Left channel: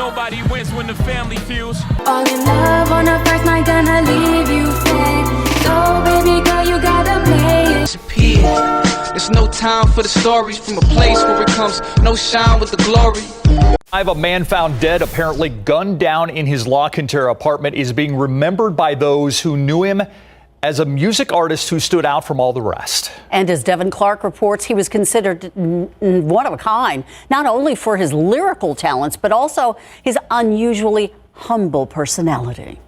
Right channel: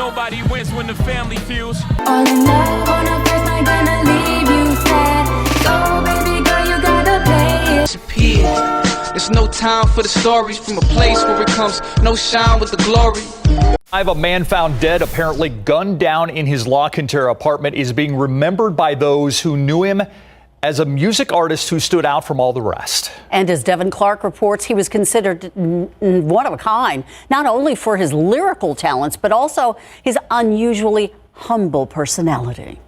nobody wins when the family feels. All in love on the first night, gonna leave you sad. So baby girl, you gotta play it. There's no time for the stories from a place where it comes no shine with the glory. A man found dead, apparently gunned down in his La Cantera apartment, is being remembered by those who knew him as a music artist who stood out from all the rest. And as Devin Clark reports, he was considered one of a kind, not only for his lyrical talents, but also his unusually humble personality.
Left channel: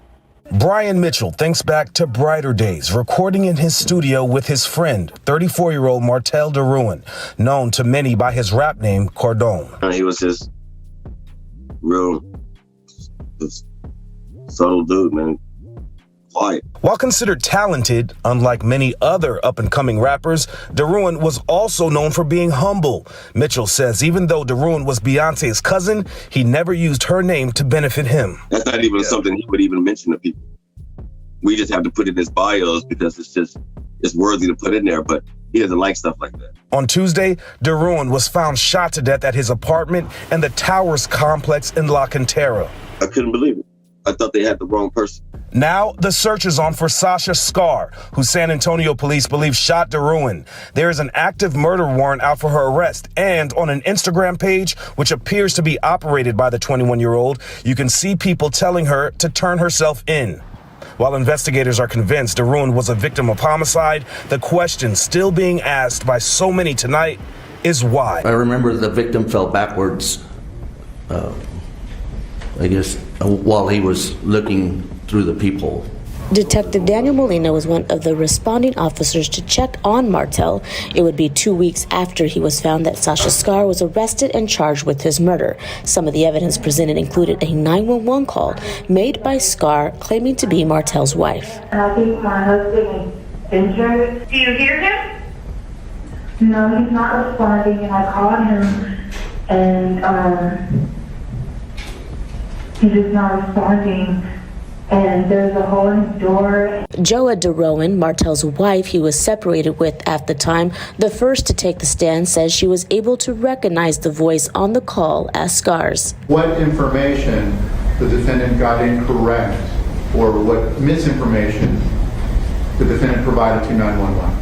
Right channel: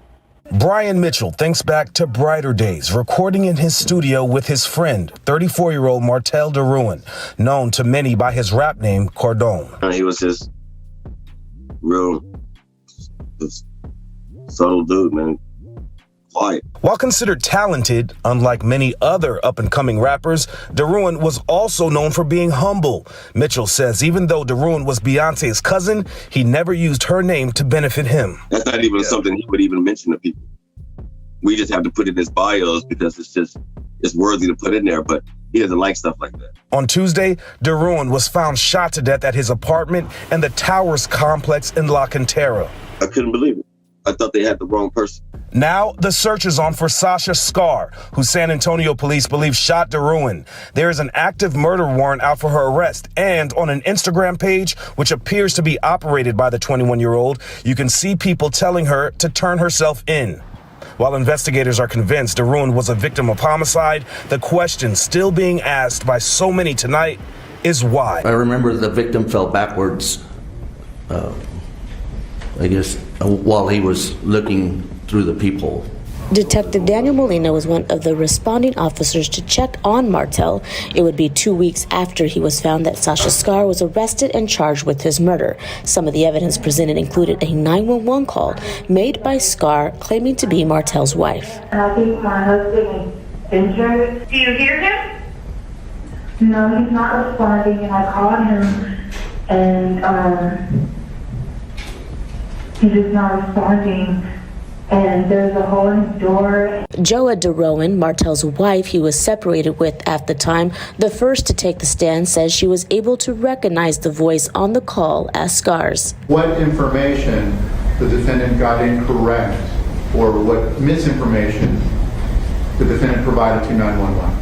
Brian Mitchell thinks back to brighter days, recording in his studio with his friend, 34-year-old Martel Derouin, known to many by his rap name, Cordon. He was just real, just subtle dude, man. Quiet. While considered talented, unlike many other up-and-coming rappers, Derouin was also known for being humble. Mitchell says even though Derouin was Beyonce's cousin, he never used her name to benefit him. That's not even something he would even mention to people. We just have to put it in his bios because it's worthy to put in there, but he doesn't like stuff like that. On Tuesday, Derouin was found shot to death at his apartment in the Towers complex in La Cantera. I couldn't believe it. I thought they had the wrong person. Now, the search is on for Sasha Skare, who San Antonio police believe shot Derouin. There is an active murder warrant out for her arrest, and on an Instagram page, which appears to be operated by the 21-year-old, you can see people telling her to turn herself in. While investigators are convinced Derouin was a victim of homicide, the question still being asked by so many tonight is why. I remember the victim fell backwards, I guess, while he was looking through the peephole. Detective Daniel Molina was one of the responding officers to check on Martel. It would be 2 weeks after he was found that Sasha Skare was arrested and charged with his murder. Some of the evidence presented included a 911 call made by Skare claiming to be Martel's wife. I think my husband is injured. Do you hear him? No, he's not responding, and I called him, and he's just not responding. And there's a hole in his door. Joa Derouin, Martel's wife he was separated with at the time, the first to take the stand, says she was able to recognize the voice on the call as Skare's. What information the defendant got incorrect or what misinformation the defendant provided to 911?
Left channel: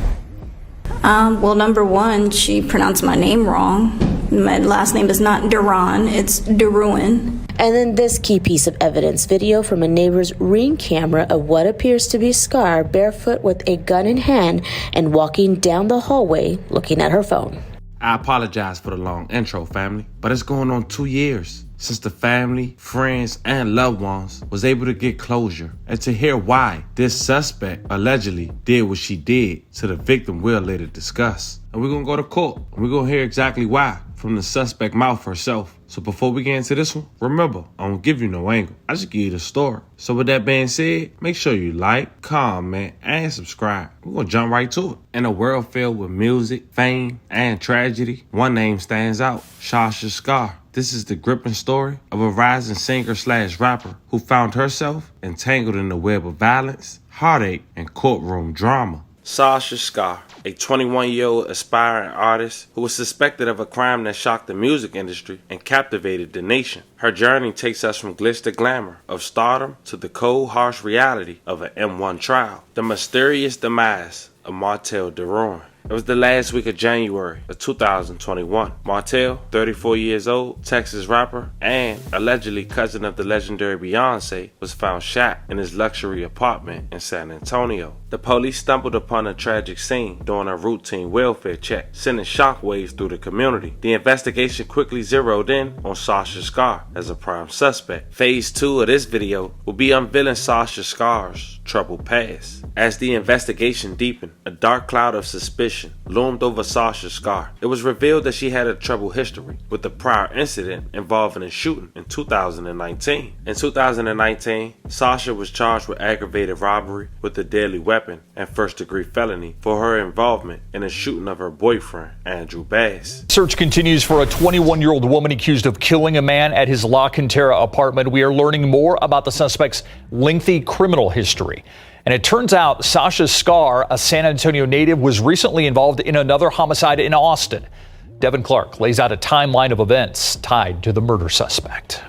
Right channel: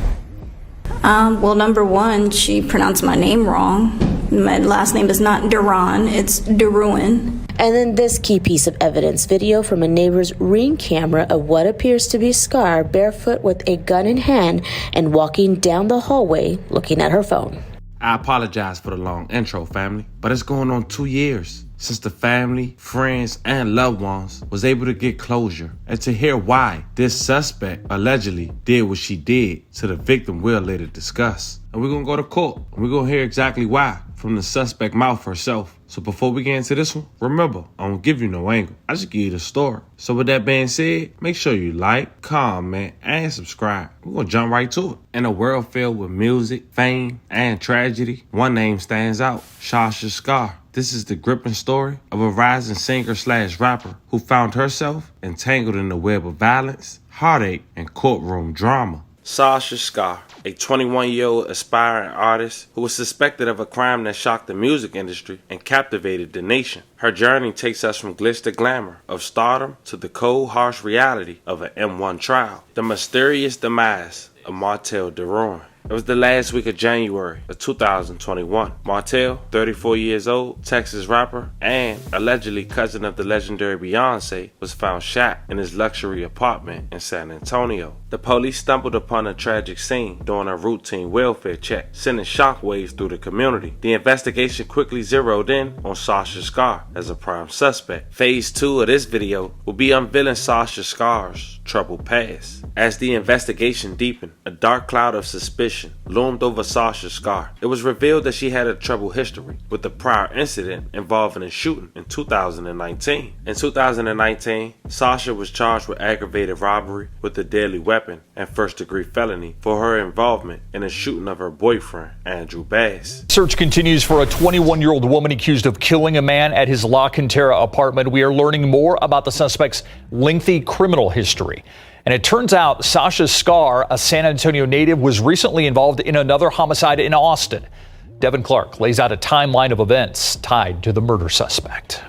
Well, number one, she pronounced my name wrong. My last name is not Derouin, it's Derouin. And then this key piece of evidence, video from a neighbor's Ring camera of what appears to be Skare barefoot with a gun in hand and walking down the hallway looking at her phone. I apologize for the long intro, family, but it's going on 2 years since the family, friends, and loved ones was able to get closure and to hear why this suspect allegedly did what she did to the victim we'll later discuss. And we're gonna go to court and we're gonna hear exactly why from the suspect mouth herself. So before we get into this one, remember, I don't give you no angle. I just give you the story. So with that being said, make sure you like, comment, and subscribe. We're gonna jump right to it. In a world filled with music, fame, and tragedy, one name stands out, Sasha Skare. This is the gripping story of a rising singer/rapper who found herself entangled in the web of violence, heartache, and courtroom drama. Sasha Skare, a 21-year-old aspiring artist who was suspected of a crime that shocked the music industry and captivated the nation. Her journey takes us from glitz to glamour of stardom to the cold, harsh reality of an M1 trial. The mysterious demise of Martel Derouin. It was the last week of January of 2021. Martel, 34 years old, Texas rapper, and allegedly cousin of the legendary Beyonce, was found shot in his luxury apartment in San Antonio. The police stumbled upon a tragic scene during a routine welfare check, sending shockwaves through the community. The investigation quickly zeroed in on Sasha Skare as a prime suspect. Phase 2 of this video will be unveiling Sasha Skare's troubled past. As the investigation deepened, a dark cloud of suspicion loomed over Sasha Skare. It was revealed that she had a troubled history with a prior incident involving a shooting in 2019. In 2019, Sasha was charged with aggravated robbery with a deadly weapon and first-degree felony for her involvement in a shooting of her boyfriend, Andrew Bass. Search continues for a 21-year-old woman accused of killing a man at his La Cantera apartment. We are learning more about the suspect's lengthy criminal history. And it turns out Sasha Skare, a San Antonio native, was recently involved in another homicide in Austin. Devin Clark lays out a timeline of events tied to the murder suspect.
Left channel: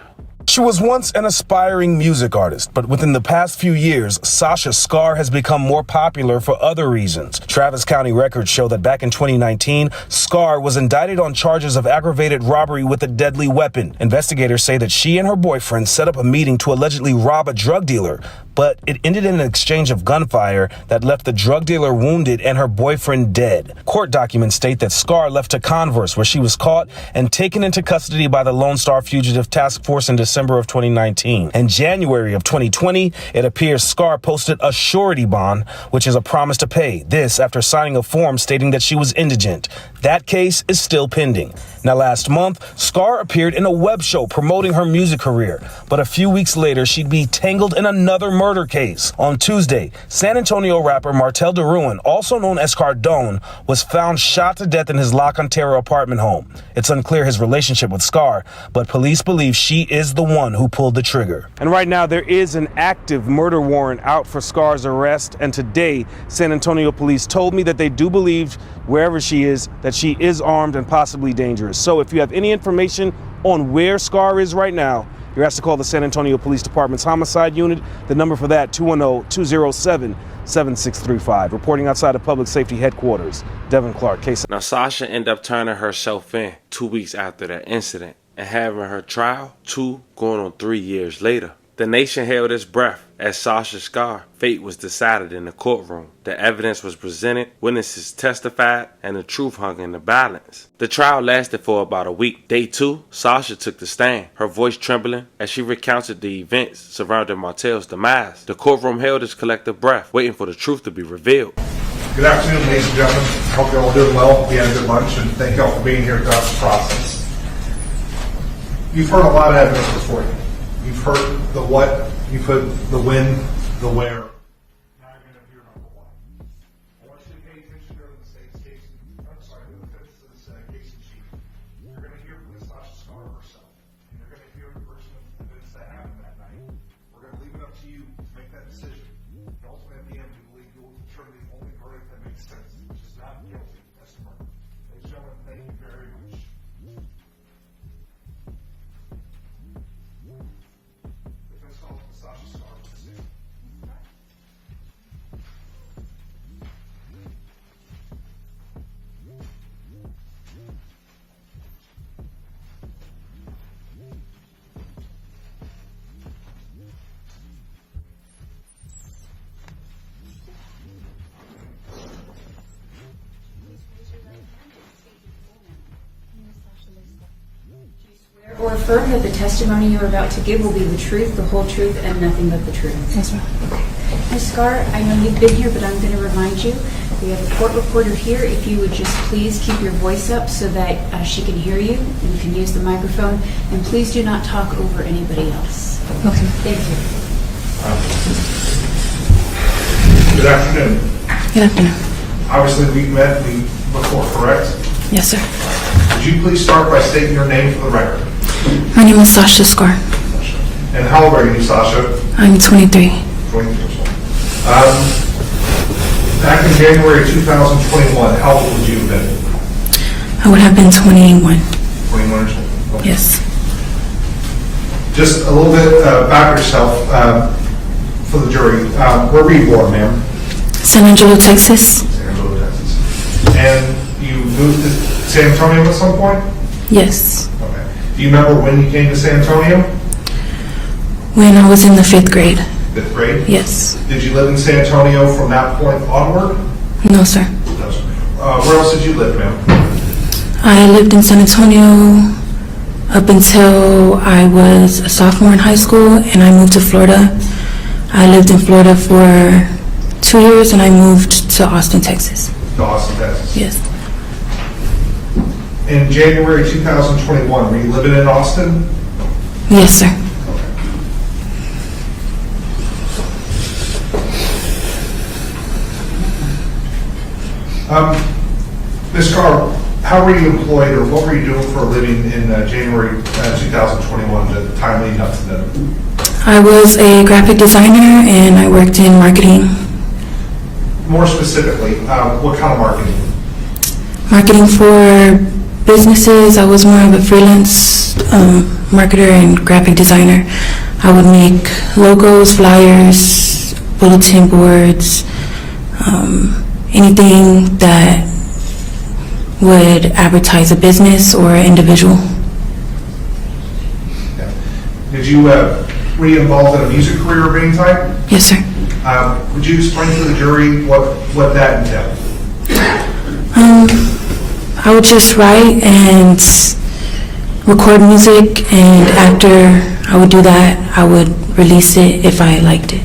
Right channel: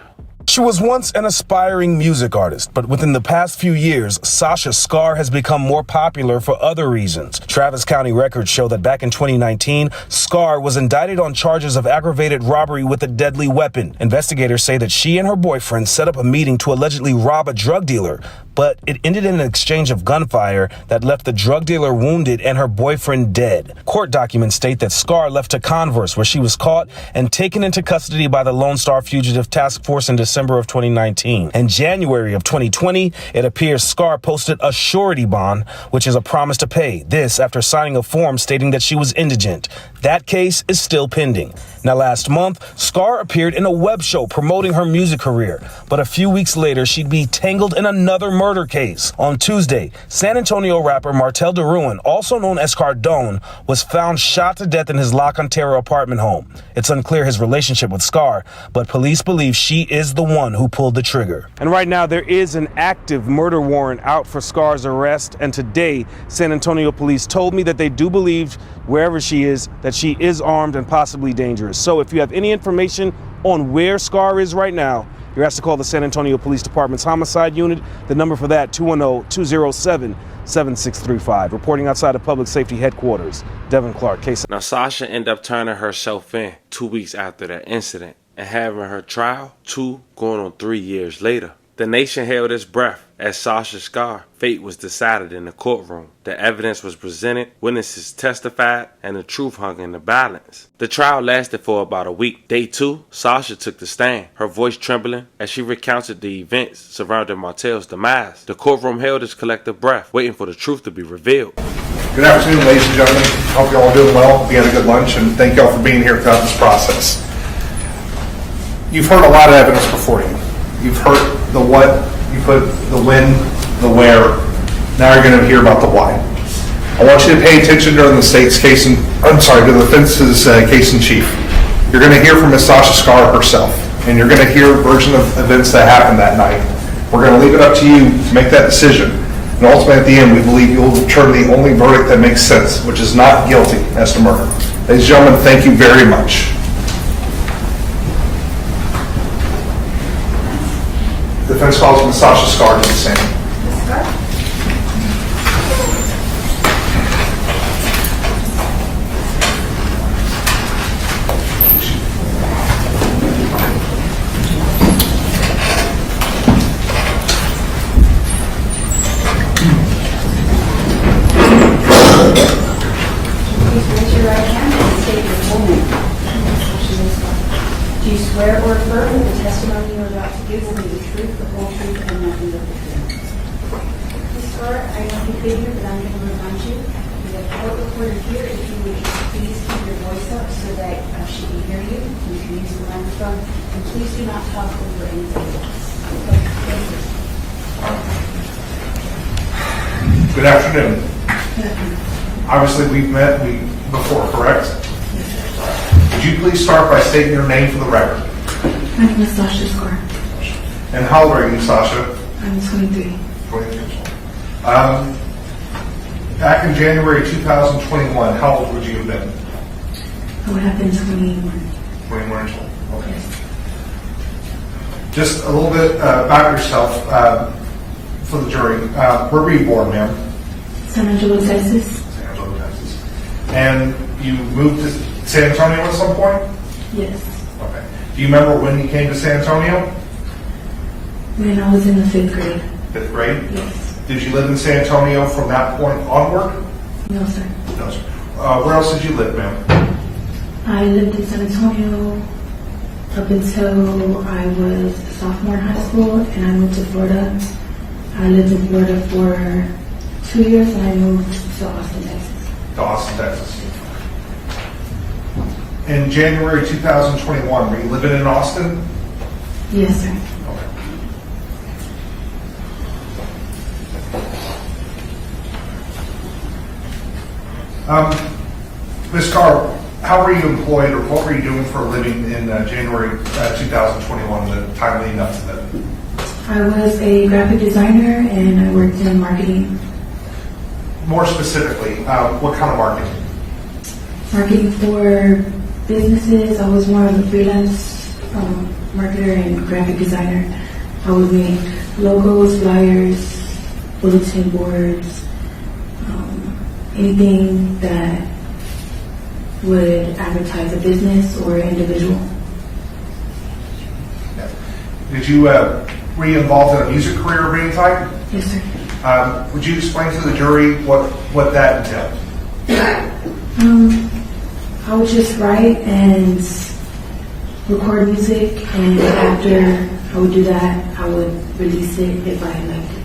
She was once an aspiring music artist, but within the past few years, Sasha Skare has become more popular for other reasons. Travis County records show that back in 2019, Skare was indicted on charges of aggravated robbery with a deadly weapon. Investigators say that she and her boyfriend set up a meeting to allegedly rob a drug dealer, but it ended in an exchange of gunfire that left the drug dealer wounded and her boyfriend dead. Court documents state that Skare left to Converse, where she was caught and taken into custody by the Lone Star Fugitive Task Force in December of 2019. In January of 2020, it appears Skare posted a surety bond, which is a promise to pay. This after signing a form stating that she was indigent. That case is still pending. Now, last month, Skare appeared in a web show promoting her music career, but a few weeks later, she'd be tangled in another murder case. On Tuesday, San Antonio rapper Martel Derouin, also known as Cardone, was found shot to death in his La Cantera apartment home. It's unclear his relationship with Skare, but police believe she is the one who pulled the trigger. And right now, there is an active murder warrant out for Skare's arrest, and today, San Antonio police told me that they do believe, wherever she is, that she is armed and possibly dangerous. So if you have any information on where Skare is right now, you're asked to call the San Antonio Police Department's homicide unit. The number for that, 210-207-7635. Reporting outside of Public Safety Headquarters, Devin Clark, case. Now, Sasha ended up turning herself in 2 weeks after that incident and having her trial 2 going on 3 years later. The nation held its breath as Sasha Skare fate was decided in the courtroom. The evidence was presented, witnesses testified, and the truth hung in the balance. The trial lasted for about a week. Day 2, Sasha took the stand, her voice trembling as she recounted the events surrounding Martel's demise. The courtroom held its collective breath, waiting for the truth to be revealed. Good afternoon, ladies and gentlemen. Hope you're all doing well. Hope you had a good lunch, and thank y'all for being here throughout this process. You've heard a lot of evidence before you. You've heard the what, you put the when, the where. Now you're going to hear about the why. I want you to pay attention during the state's case, to the defense's case in chief. You're going to hear from Ms. Sasha Skare herself, and you're going to hear a version of events that happened that night. We're going to leave it up to you to make that decision. And ultimately, at the end, we believe you'll return the only verdict that makes sense, which is not guilty as to murder. Ladies and gentlemen, thank you very much. The defense calls Ms. Sasha Skare to the stand. Raise your right hand and state your full name. Do you swear or affirm that the testimony you are about to give will be the truth, the whole truth, and nothing but the truth? Yes, ma'am. Ms. Skare, I know you've been here, but I'm going to remind you, we have a court reporter here. If you would just please keep your voice up so that she can hear you, and you can use the microphone, and please do not talk over anybody else. Okay. Thank you. Good afternoon. Good afternoon. Obviously, we've met before, correct? Yes, sir. Would you please start by stating your name for the record? My name is Sasha Skare. And how old are you, Sasha? I'm 23. 23 years old. Back in January 2021, how old would you have been? I would have been 21. 21 years old. Okay. Yes. Just a little bit about yourself for the jury. Where were you born, ma'am? San Angelo, Texas. San Angelo, Texas. And you moved to San Antonio at some point? Yes. Okay. Do you remember when you came to San Antonio? When I was in the 5th grade. 5th grade? Yes. Did you live in San Antonio from that point onward? No, sir. No, sir. Where else did you live, ma'am? I lived in San Antonio up until I was a sophomore in high school, and I moved to Florida. I lived in Florida for 2 years, and I moved to Austin, Texas. To Austin, Texas? Yes. In January 2021, were you living in Austin? Yes, sir. Ms. Skare, how were you employed, or what were you doing for a living in January 2021, the time leading up to that? I was a graphic designer, and I worked in marketing. More specifically, what kind of marketing? Marketing for businesses. I was more of a freelance marketer and graphic designer. I would make logos, flyers, bulletin boards, anything that would advertise a business or an individual. Did you were you involved in a music career of any type? Yes, sir. Would you explain to the jury what that entailed? I would just write and record music, and after I would do that, I would release it if I liked it,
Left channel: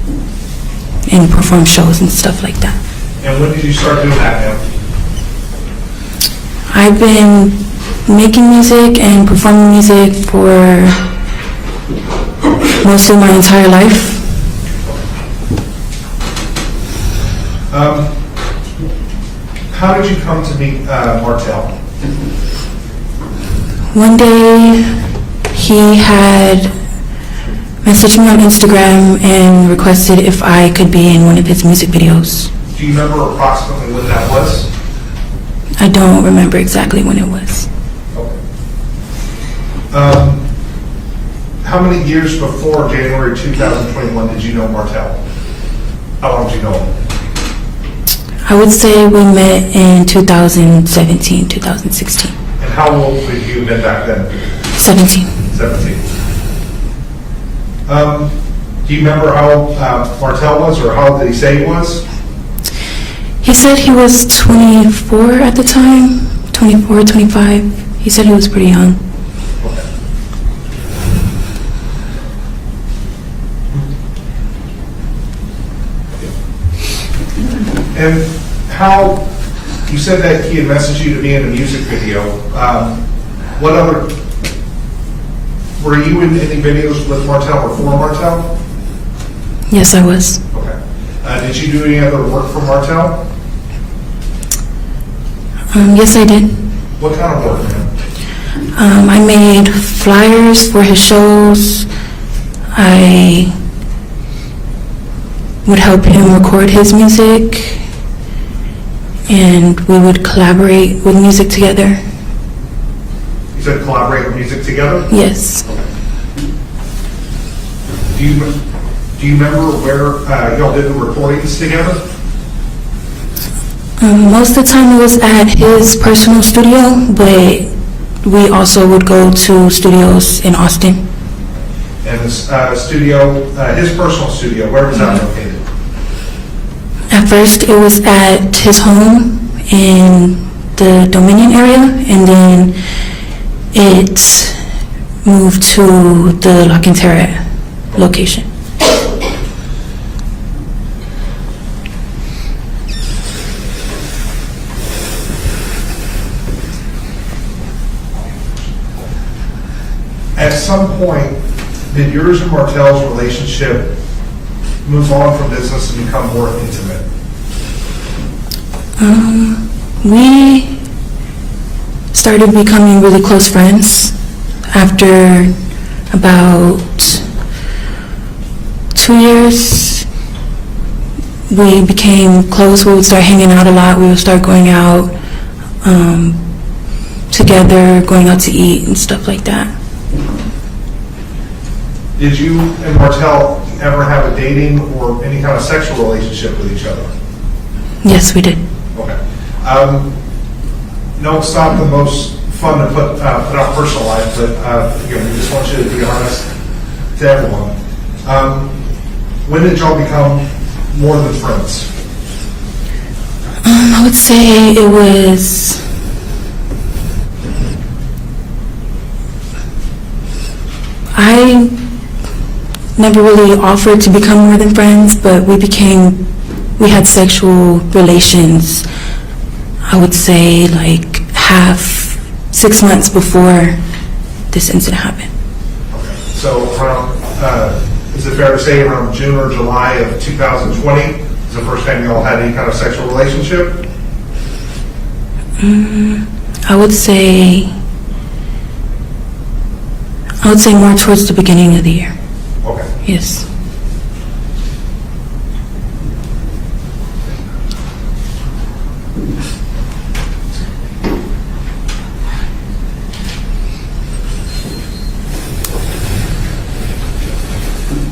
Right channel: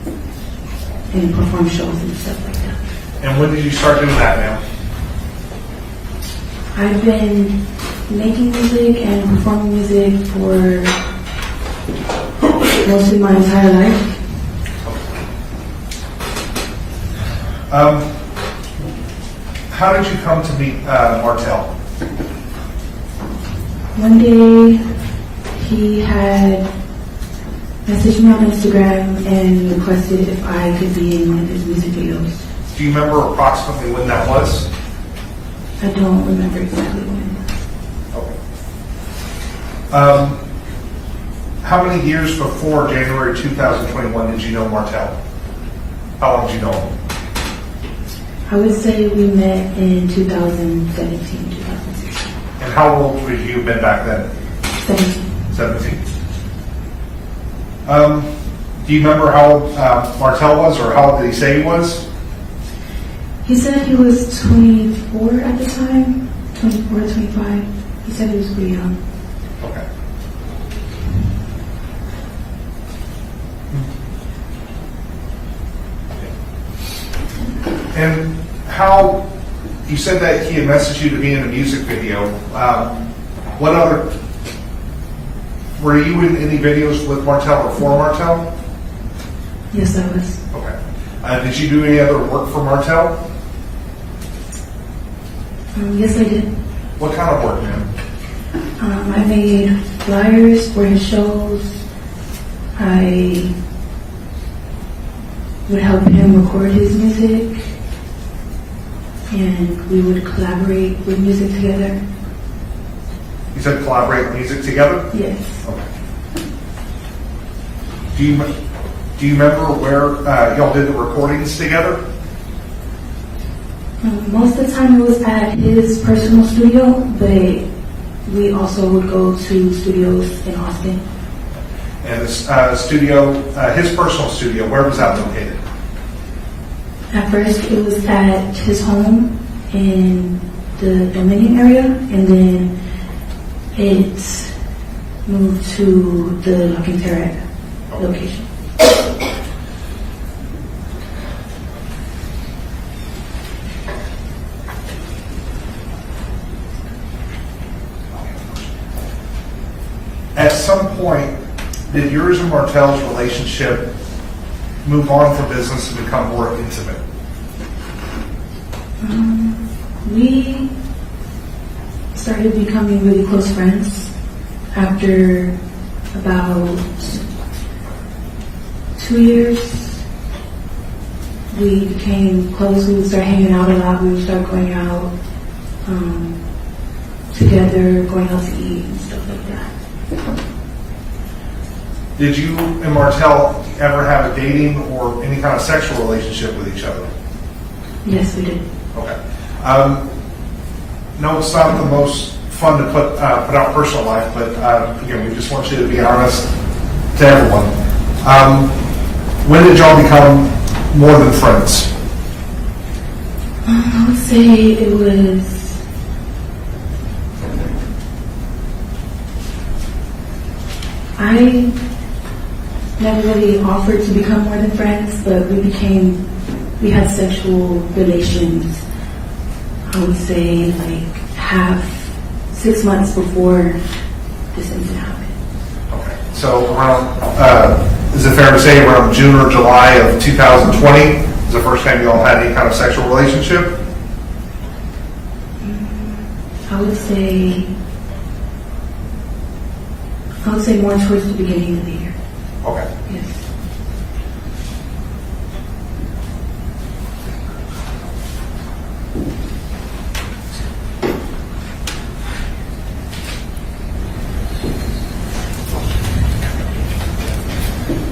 and perform shows and stuff like that. And when did you start doing that now? I've been making music and performing music for most of my entire life. How did you come to meet Martel? One day, he had messaged me on Instagram and requested if I could be in one of his music videos. Do you remember approximately when that was? I don't remember exactly when it was. Okay. How many years before January 2021 did you know Martel? How long did you know him? I would say we met in 2017, 2016. And how old were you met back then? 17. 17. Do you remember how Martel was, or how did he say he was? He said he was 24 at the time, 24, 25. He said he was pretty young. Okay. And how, you said that he had messaged you to be in a music video. What other, were you in any videos with Martel or for Martel? Yes, I was. Okay. Did you do any other work for Martel? Yes, I did. What kind of work? I made flyers for his shows. I would help him record his music, and we would collaborate with music together. You said collaborate with music together? Yes. Okay. Do you remember where y'all did the recordings together? Most of the time it was at his personal studio, but we also would go to studios in Austin. And the studio, his personal studio, where was that located? At first it was at his home in the Dominion area, and then it moved to the La Cantera location. At some point, did yours and Martel's relationship move on from business and become more intimate? We started becoming really close friends after about 2 years. We became close. We would start hanging out a lot. We would start going out together, going out to eat and stuff like that. Did you and Martel ever have a dating or any kind of sexual relationship with each other? Yes, we did. Okay. No, it's not the most fun to put on personal life, but again, we just want you to be honest to everyone. When did y'all become more than friends? I would say it was I never really offered to become more than friends, but we had sexual relations, I would say like 6 months before this incident happened. Okay. So around, is it fair to say around June or July of 2020 is the first time you all had any kind of sexual relationship? I would say more towards the beginning of the year. Okay. Yes.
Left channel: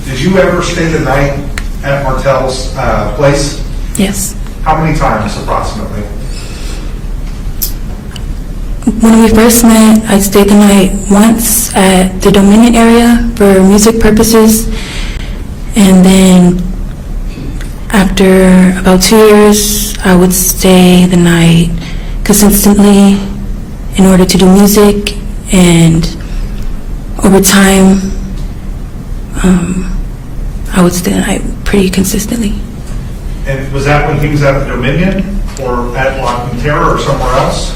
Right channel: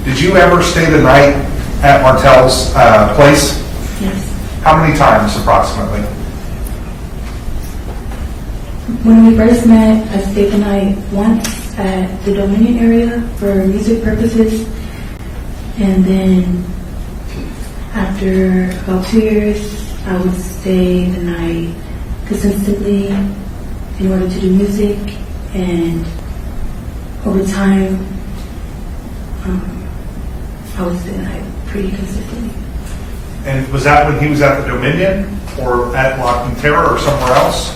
Did you ever stay the night at Martel's place? Yes. How many times approximately? When we first met, I stayed the night once at the Dominion area for music purposes. And then after about 2 years, I would stay the night consistently in order to do music. And over time, I would stay the night pretty consistently. And was that when he was at the Dominion or at La Quintera or somewhere else?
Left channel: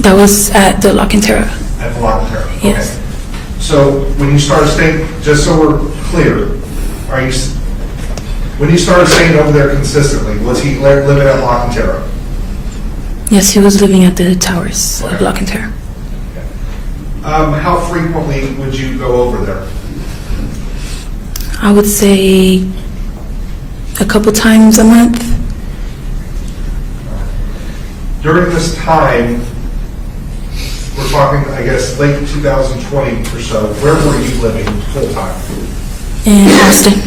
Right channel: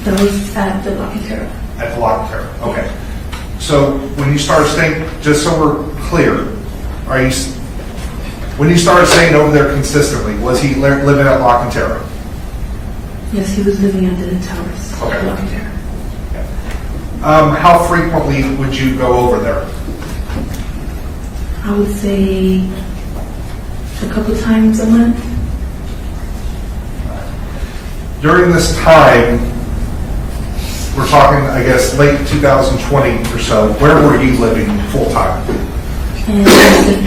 That was at the La Quintera. At the La Quintera, okay. Yes. So when you started staying, just so we're clear, when you started staying over there consistently, was he living at La Quintera? Yes, he was living at the towers of La Quintera. How frequently would you go over there? I would say a couple times a month. During this time, we're talking, I guess, late 2020 or so, where were you living full time? In Austin.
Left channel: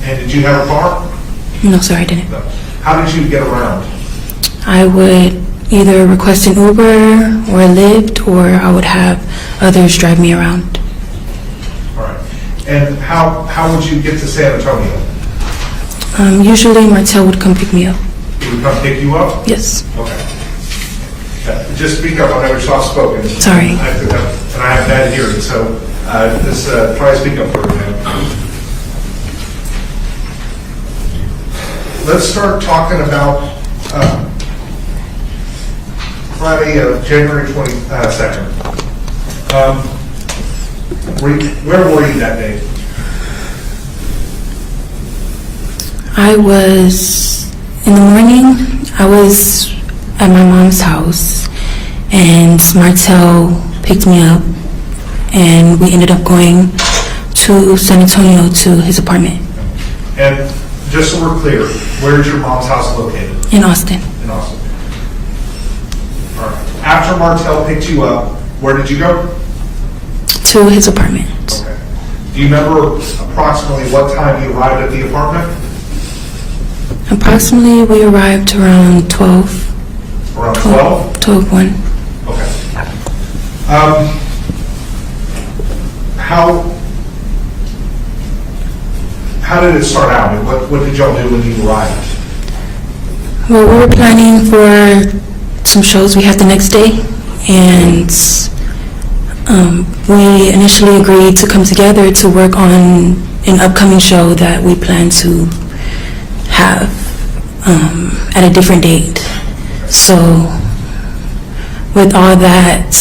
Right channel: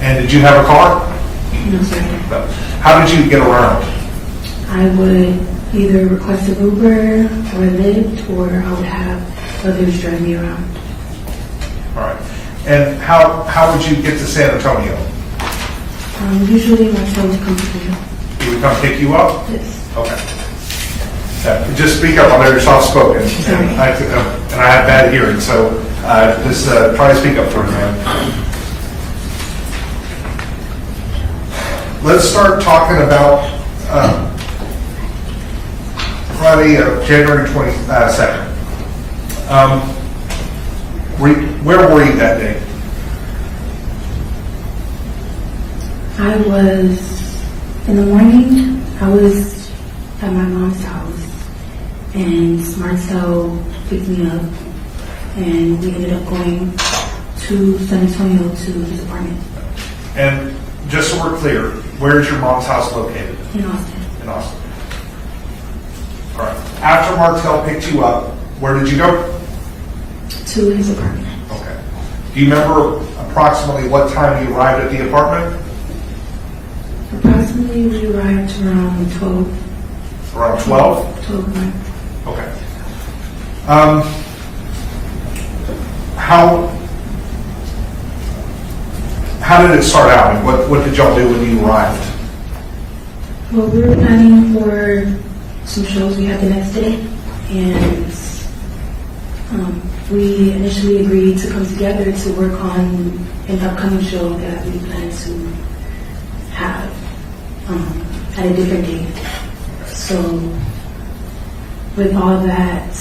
And did you have a car? No, sorry, I didn't. No. How did you get around? I would either request an Uber or a Lyft, or I would have others drive me around. All right. And how would you get to San Antonio? Usually Martel would come pick me up. He would come pick you up? Yes. Okay. Just speak up. I know you're soft spoken. Sorry. And I have bad hearing, so just try to speak up for me, man. Let's start talking about Friday of January 22nd. Where were you that day? I was, in the morning, I was at my mom's house, and Martel picked me up, and we ended up going to San Antonio to his apartment. And just so we're clear, where is your mom's house located? In Austin. In Austin. All right. After Martel picked you up, where did you go? To his apartment. Okay. Do you remember approximately what time you arrived at the apartment? Approximately, we arrived around 12. Around 12? 12:01. Okay. How did it start out? What did y'all do when you arrived? Well, we were planning for some shows we had the next day, and we initially agreed to come together to work on an upcoming show that we plan to have at a different date. So with all that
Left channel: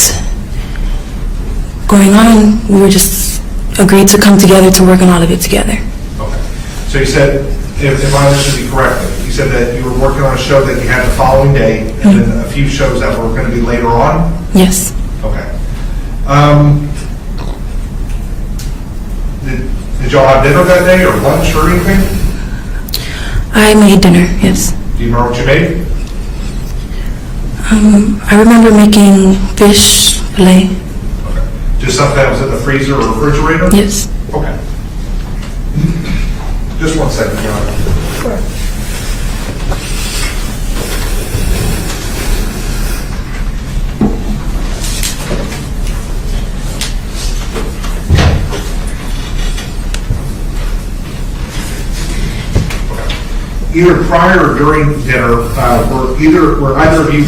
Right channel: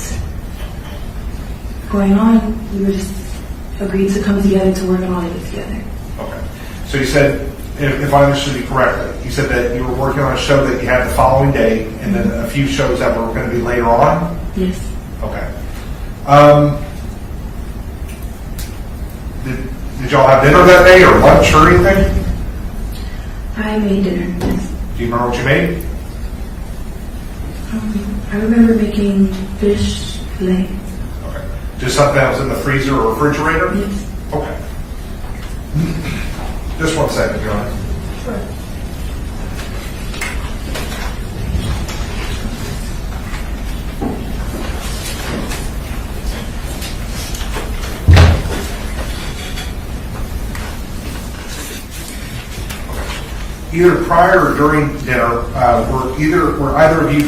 going on, we were just agreed to come together to work on all of it together. Okay. So you said, if I understood you correctly, you said that you were working on a show that you had the following day, and then a few shows that were going to be later on? Yes. Okay. Did y'all have dinner that day, or lunch, or anything? I made dinner, yes. Do you remember what you made? I remember making fish fillet. Okay. Just something that was in the freezer or refrigerator? Yes. Okay. Just 1 second, John. Sure. Either prior or during dinner, were either of you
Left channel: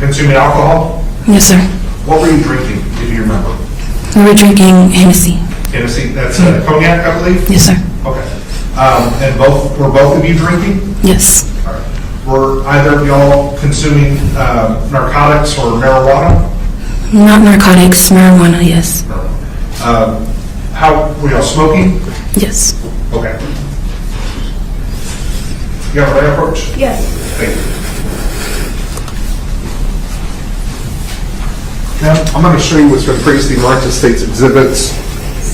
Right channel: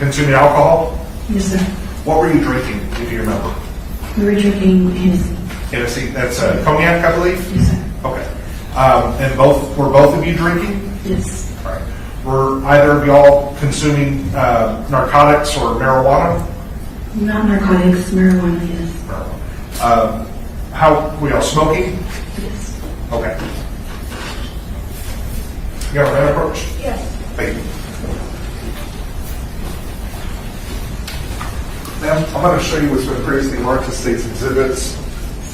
consuming alcohol? Yes, sir. What were you drinking, if you remember? We were drinking Hennessy. Hennessy, that's cognac, I believe? Yes, sir. Okay. And were both of you drinking? Yes. All right. Were either of y'all consuming narcotics or marijuana? Not narcotics, marijuana, yes. How were y'all smoking? Yes. Okay. You got a right approach? Yes. Thank you. Now, I'm going to show you what's been previously marked as State's Exhibits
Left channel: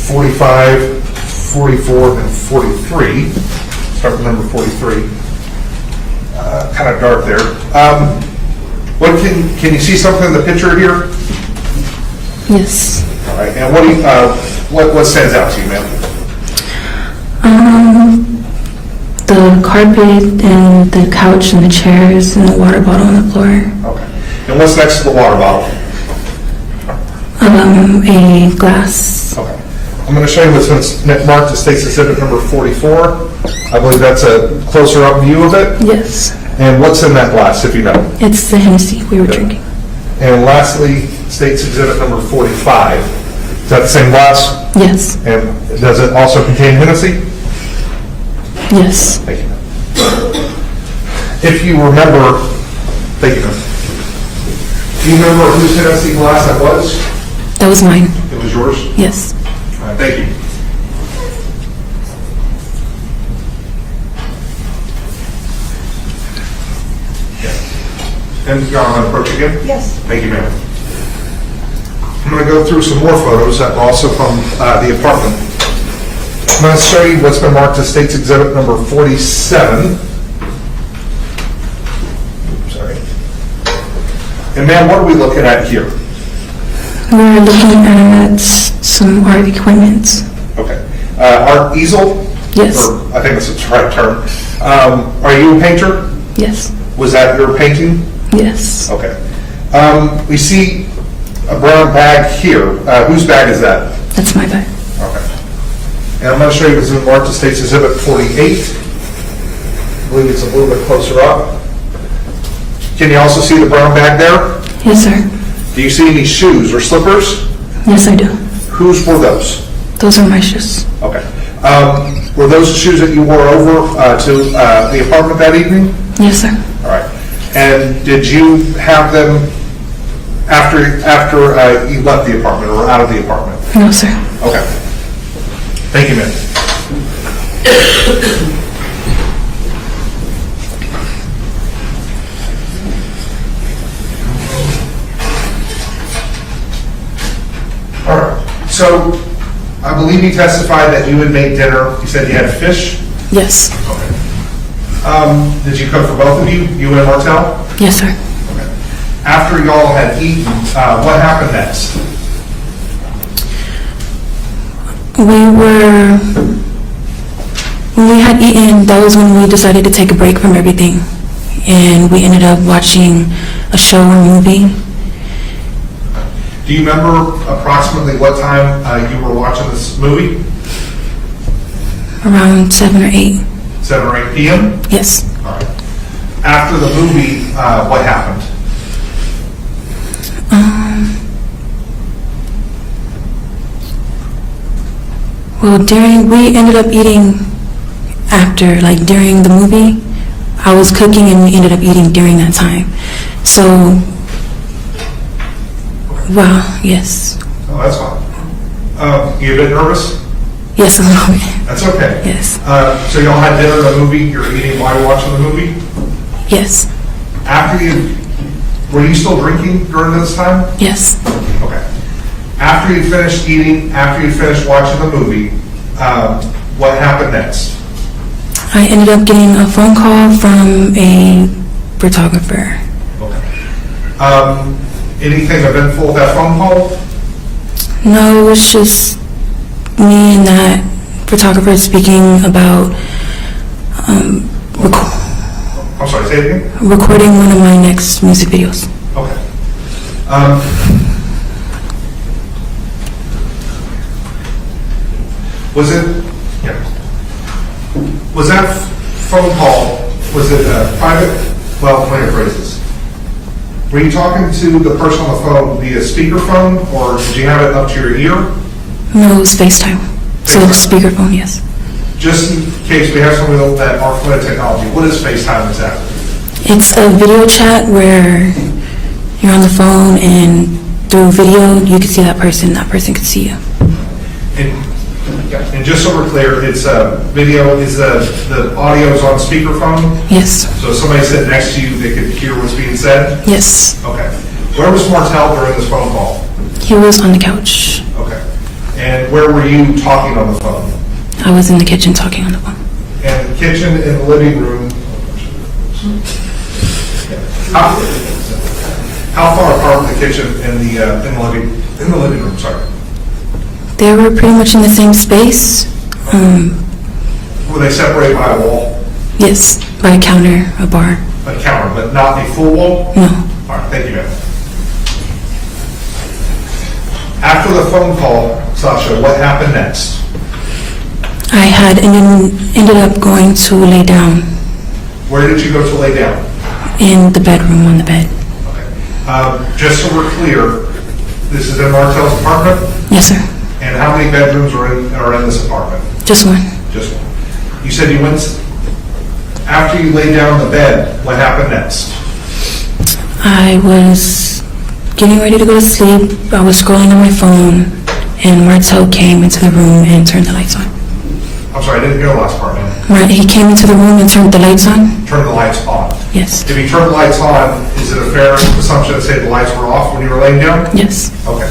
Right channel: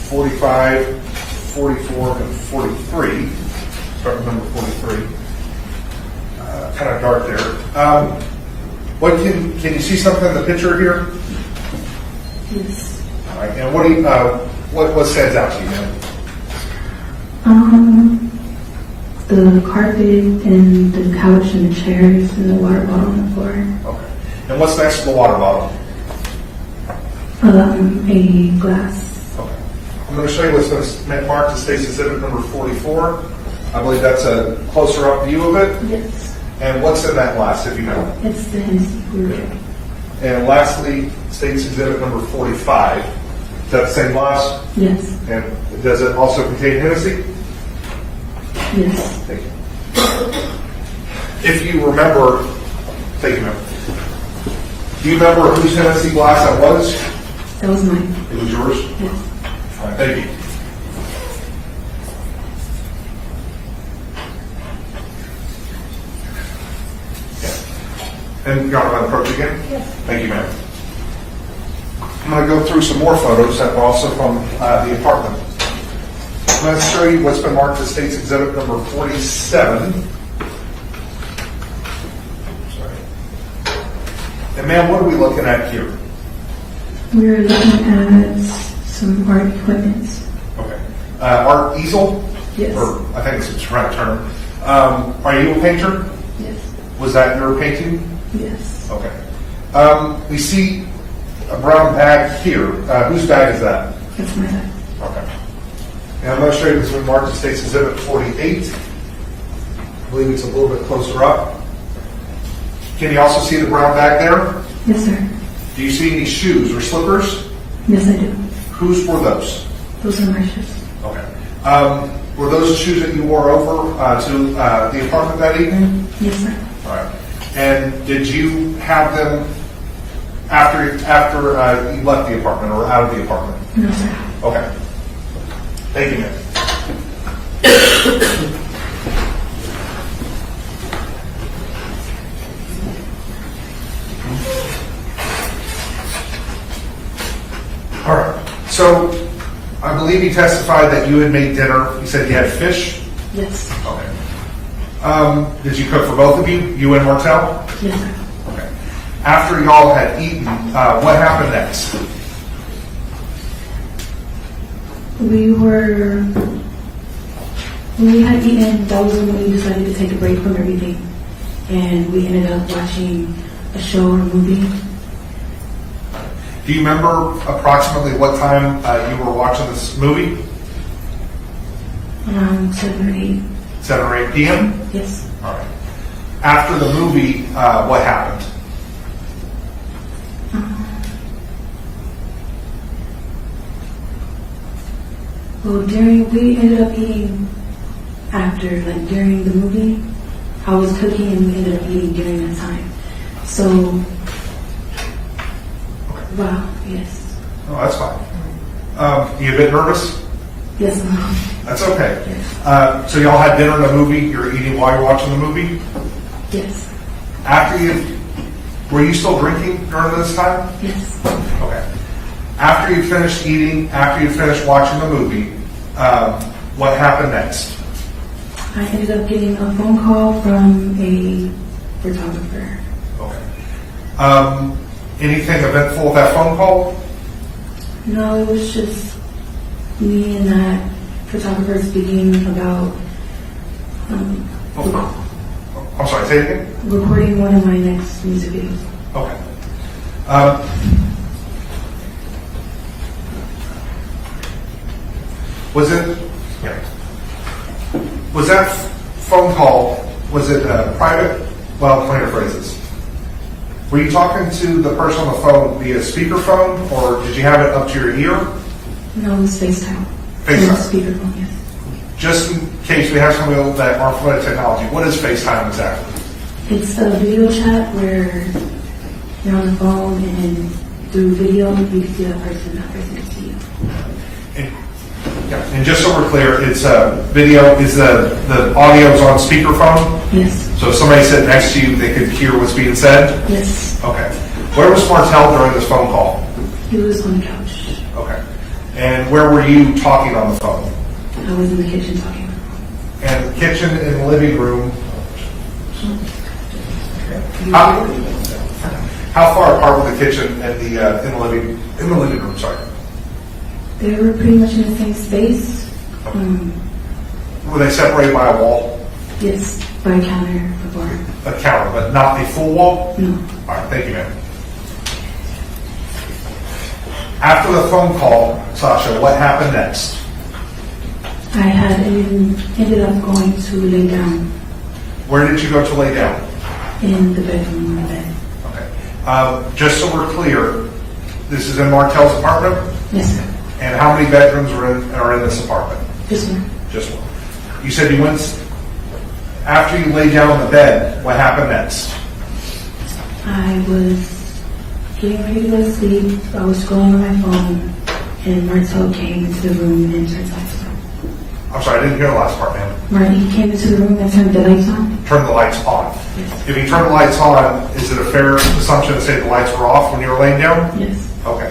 45, 44, and 43. Start with number 43. Kind of dark there. What can you see something in the picture here? Yes. All right. And what stands out to you, ma'am? The carpet and the couch and the chairs and the water bottle on the floor. Okay. And what's next to the water bottle? A glass. Okay. I'm going to show you what's been marked as State's Exhibit number 44. I believe that's a closer up view of it. Yes. And what's in that glass, if you know? It's the Hennessy we were drinking. And lastly, State's Exhibit number 45. Is that the same glass? Yes. And does it also contain Hennessy? Yes. Thank you. If you remember, thank you. Do you remember whose Hennessy glass that was? That was mine. It was yours? Yes. All right, thank you. And Your Honor, I'm going to approach again? Yes. Thank you, ma'am. I'm going to go through some more photos that were also from the apartment. I'm going to show you what's been marked as State's Exhibit number 47. Sorry. And ma'am, what are we looking at here? We're looking at some art equipment. Okay. Art easel? Yes. Or, I think that's the right term. Are you a painter? Yes. Was that your painting? Yes. Okay. We see a brown bag here. Whose bag is that? That's my bag. Okay. And I'm going to show you this is marked as State's Exhibit 48. I believe it's a little bit closer up. Can you also see the brown bag there? Yes, sir. Do you see any shoes or slippers? Yes, I do. Whose were those? Those are my shoes. Okay. Were those the shoes that you wore over to the apartment that evening? Yes, sir. All right. And did you have them after you left the apartment or out of the apartment? No, sir. Okay. Thank you, ma'am. All right. So I believe you testified that you had made dinner. You said you had fish? Yes. Okay. Did you cook for both of you and Martel? Yes, sir. Okay. After y'all had eaten, what happened next? When we had eaten, that was when we decided to take a break from everything. And we ended up watching a show or movie. Do you remember approximately what time you were watching this movie? Around 7 or 8. 7 or 8 p.m.? Yes. All right. After the movie, what happened? Well, we ended up eating after, like during the movie. I was cooking and we ended up eating during that time. So, wow, yes. Oh, that's fine. You a bit nervous? Yes, a little bit. That's okay. Yes. So y'all had dinner in the movie, you're eating while you're watching the movie? Yes. Were you still drinking during this time? Yes. Okay. After you finished eating, after you finished watching the movie, what happened next? I ended up getting a phone call from a photographer. Okay. Anything eventful with that phone call? No, it was just me and that photographer speaking about I'm sorry, say it again? recording one of my next music videos. Okay. Was that phone call, was it private? Well, let me rephrase this. Were you talking to the person on the phone via speakerphone, or did you have it up to your ear? No, it was FaceTime. So speakerphone, yes. Just in case we have somebody else that are familiar with technology, what is FaceTime exactly? It's a video chat where you're on the phone and through video you can see that person can see you. And just so we're clear, it's video, is the audio is on speakerphone? Yes. So if somebody sitting next to you, they could hear what's being said? Yes. Okay. Where was Martel during this phone call? He was on the couch. Okay. And where were you talking on the phone? I was in the kitchen talking on the phone. And the kitchen in the living room. How far apart the kitchen and the living room? Sorry. They were pretty much in the same space. Were they separated by a wall? Yes, by a counter, a bar. A counter, but not a full wall? No. All right, thank you, ma'am. After the phone call, Sasha, what happened next? I had ended up going to lay down Where did you go to lay down? in the bedroom on the bed. Just so we're clear, this is in Martel's apartment? Yes, sir. And how many bedrooms are in this apartment? Just one. Just one. You said you went, after you laid down on the bed, what happened next? I was getting ready to go to sleep. I was scrolling on my phone, and Martel came into the room and turned the lights on. I'm sorry, I didn't get the last part, ma'am. Right, he came into the room and turned the lights on. Turn the lights on. Yes. If he turned the lights on, is it a fair assumption to say the lights were off when you were laying down? Yes. Okay.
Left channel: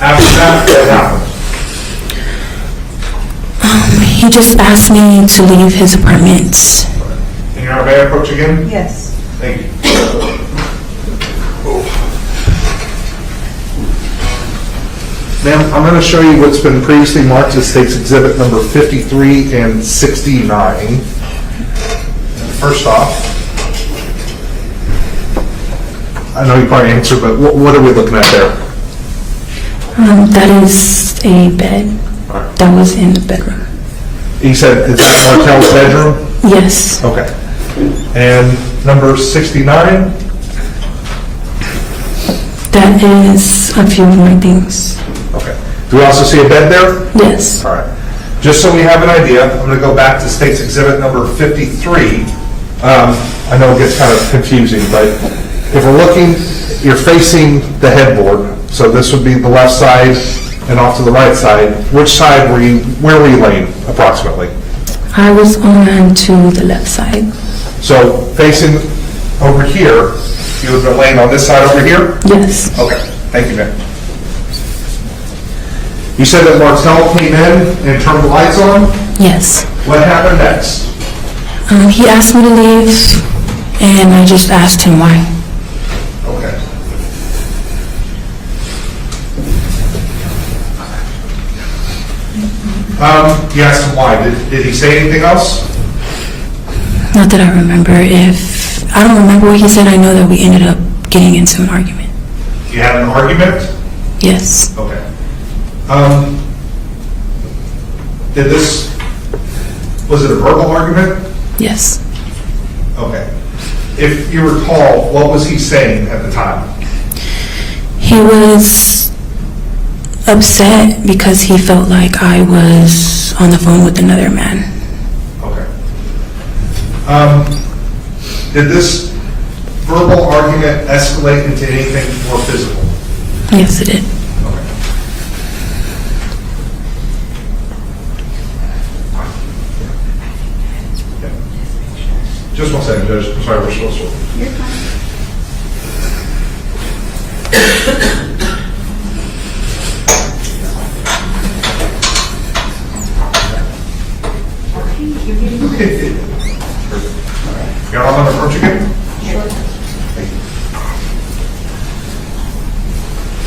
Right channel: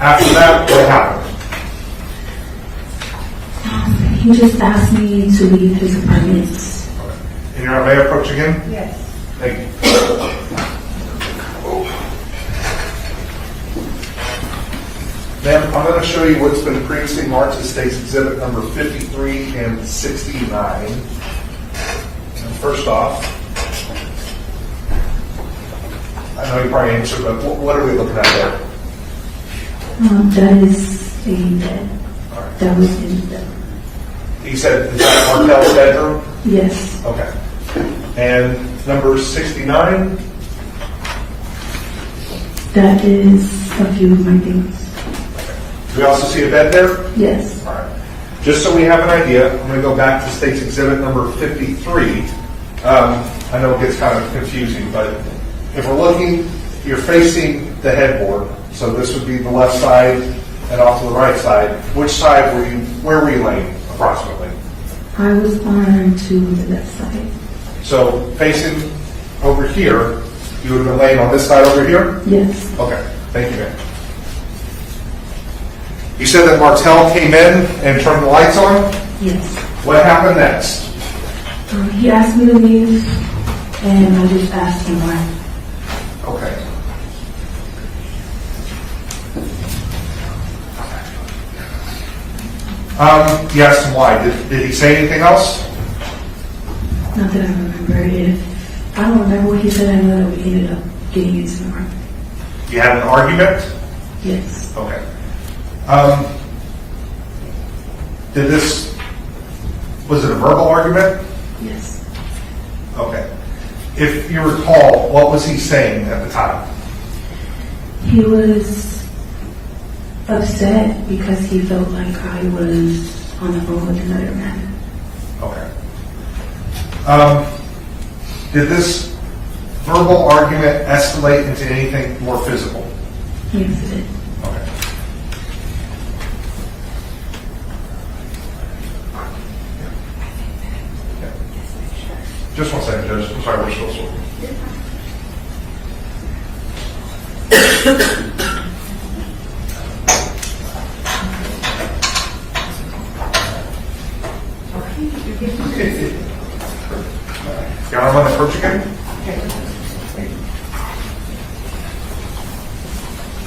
After that, what happened? He just asked me to leave his apartment. And you're on a approach again? Yes. Thank you. Ma'am, I'm going to show you what's been previously marked as State's Exhibit number 53 and 69. First off, I know you probably answered, but what are we looking at there? That is a bed that was in the bedroom. He said, is that Martel's bedroom? Yes. Okay. And number 69? That is a few more things. Okay. Do we also see a bed there? Yes. All right. Just so we have an idea, I'm going to go back to State's Exhibit number 53. I know it gets kind of confusing, but if we're looking, you're facing the headboard, so this would be the left side and off to the right side. Which side where were you laying approximately? I was on to the left side. So facing over here, you would have been laying on this side over here? Yes. Okay, thank you, ma'am. You said that Martel came in and turned the lights on? Yes. What happened next? He asked me to leave, and I just asked him why. Okay. You asked him why. Did he say anything else? Not that I remember. I don't remember what he said. I know that we ended up getting into an argument. You had an argument? Yes. Okay. Was it a verbal argument? Yes. Okay. If you recall, what was he saying at the time? He was upset because he felt like I was on the phone with another man. Okay. Did this verbal argument escalate into anything more physical? Yes, it did. Just 1 second, Judge. I'm sorry, we're supposed to. You're fine. Got on that approach again?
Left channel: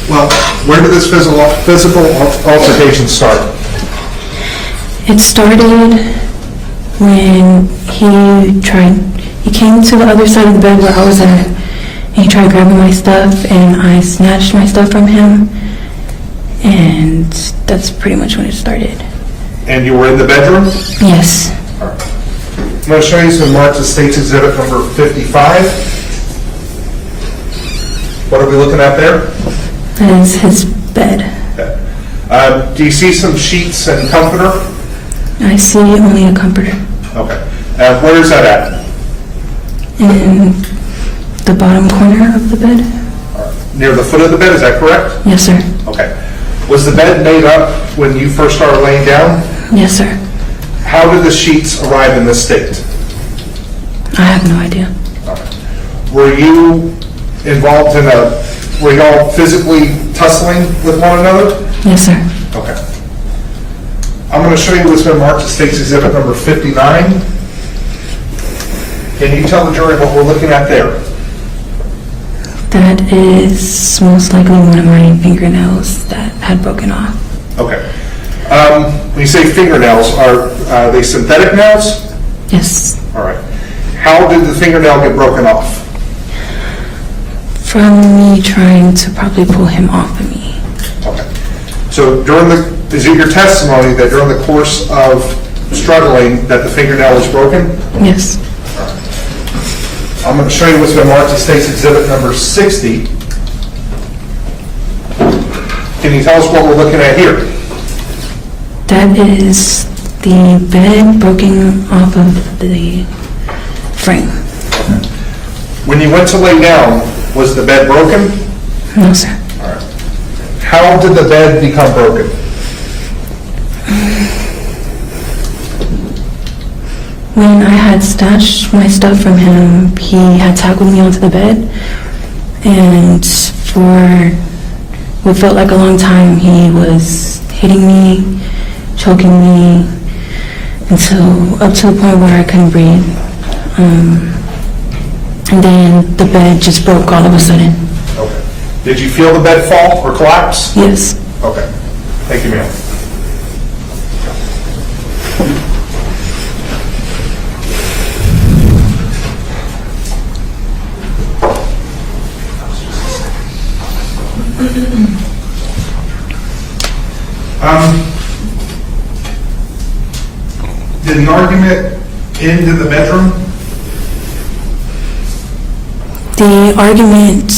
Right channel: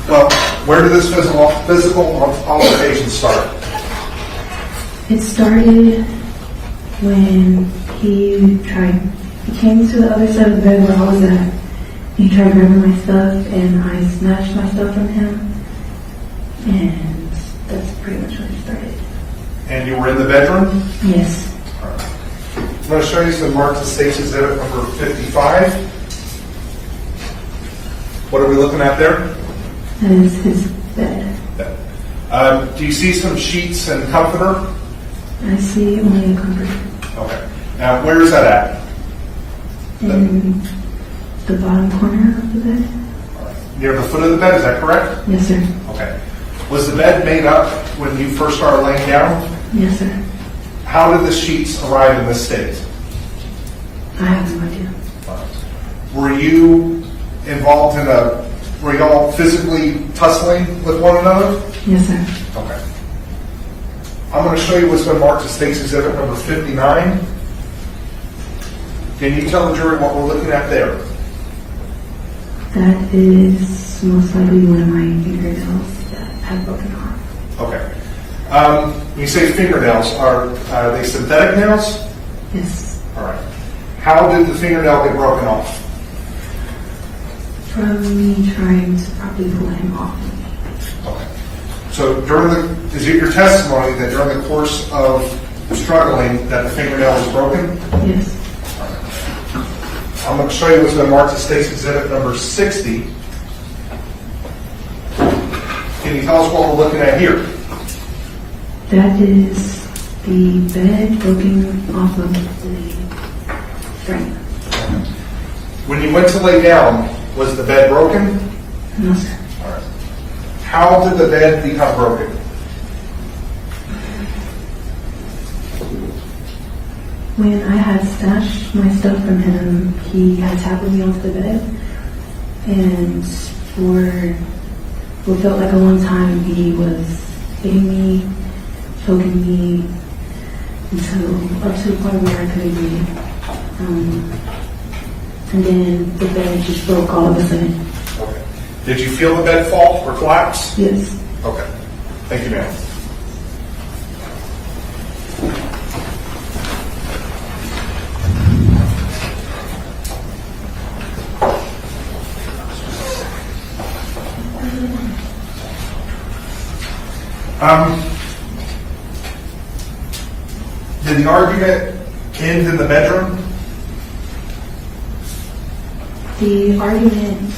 Well, where did this physical altercation start? It started when he came to the other side of the bed where I was at, and he tried grabbing my stuff, and I snatched my stuff from him, and that's pretty much when it started. And you were in the bedroom? Yes. All right. I'm going to show you some marks of State's Exhibit number 55. What are we looking at there? That is his bed. Okay. Do you see some sheets and comforter? I see only a comforter. Okay. Where is that at? In the bottom corner of the bed. Near the foot of the bed, is that correct? Yes, sir. Okay. Was the bed made up when you first started laying down? Yes, sir. How did the sheets arrive in this state? I have no idea. Okay. Were you involved were you all physically tussling with one another? Yes, sir. Okay. I'm going to show you what's been marked as State's Exhibit number 59. Can you tell the jury what we're looking at there? That is most likely one of my fingernails that had broken off. Okay. When you say fingernails, are they synthetic nails? Yes. All right. How did the fingernail get broken off? From me trying to probably pull him off of me. Okay. So is it your testimony that during the course of struggling that the fingernail was broken? Yes. All right. I'm going to show you what's been marked as State's Exhibit number 60. Can you tell us what we're looking at here? That is the bed broken off of the frame. When you went to lay down, was the bed broken? No, sir. All right. How did the bed become broken? When I had stashed my stuff from him, he had tackled me onto the bed, and for what felt like a long time, he was hitting me, choking me, until up to the point where I couldn't breathe. And then the bed just broke all of a sudden. Okay. Did you feel the bed fall or collapse? Yes. Okay. Thank you, ma'am. Did the argument end in the bedroom? The argument,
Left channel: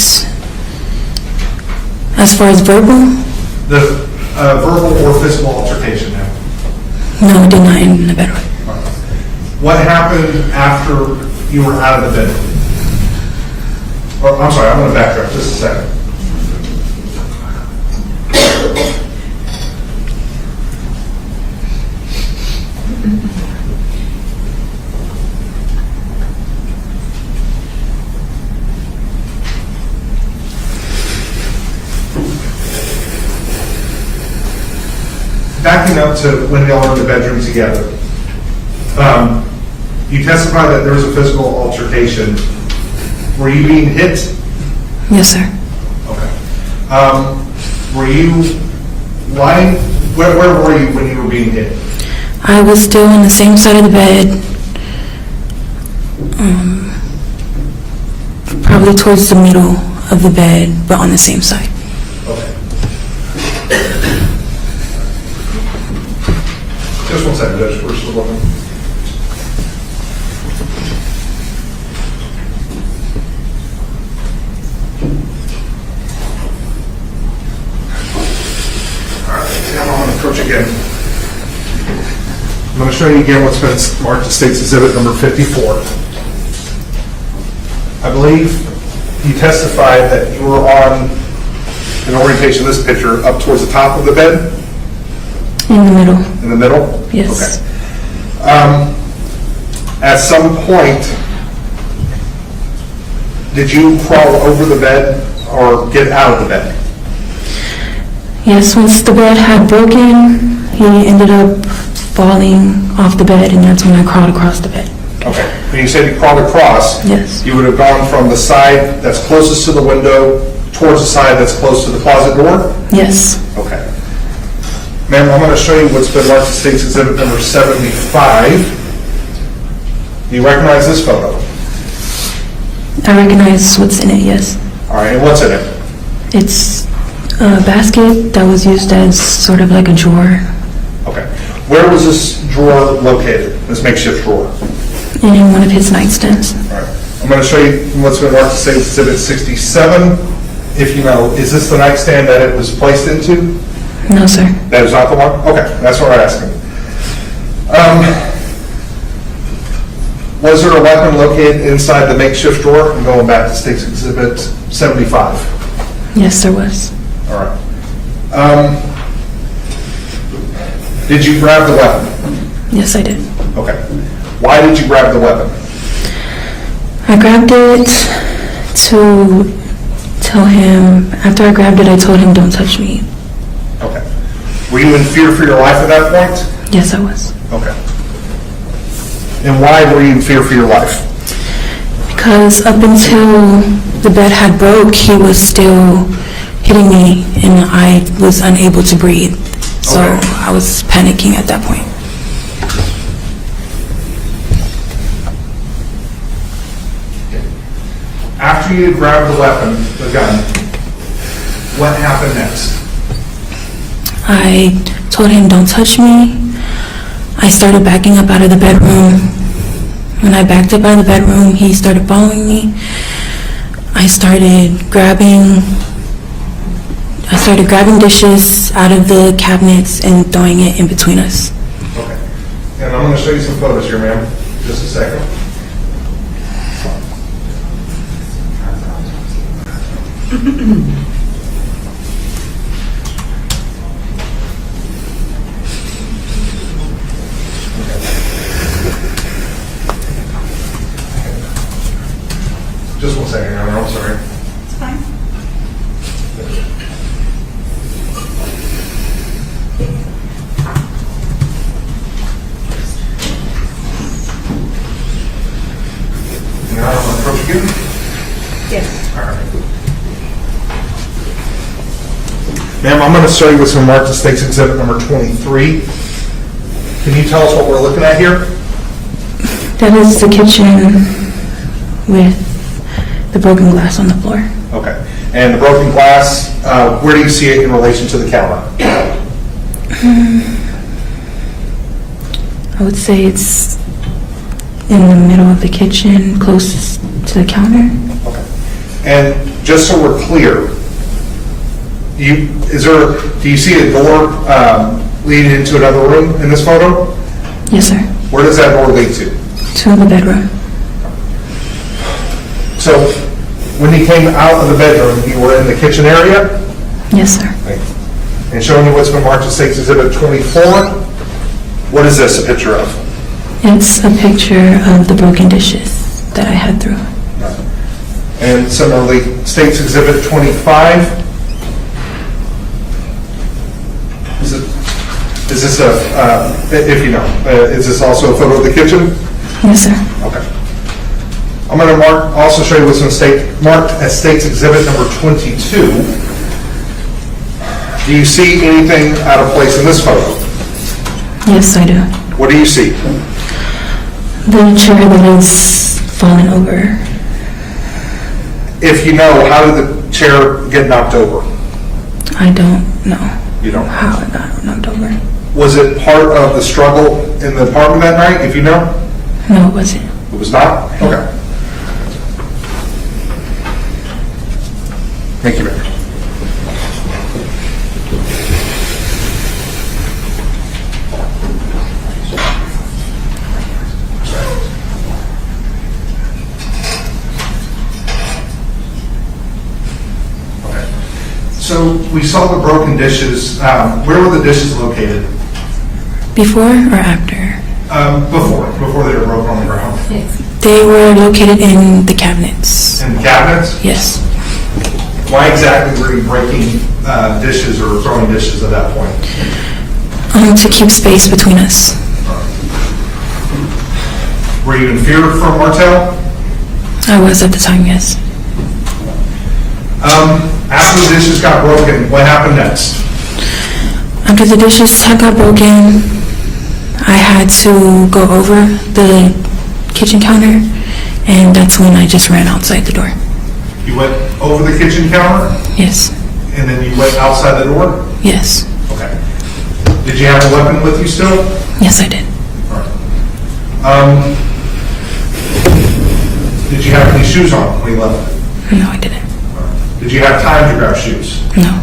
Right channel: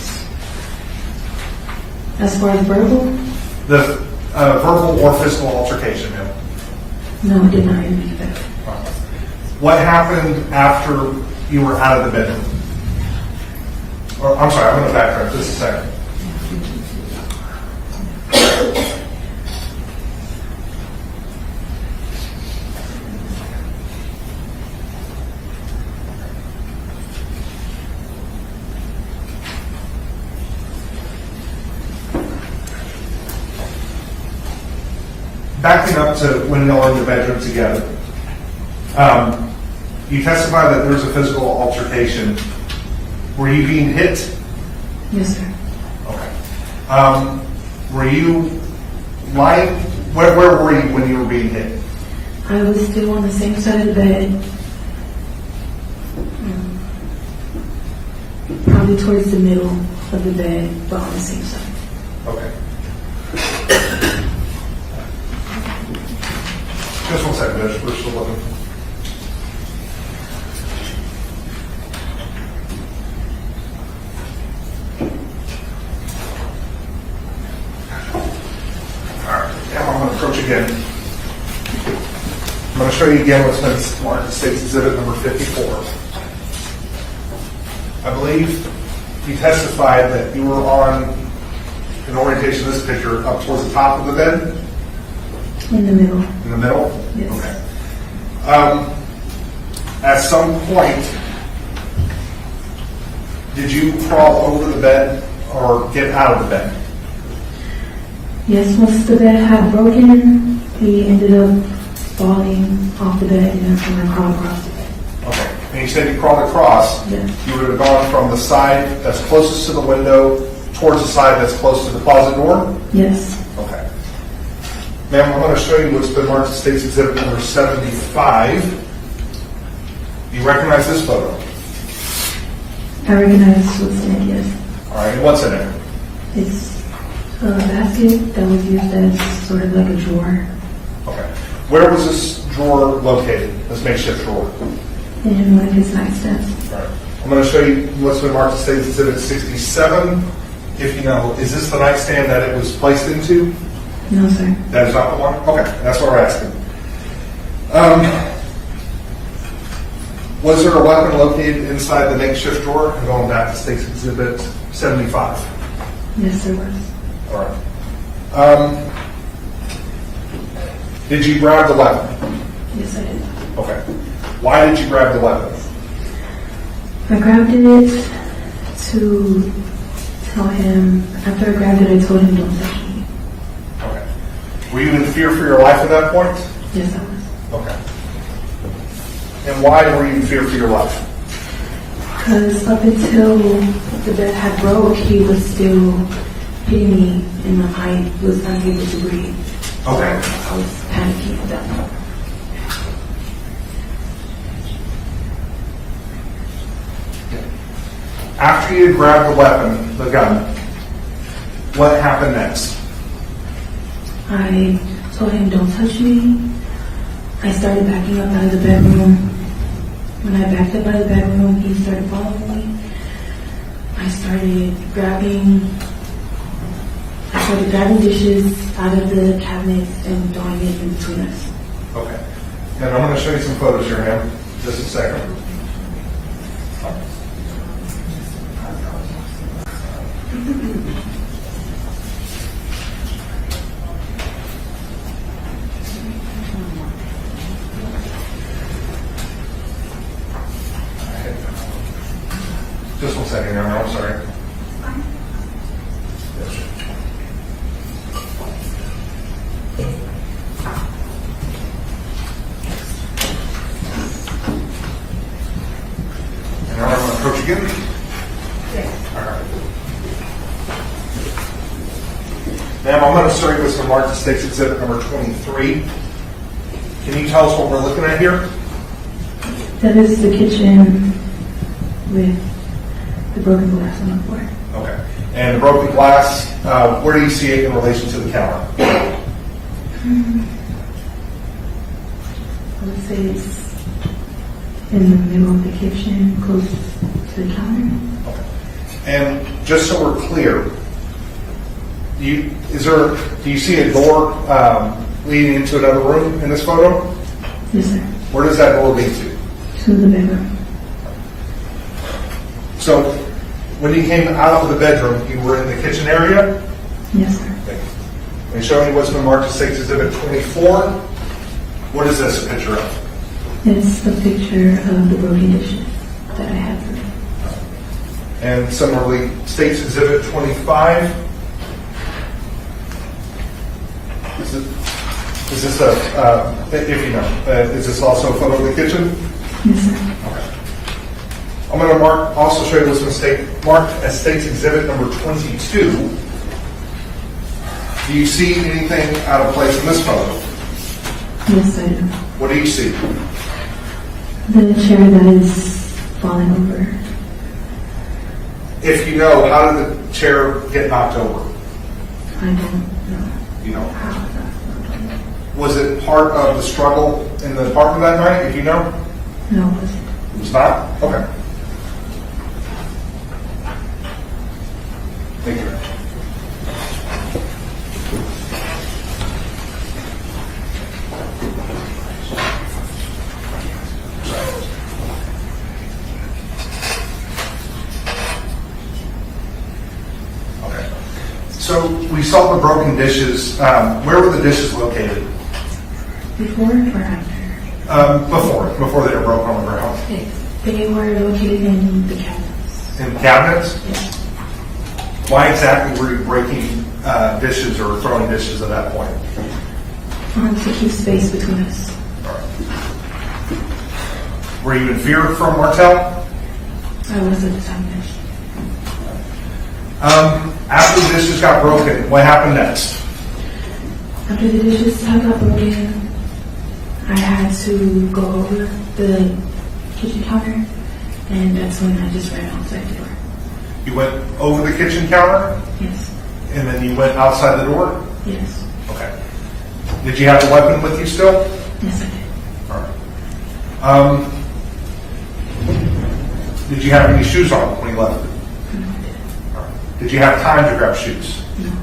as far as verbal? The verbal or physical altercation, ma'am? No, it did not end in the bedroom. What happened after you were out of the bedroom? Oh, I'm sorry, I'm going to backtrack just a second. Backing up to when y'all were in the bedroom together, you testified that there was a physical altercation. Were you being hit? Yes, sir. Okay. Were you lying? Where were you when you were being hit? I was still on the same side of the bed, probably towards the middle of the bed, but on the same side. Okay. Just 1 second, Judge. We're still looking. All right, I'm going to approach again. I'm going to show you again what's been marked as State's Exhibit number 54. I believe you testified that you were on an orientation of this picture up towards the top of the bed? In the middle. In the middle? Yes. Okay. At some point, did you crawl over the bed or get out of the bed? Yes, once the bed had broken, he ended up falling off the bed, and that's when I crawled across the bed. Okay. When you said you crawled across, yes, you would have gone from the side that's closest to the window towards the side that's close to the closet door? Yes. Okay. Ma'am, I'm going to show you what's been marked as State's Exhibit number 75. Do you recognize this photo? I recognize what's in it, yes. All right, and what's in it? It's a basket that was used as sort of like a drawer. Okay. Where was this drawer located, this makeshift drawer? In one of his nightstands. All right. I'm going to show you what's been marked as State's Exhibit 67. If you know, is this the nightstand that it was placed into? No, sir. That is not the one? Okay, that's what I'm asking. Was there a weapon located inside the makeshift drawer? I'm going back to State's Exhibit 75. Yes, there was. All right. Did you grab the weapon? Yes, I did. Okay. Why did you grab the weapon? I grabbed it to tell him, after I grabbed it, I told him, don't touch me. Okay. Were you in fear for your life at that point? Yes, I was. Okay. And why were you in fear for your life? Because up until the bed had broke, he was still hitting me, and I was unable to breathe. So I was panicking at that point. After you grabbed the weapon, the gun, what happened next? I told him, don't touch me. I started backing up out of the bedroom. When I backed up out of the bedroom, he started following me. I started grabbing dishes out of the cabinets and throwing it in between us. Okay. And I'm going to show you some photos here, ma'am. Just a second. Just 1 second, Aaron. I'm sorry. It's fine. Your Honor, want to approach again? Yes. All right. Ma'am, I'm going to show you what's in Martel State's Exhibit number 23. Can you tell us what we're looking at here? That is the kitchen with the broken glass on the floor. Okay. And the broken glass, where do you see it in relation to the counter? I would say it's in the middle of the kitchen, closest to the counter. Okay. And just so we're clear, do you see a door leading into another room in this photo? Yes, sir. Where does that door lead to? To the bedroom. So when you came out of the bedroom, you were in the kitchen area? Yes, sir. Okay. And showing you what's been marked as State's Exhibit 24, what is this a picture of? It's a picture of the broken dishes that I had through. And similarly, State's Exhibit 25. Is this if you know, is this also a photo of the kitchen? Yes, sir. Okay. I'm going to also show you what's marked as State's Exhibit number 22. Do you see anything out of place in this photo? Yes, I do. What do you see? The chair that has fallen over. If you know, how did the chair get knocked over? I don't know. You don't know. How it got knocked over. Was it part of the struggle in the apartment that night, if you know? No, it wasn't. It was not? Okay. Thank you, Mayor. Okay. So we saw the broken dishes. Where were the dishes located? Before or after? Before they were broken on the ground. They were located in the cabinets. In the cabinets? Yes. Why exactly were you breaking dishes or throwing dishes at that point? To keep space between us. Were you in fear from Martel? I was at the time, yes. After the dishes got broken, what happened next? After the dishes had got broken, I had to go over the kitchen counter, and that's when I just ran outside the door. You went over the kitchen counter? Yes. And then you went outside the door? Yes. Okay. Did you have a weapon with you still? Yes, I did. All right. Did you have any shoes on when you left it? No, I didn't. All right. Did you have time to grab shoes? No.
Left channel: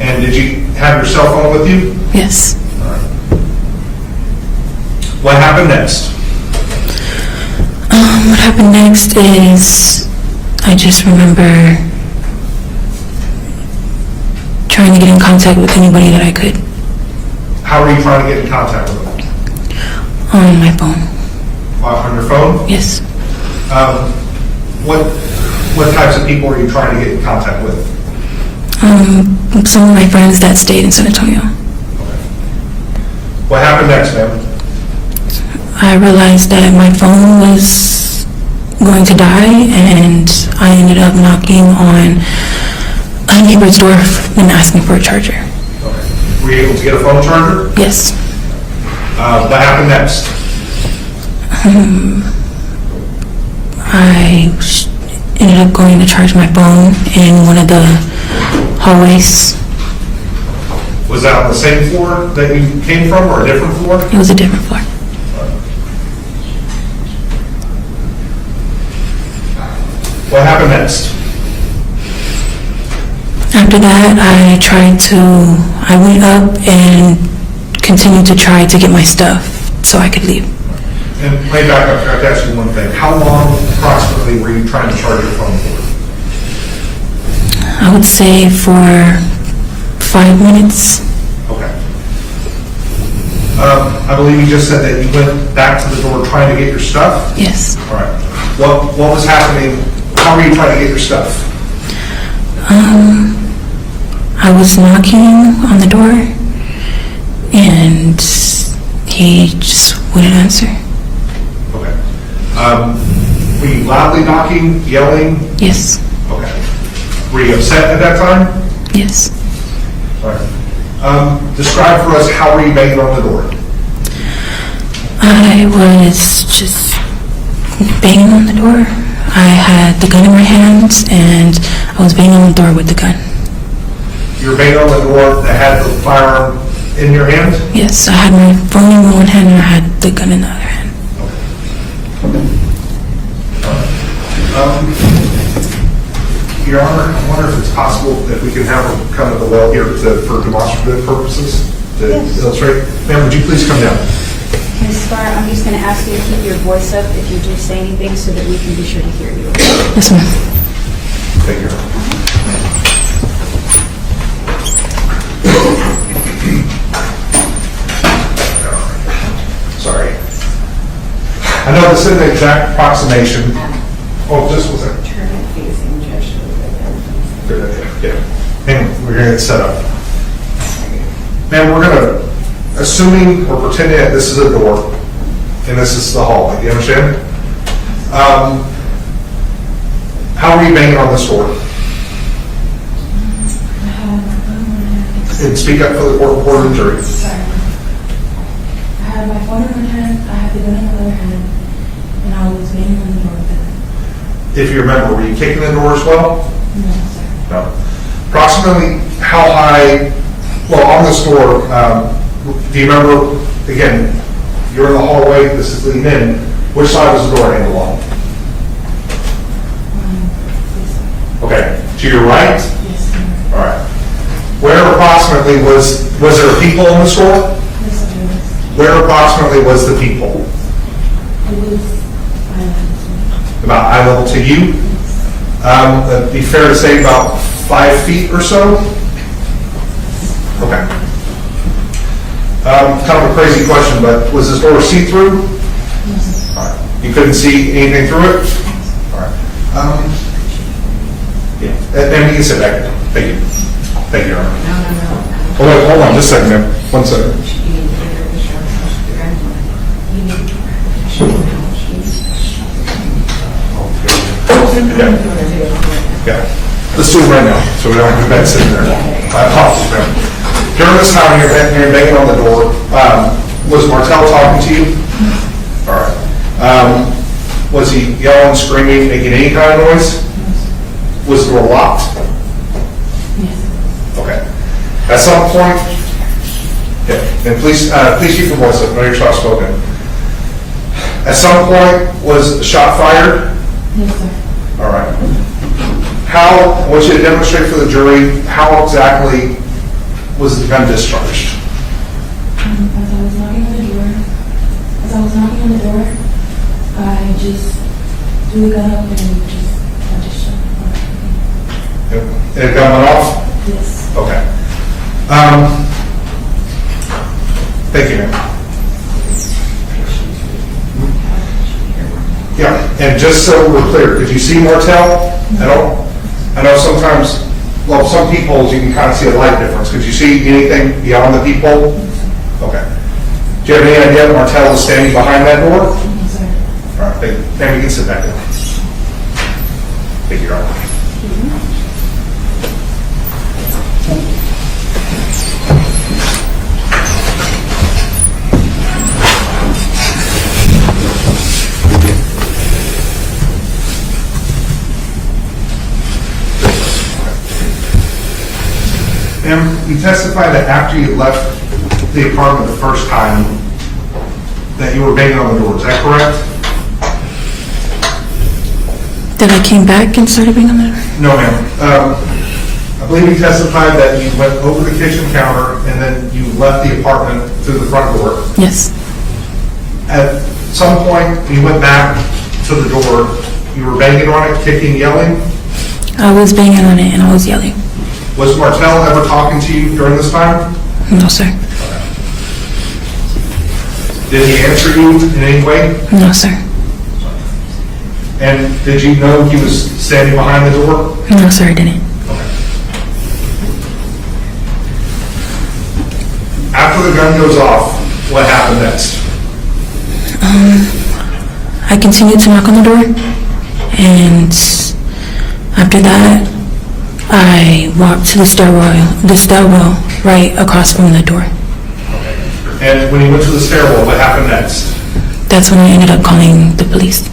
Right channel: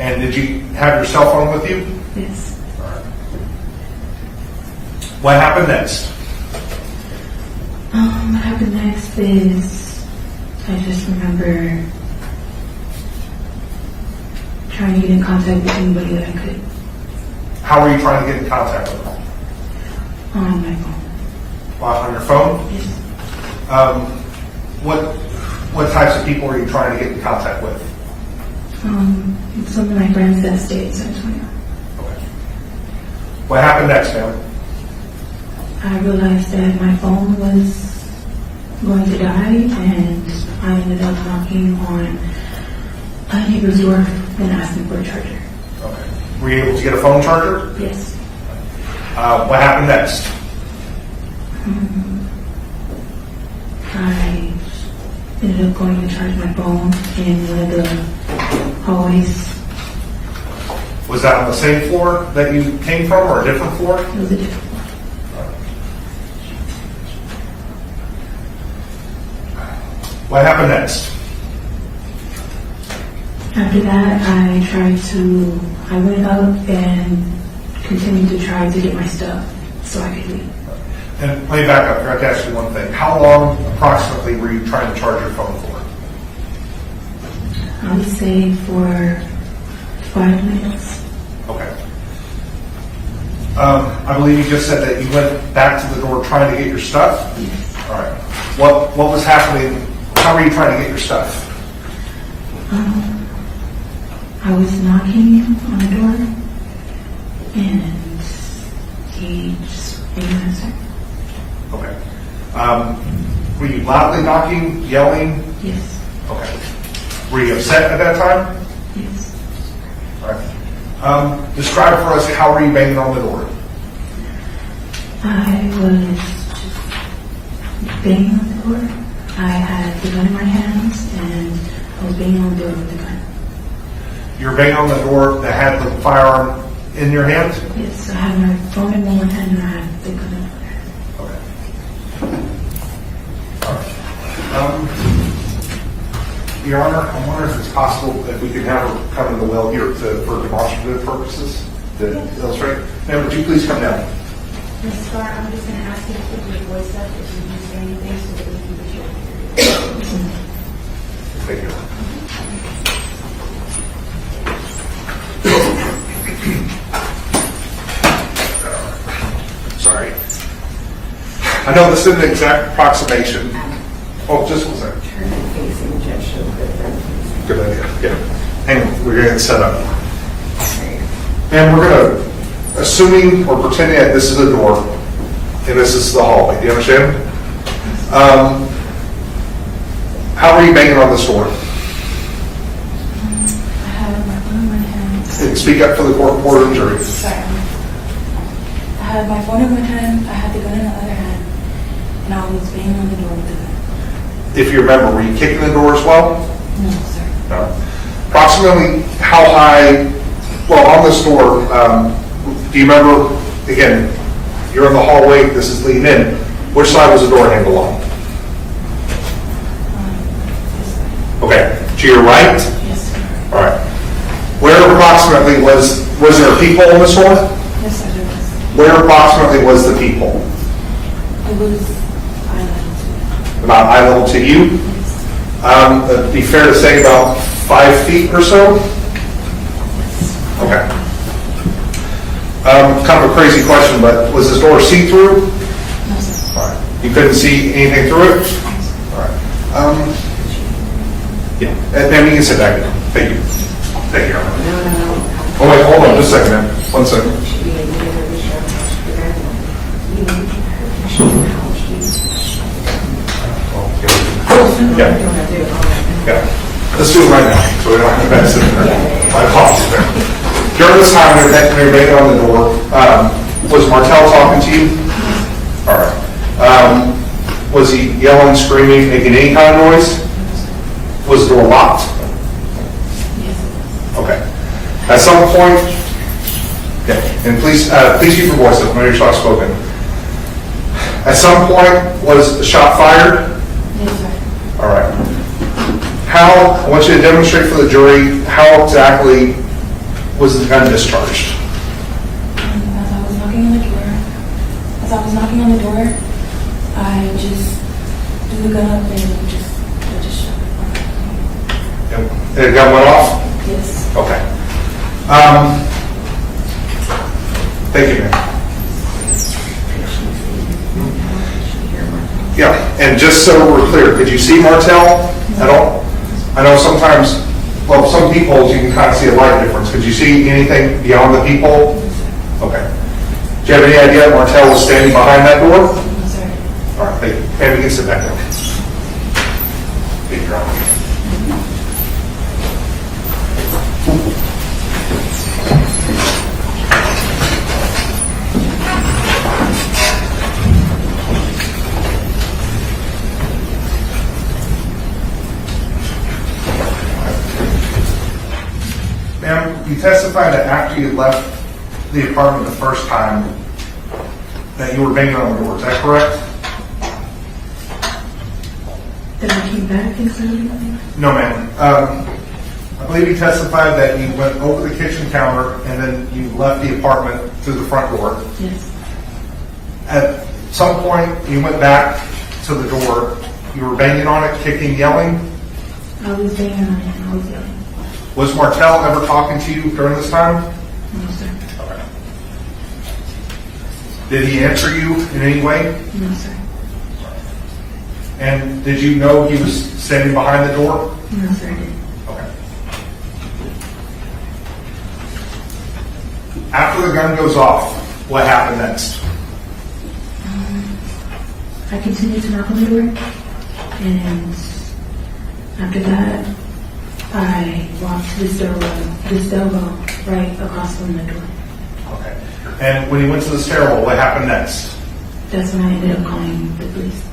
And did you have your cell phone with you? Yes. All right. What happened next? What happened next is I just remember trying to get in contact with anybody that I could. How were you trying to get in contact with them? On my phone. On your phone? Yes. What types of people are you trying to get in contact with? Some of my friends that stayed in San Antonio. Okay. What happened next, ma'am? I realized that my phone was going to die, and I ended up knocking on a neighbor's door and asking for a charger. Okay. Were you able to get a phone charger? Yes. What happened next? I ended up going to charge my phone in one of the hallways. Was that on the same floor that you came from or a different floor? It was a different floor. What happened next? After that, I went up and continued to try to get my stuff so I could leave. And let me back up, I have to ask you one thing. How long approximately were you trying to charge your phone for? I would say for 5 minutes. Okay. I believe you just said that you went back to the door trying to get your stuff? Yes. All right. What was happening? How were you trying to get your stuff? I was knocking on the door and he just wouldn't answer. Okay. Were you loudly knocking, yelling? Yes. Okay. Were you upset at that time? Yes. All right. Describe for us, how were you banging on the door? I was just banging on the door. I had the gun in my hands and I was banging on the door with the gun. You were banging on the door that had the firearm in your hand? Yes, I had my phone in one hand and I had the gun in the other hand. Your Honor, I wonder if it's possible that we can have her come to the well here for demonstrative purposes to illustrate. Ma'am, would you please come down? Ms. Skare, I'm just going to ask you to keep your voice up if you do say anything so that we can be sure to hear you. Yes, ma'am. Thank you. Sorry. I know this isn't an exact approximation. Oh, just one second. Turn it facing Judge Shulman. Good idea. Yeah. Hang on, we're going to get set up. Ma'am, we're going to, assuming or pretending that this is a door and this is the hallway. Do you understand? How are you banging on this door? I had my phone in my hand. And speak up for the courtroom jury. Sorry. I had my phone in my hand, I had the gun in the other hand, and I was banging on the door with the gun. If you remember, were you kicking the door as well? No, sir. No. Approximately how high, well, on this door, do you remember, again, you're in the hallway, this is leading in, which side was the door handle on? This side. Okay, to your right? Yes, sir. All right. Where approximately was there a peephole in this door? Yes, sir. There was. Where approximately was the peephole? It was About eye level to you? It'd be fair to say about 5 feet or so? Okay. Kind of a crazy question, but was this door see-through? No, sir. All right. You couldn't see anything through it? All right. Yeah. Ma'am, you can sit back down. Thank you. Thank you, Your Honor. No. Hold on just a second, ma'am. 1 second. Yeah. Let's do it right now, so we don't have that sitting there. I apologize, ma'am. During this time, you're banging on the door. Was Martel talking to you? All right. Was he yelling, screaming, making any kind of noise? Was the door locked? Okay. At some point, yeah, and please keep your voice up. Know you're soft spoken. At some point, was the shot fired? Yes, sir. All right. I want you to demonstrate for the jury how exactly was the gun discharged? As I was knocking on the door, I just threw the gun up and I just shot it. And the gun went off? Yes. Okay. Thank you, ma'am. Yeah, and just so we're clear, could you see Martel at all? I know sometimes, well, some people you can kind of see a light difference. Could you see anything beyond the people? Okay. Do you have any idea that Martel was standing behind that door? No, sir. All right, thank you. And we can sit back down. Thank you, Your Honor. testify that after you left the apartment the first time, that you were banging on the door, is that correct? That I came back and started being on the door? No, ma'am. I believe you testified that you went over the kitchen counter and then you left the apartment through the front door. Yes. At some point, you went back to the door, you were banging on it, kicking, yelling. I was banging on it and I was yelling. Was Martel ever talking to you during this time? No, sir. Did he answer you in any way? No, sir. And did you know he was standing behind the door? No, sir, I didn't. After the gun goes off, what happened next? I continued to knock on the door, and after that, I walked to the stairwell right across from the door. And when you went to the stairwell, what happened next? That's when I ended up calling the police.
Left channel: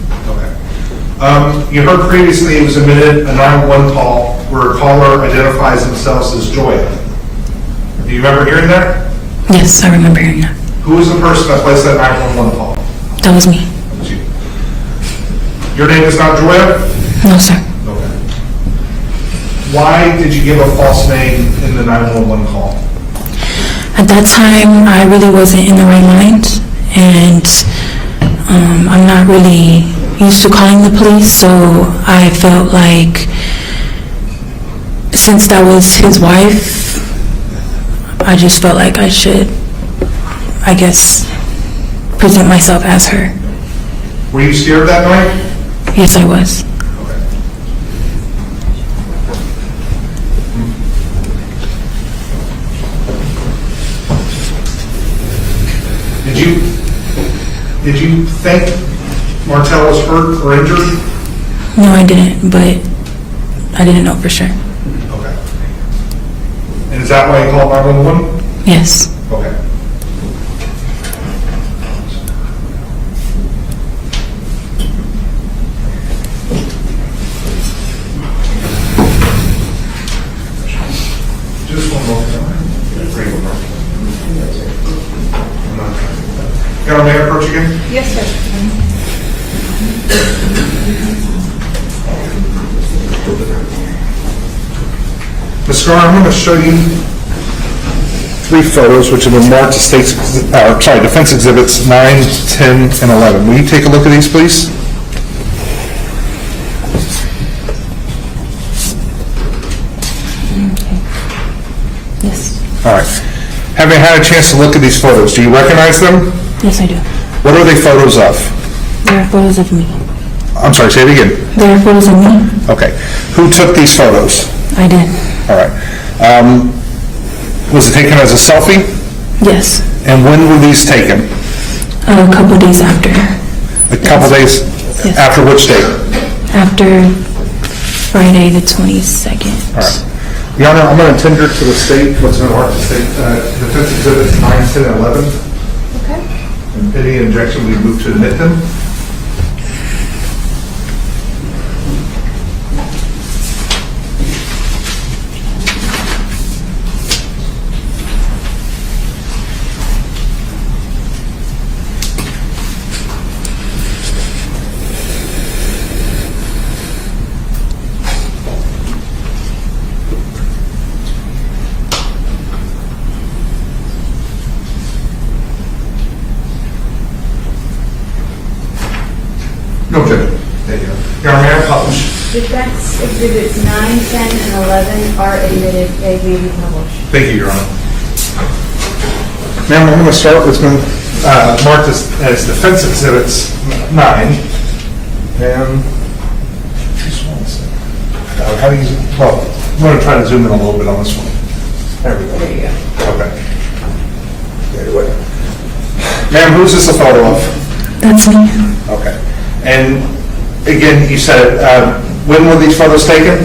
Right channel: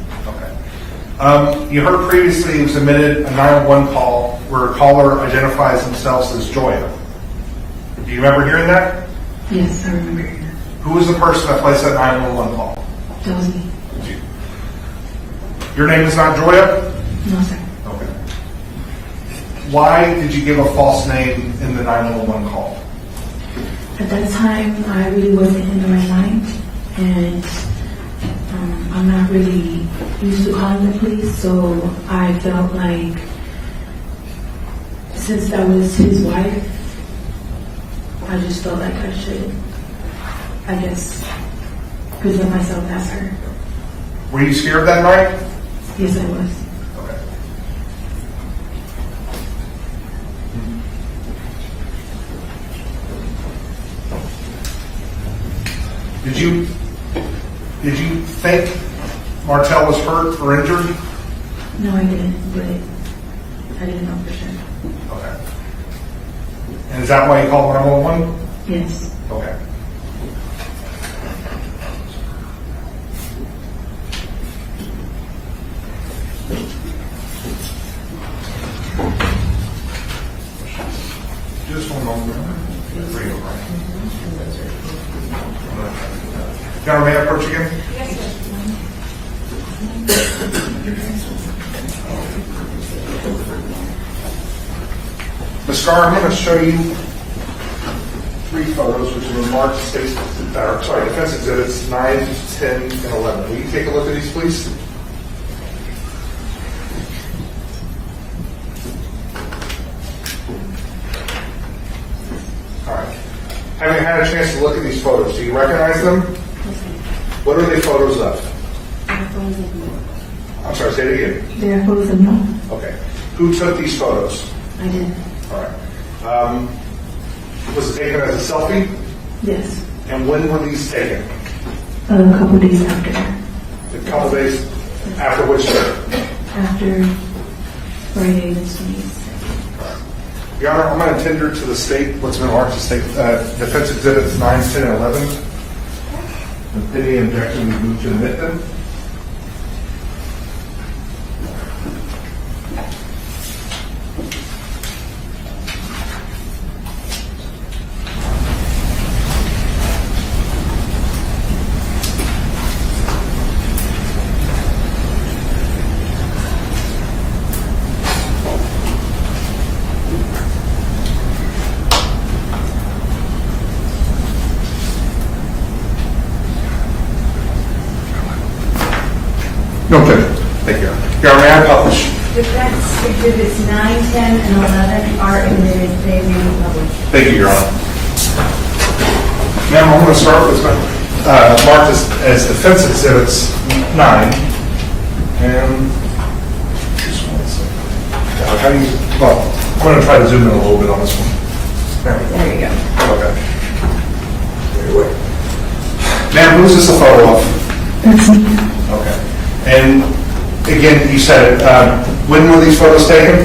You heard previously it was admitted a 911 call where a caller identifies themselves as Joya. Do you remember hearing that? Yes, I remember hearing that. Who was the person that placed that 911 call? That was me. Your name is not Joya? No, sir. Okay. Why did you give a false name in the 911 call? At that time, I really wasn't in the right mind, and I'm not really used to calling the police, so I felt like since that was his wife, I just felt like I should, I guess, present myself as her. Were you scared that night? Yes, I was. Did you think Martel was hurt or injured? No, I didn't, but I didn't know for sure. Okay. And is that why you called 911? Yes. Okay. Just one moment. Got me approach again? Yes, sir. Ms. Skare, I'm going to show you 3 photos which have been marked as defense exhibits 9, 10, and 11. Will you take a look at these, please? Yes. All right. Having had a chance to look at these photos, do you recognize them? Yes, I do. What are they photos of? They are photos of me. I'm sorry, say it again. They are photos of me. Okay. Who took these photos? I did. All right. Was it taken as a selfie? Yes. And when were these taken? A couple days after. A couple days? Yes. After which date? After Friday the 22nd. All right. Your Honor, I'm going to tender to the state what's been marked as defense exhibits 9, 10, and 11. Okay. Any objection, we move to admit them. No objection. Thank you. Your Honor, may I publish? Defense exhibits 9, 10, and 11 are admitted. They may be published. Thank you, Your Honor. Ma'am, I'm going to start with what's been marked as defense exhibits 9. And just one second. How do you, well, I'm going to try to zoom in a little bit on this one. There you go. Okay. There you go. Ma'am, who's this a photo of? That's me. Okay. And again, you said, when were these photos taken?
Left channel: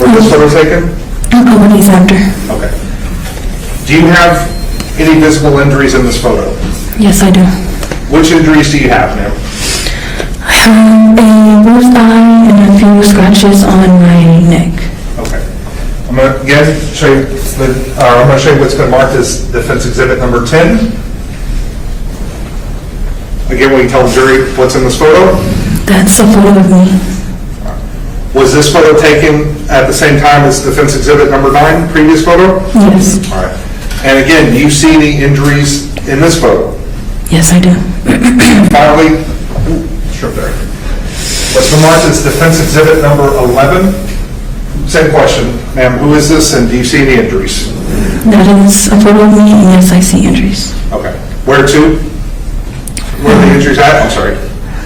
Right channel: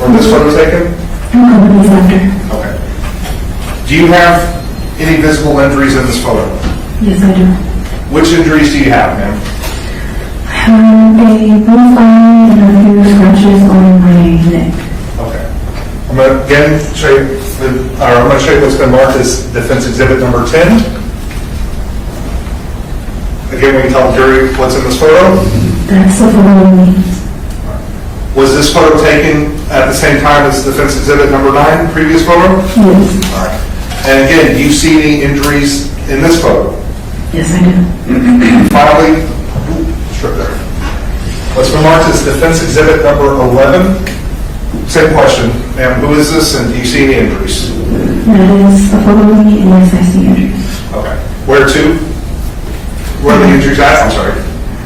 Were this photo taken? A couple days after. Okay. Do you have any visible injuries in this photo? Yes, I do. Which injuries do you have, ma'am? I have a bruised eye and a few scratches on my neck. Okay. I'm going to again show you I'm going to show you what's been marked as defense exhibit number 10. Again, we tell the jury what's in this photo. That's a photo of me. Was this photo taken at the same time as defense exhibit number 9, previous photo? Yes. All right. And again, do you see any injuries in this photo? Yes, I do. Finally, strip there. What's been marked as defense exhibit number 11? Same question, ma'am. Who is this, and do you see any injuries? That is a photo of me, and yes, I see injuries. Okay. Where to? Where are the injuries at? I'm sorry.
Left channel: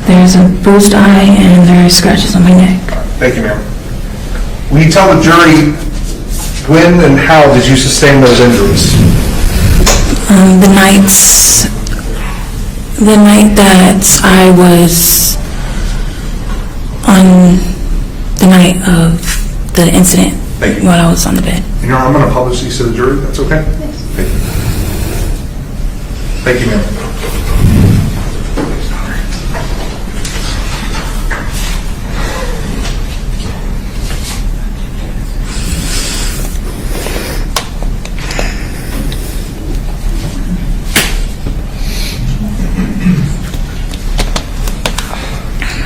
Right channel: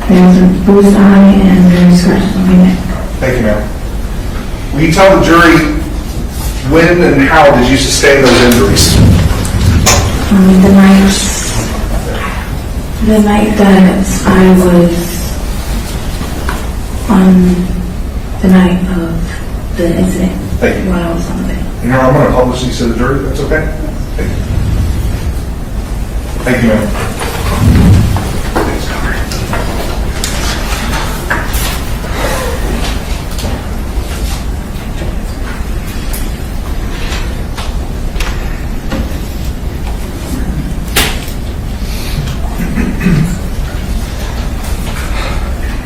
There's a bruised eye and there's scratches on my neck. Thank you, ma'am. Will you tell the jury when and how did you sustain those injuries? The night that I was on the night of the incident while I was on the bed. You know, I'm going to publish these to the jury. That's okay? Thank you. Thank you, ma'am.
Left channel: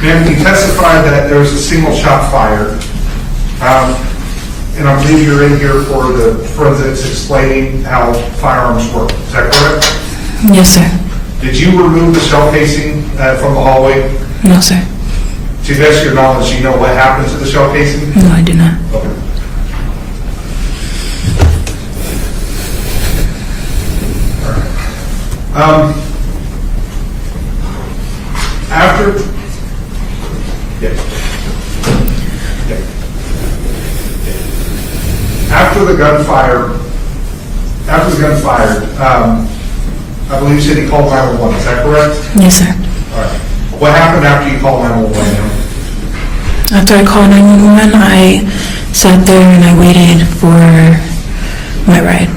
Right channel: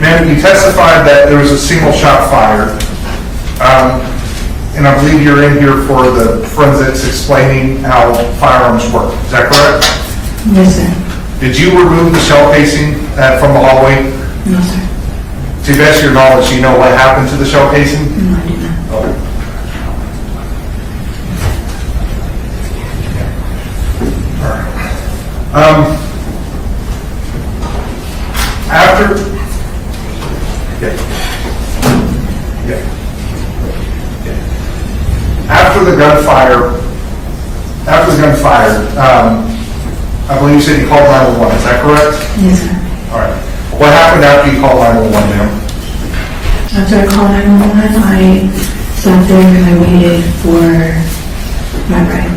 Ma'am, you testified that there was a single shot fired. And I believe you're in here for the forensics explaining how firearms work. Is that correct? Yes, sir. Did you remove the shell casing from the hallway? No, sir. To the best of your knowledge, do you know what happened to the shell casing? No, I do not. Okay. After the gun fired, I believe you said you called 911. Is that correct? Yes, sir. All right. What happened after you called 911, ma'am? After I called 911, I sat there and I waited for my ride.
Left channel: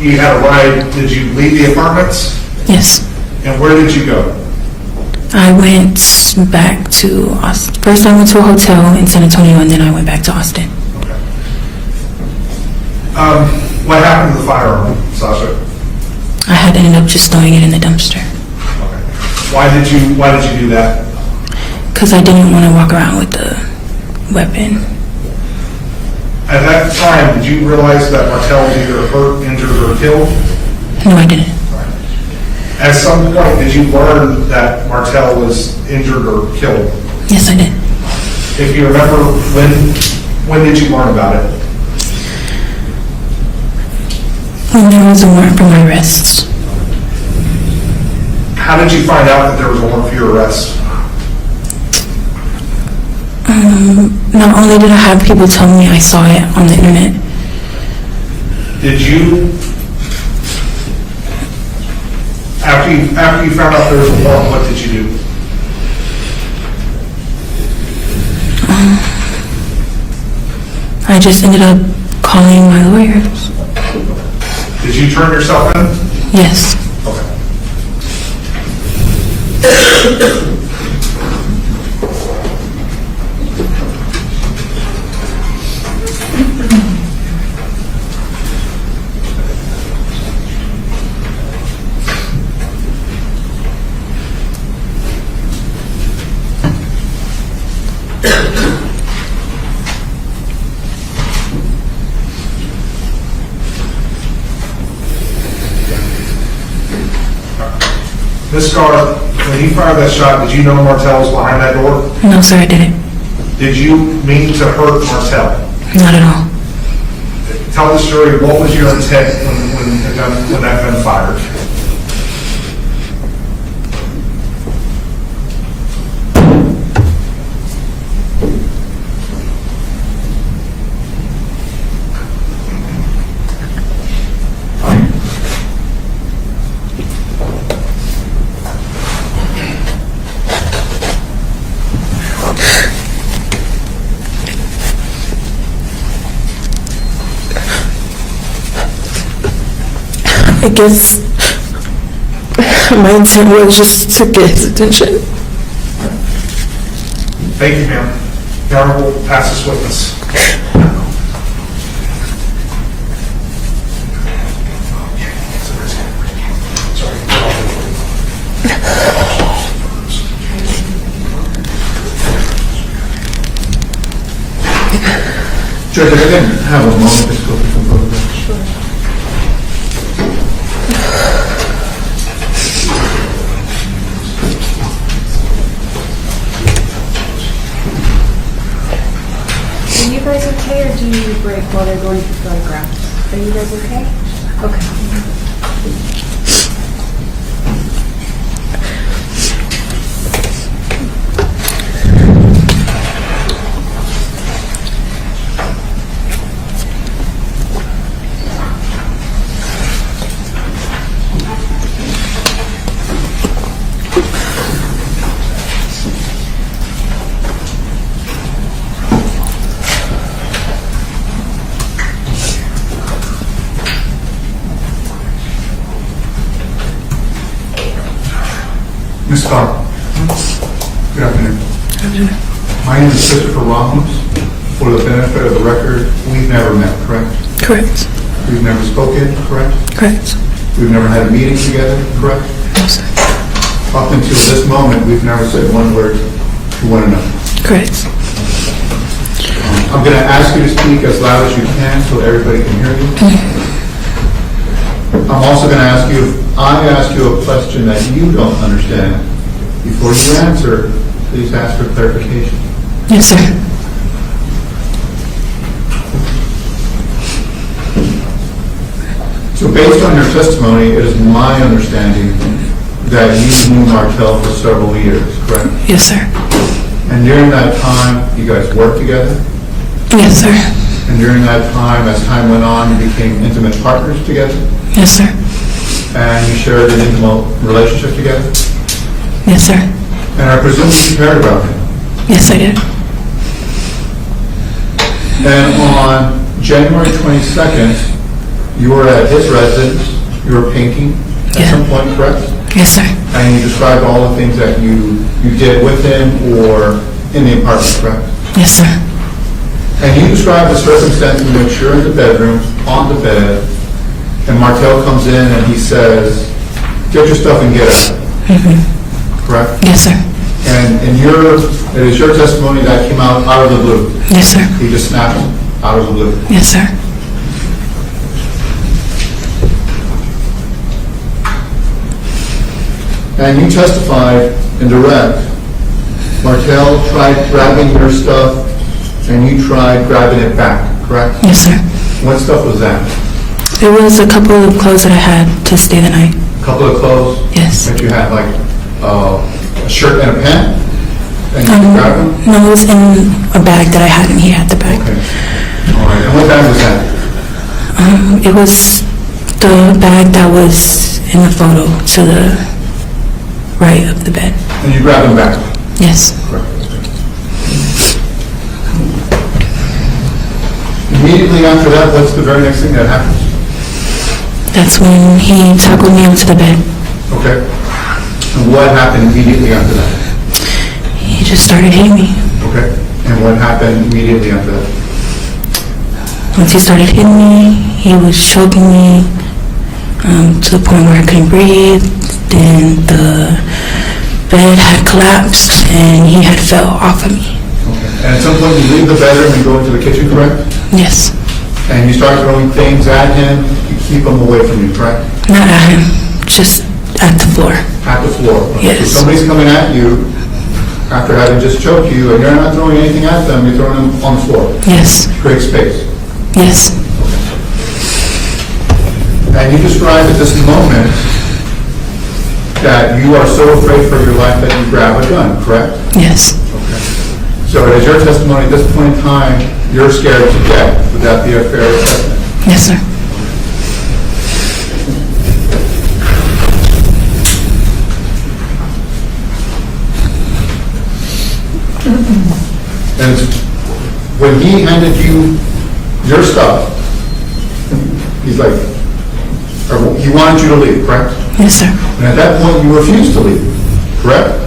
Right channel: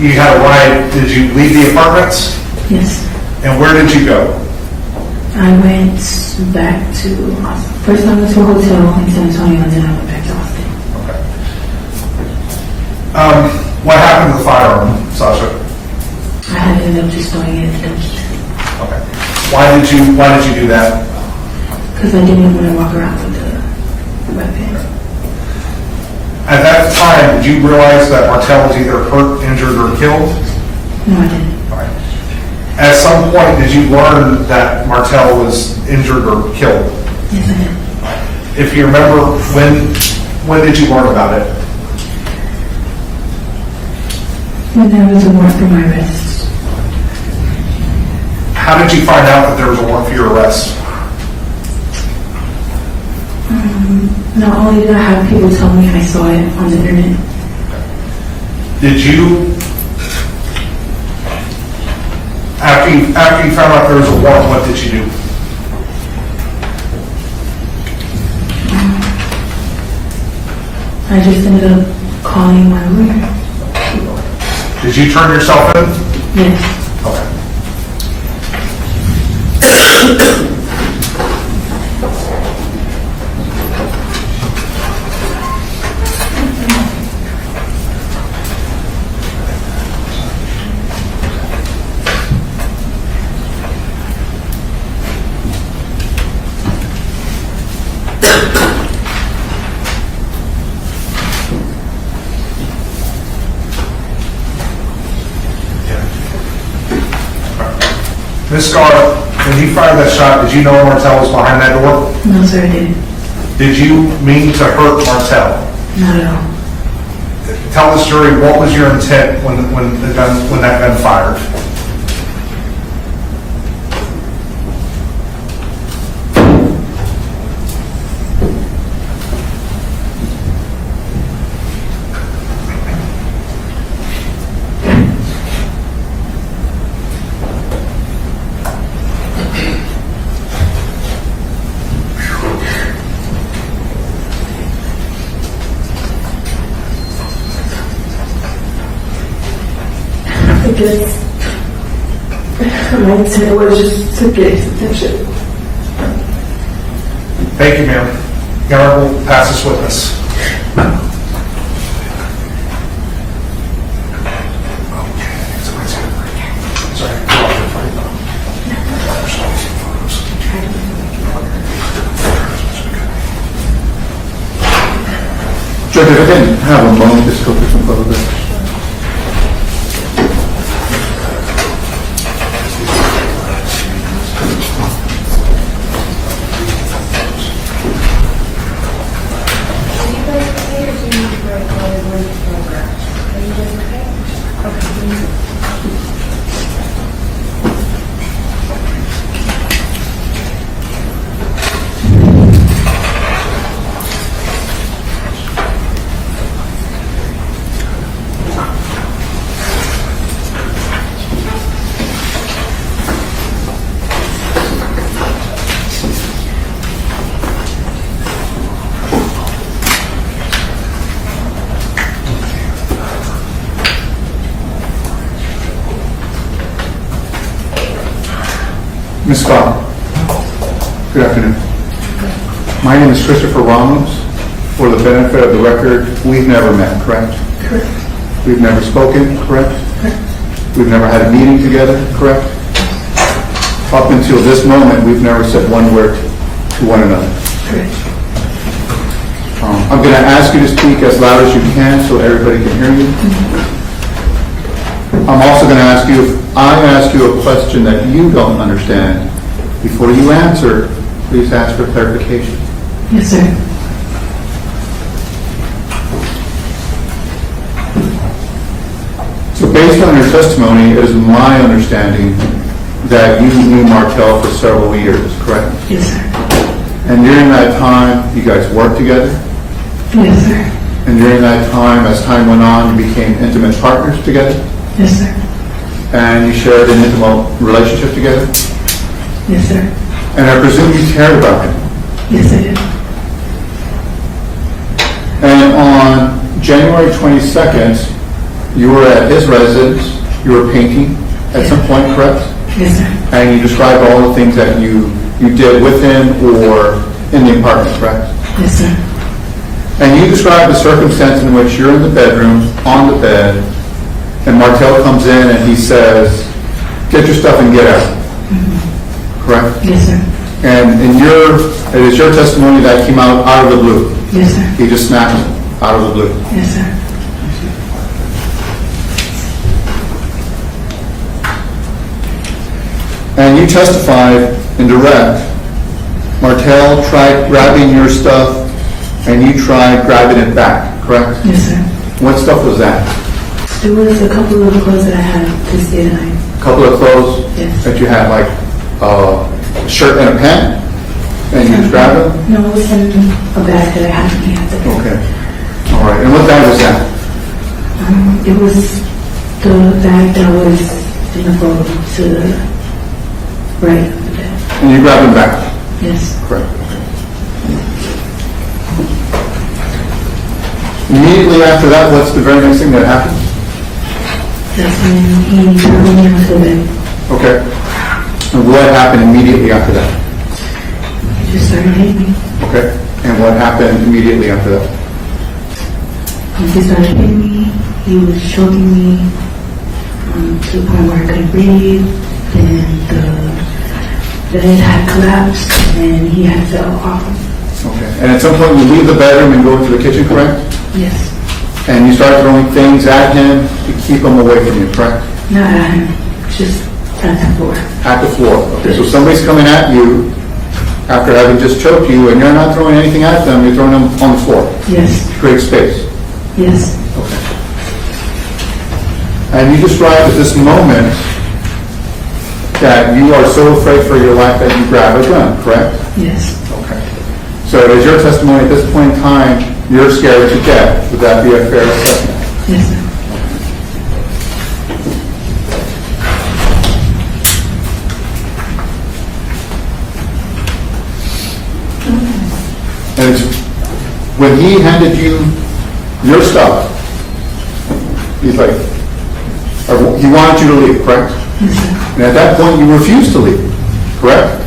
You had a ride. Did you leave the apartments? Yes. And where did you go? I went back to Austin. First I went to a hotel in San Antonio and then I went back to Austin. Okay. What happened to the firearm, Sasha? I had to end up just throwing it in the dumpster. Okay. Why did you do that? Because I didn't want to walk around with the weapon. At that time, did you realize that Martel was either hurt, injured, or killed? No, I didn't. Right. At some point, did you learn that Martel was injured or killed? Yes, I did. If you remember, when did you learn about it? When there was a warrant for my arrest. How did you find out that there was a warrant for your arrest? Not only did I have people tell me, I saw it on the internet. Did you, after you found out there was a warrant, what did you do? I just ended up calling my lawyers. Did you turn yourself in? Yes. Okay. Ms. Skare, when you fired that shot, did you know Martel was behind that door? No, sir, I didn't. Did you mean to hurt Martel? Not at all. Tell the jury, what was your intent when that gun fired? I guess my intent was just to get his attention. Thank you, ma'am. The Honorable pass this witness. Judge, I didn't have a moment to go through some photographs. Are you guys okay, or do you need a break while they're going to photographs? Are you guys okay? Okay. Ms. Skare, good afternoon. My name is Christopher Ramos. For the benefit of the record, we've never met, correct? Correct. We've never spoken, correct? Correct. We've never had a meeting together, correct? Yes. Up until this moment, we've never said one word to one another. Correct. I'm going to ask you to speak as loud as you can so everybody can hear you. I'm also going to ask you, if I ask you a question that you don't understand, before you answer, please ask for clarification. Yes, sir. So based on your testimony, it is my understanding that you knew Martel for several years, correct? Yes, sir. And during that time, you guys worked together? Yes, sir. And during that time, as time went on, you became intimate partners together? Yes, sir. And you shared an intimate relationship together? Yes, sir. And I presume you cared about him? Yes, I did. And on January 22nd, you were at his residence, you were painting at some point, correct? Yes, sir. And you described all the things that you did with him or in the apartment, correct? Yes, sir. And you described the circumstance in which you're in the bedroom, on the bed, and Martel comes in and he says, "Get your stuff and get out." Correct? Yes, sir. And it is your testimony that came out of the blue. Yes, sir. He just snapped him out of the blue. Yes, sir. And you testified in direct, Martel tried grabbing your stuff and you tried grabbing it back, correct? Yes, sir. What stuff was that? It was a couple of clothes that I had to stay the night. A couple of clothes? Yes. That you had, like a shirt and a pant? And you grabbed them? No, it was in a bag that I had and he had the bag. Okay. All right. And what bag was that? It was the bag that was in the photo to the right of the bed. And you grabbed them back? Yes. Correct. Immediately after that, what's the very next thing that happened? That's when he tackled me onto the bed. Okay. And what happened immediately after that? He just started hitting me. Okay. And what happened immediately after that? Once he started hitting me, he was choking me to the point where I couldn't breathe. Then the bed had collapsed and he had fell off of me. Okay. And at some point you leave the bedroom and go into the kitchen, correct? Yes. And you start throwing things at him to keep him away from you, correct? Not at him, just at the floor. At the floor. Okay. Yes. So somebody's coming at you after having just choked you, and you're not throwing anything at them, you're throwing them on the floor. Yes. Create space. Yes. Okay. And you described at this moment that you are so afraid for your life that you grab a gun, correct? Yes. Okay. So it is your testimony at this point in time, you're scared to death. Would that be a fair assessment? Yes, sir. And it's when he handed you your stuff, he's like, or he wanted you to leave, correct? Yes, sir. And at that point, you refused to leave, correct?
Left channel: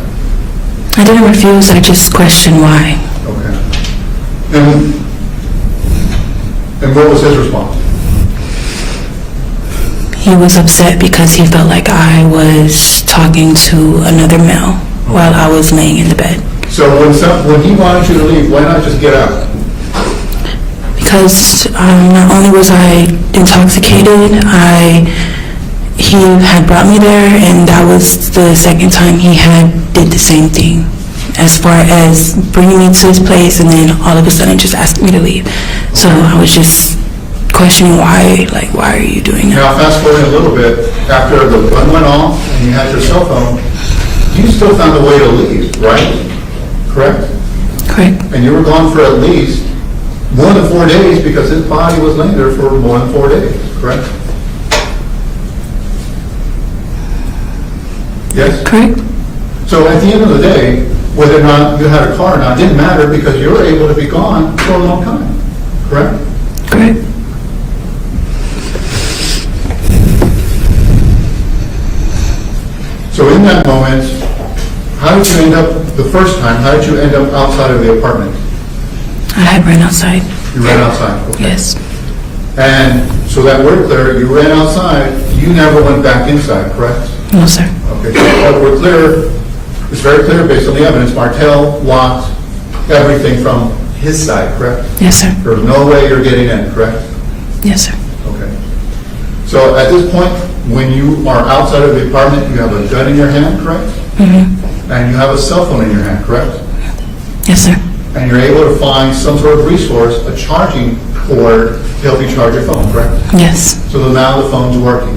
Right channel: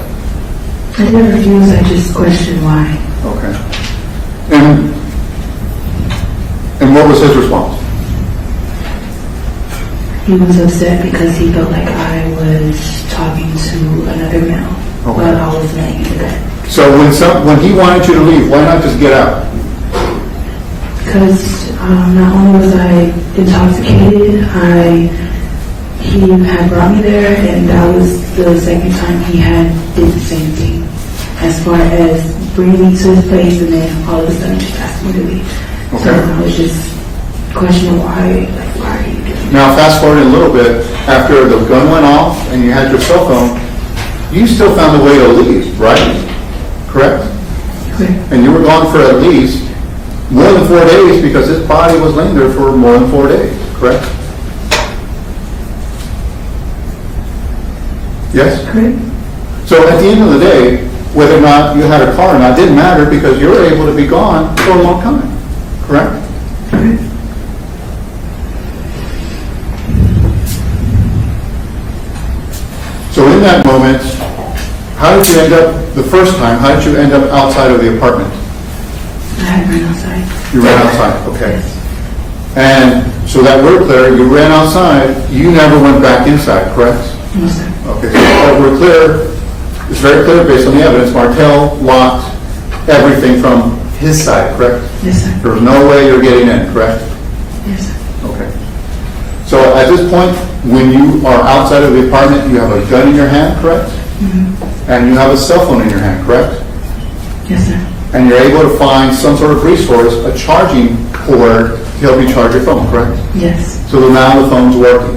I didn't refuse, I just questioned why. Okay. And what was his response? He was upset because he felt like I was talking to another male while I was laying in the bed. So when he wanted you to leave, why not just get out? because not only was I intoxicated, he had brought me there, and that was the second time he had did the same thing, as far as bringing me to his place and then all of a sudden just asking me to leave. So I was just questioning why are you doing that? Now fast forwarding a little bit, after the gun went off and you had your cell phone, you still found a way to leave, right? Correct? Correct. And you were gone for at least more than 4 days because his body was laying there for more than 4 days, correct? Yes? Correct. So at the end of the day, whether or not you had a car or not didn't matter because you were able to be gone for a long time, correct? Correct. So in that moment, how did you end up, the first time, how did you end up outside of the apartment? I had ran outside. You ran outside, okay. Yes. And so that we're clear, you ran outside, you never went back inside, correct? No, sir. Okay, so we're clear, it's very clear based on the evidence, Martel locked everything from his side, correct? Yes, sir. There's no way you're getting in, correct? Yes, sir. Okay. So at this point, when you are outside of the apartment, you have a gun in your hand, correct? Mm-hmm. And you have a cell phone in your hand, correct? Yes, sir. And you're able to find some sort of resource, a charging cord to help you charge your phone, correct? Yes. So now the phone's working,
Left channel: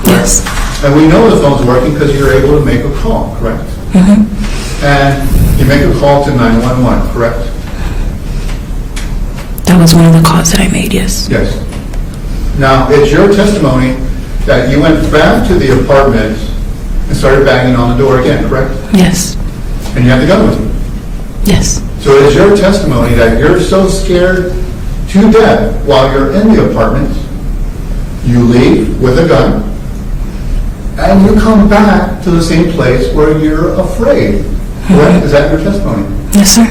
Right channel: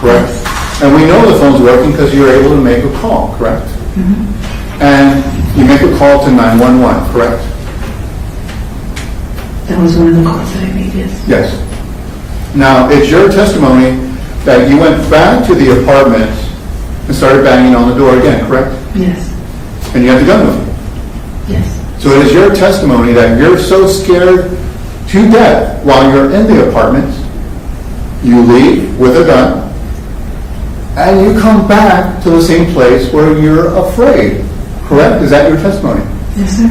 correct? Yes. And we know the phone's working because you're able to make a call, correct? Mm-hmm. And you make a call to 911, correct? That was one of the calls that I made, yes. Yes. Now, it's your testimony that you went back to the apartment and started banging on the door again, correct? Yes. And you had the gun with you. Yes. So it is your testimony that you're so scared to death while you're in the apartment, you leave with a gun, and you come back to the same place where you're afraid, correct? Mm-hmm. Is that your testimony? Yes, sir.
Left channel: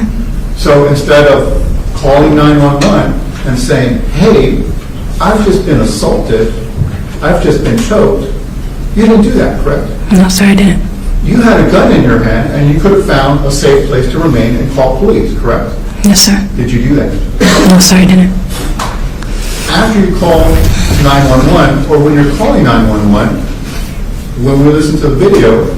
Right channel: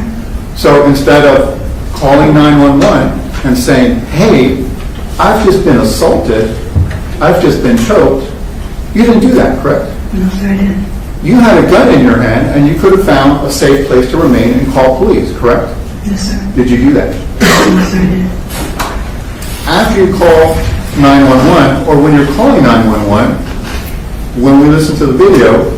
So instead of calling 911 and saying, hey, I've just been assaulted, I've just been choked, you didn't do that, correct? No, sir, I didn't. You had a gun in your hand and you could have found a safe place to remain and call police, correct? Yes, sir. Did you do that? No, sir, I didn't. After you call 911, or when you're calling 911, when we listen to the video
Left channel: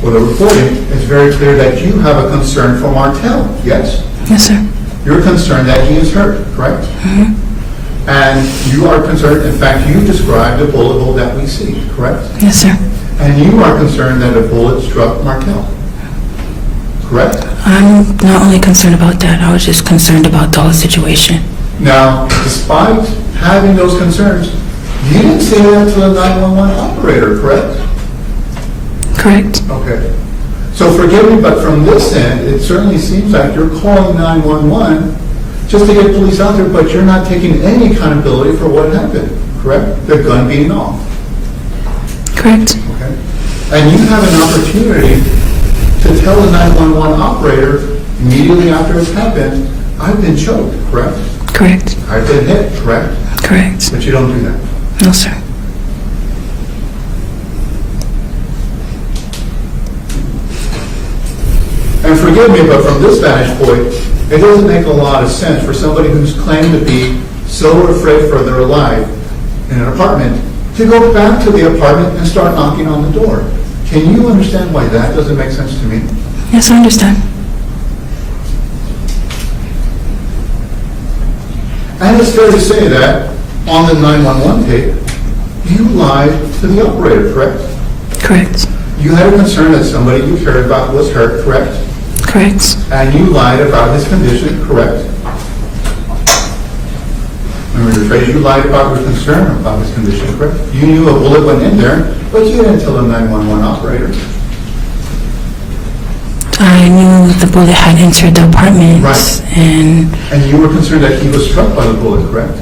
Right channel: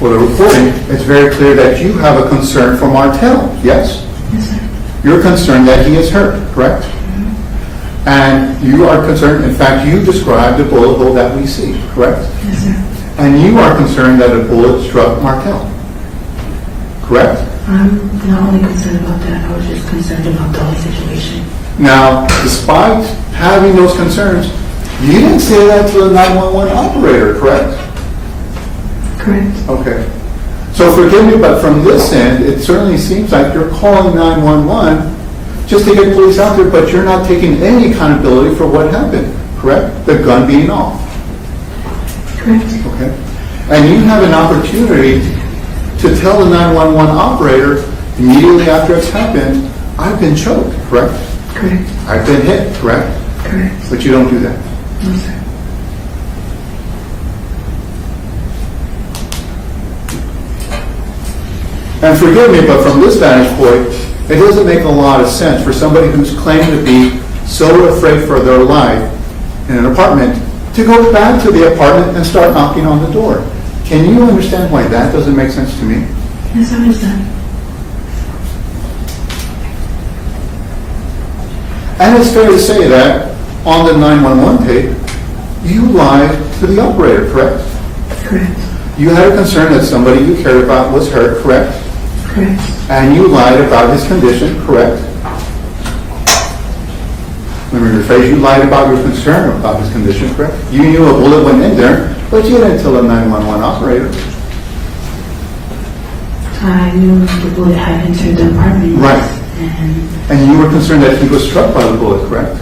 or the recording, it's very clear that you have a concern for Martel, yes? Yes, sir. You're concerned that he is hurt, correct? Mm-hmm. And you are concerned, in fact, you described the bullet hole that we see, correct? Yes, sir. And you are concerned that a bullet struck Martel, correct? I'm not only concerned about that, I was just concerned about the whole situation. Now, despite having those concerns, you didn't say that to the 911 operator, correct? Correct. Okay. So forgive me, but from this end, it certainly seems like you're calling 911 just to get police out there, but you're not taking any accountability for what happened, correct? The gun being off. Correct. Okay. And you have an opportunity to tell the 911 operator immediately after it's happened, I've been choked, correct? Correct. I've been hit, correct? Correct. But you don't do that. No, sir. And forgive me, but from this vantage point, it doesn't make a lot of sense for somebody who's claimed to be so afraid for their life in an apartment to go back to the apartment and start knocking on the door. Can you understand why that doesn't make sense to me? Yes, I understand. And it's fair to say that on the 911 tape, you lied to the operator, correct? Correct. You had a concern that somebody you cared about was hurt, correct? Correct. And you lied about his condition, correct? Let me rephrase, you lied about your concern about his condition, correct? You knew a bullet went in there, but you didn't tell the 911 operator. I knew the bullet had entered the apartment. Right. And you were concerned that he was struck by the bullet, correct?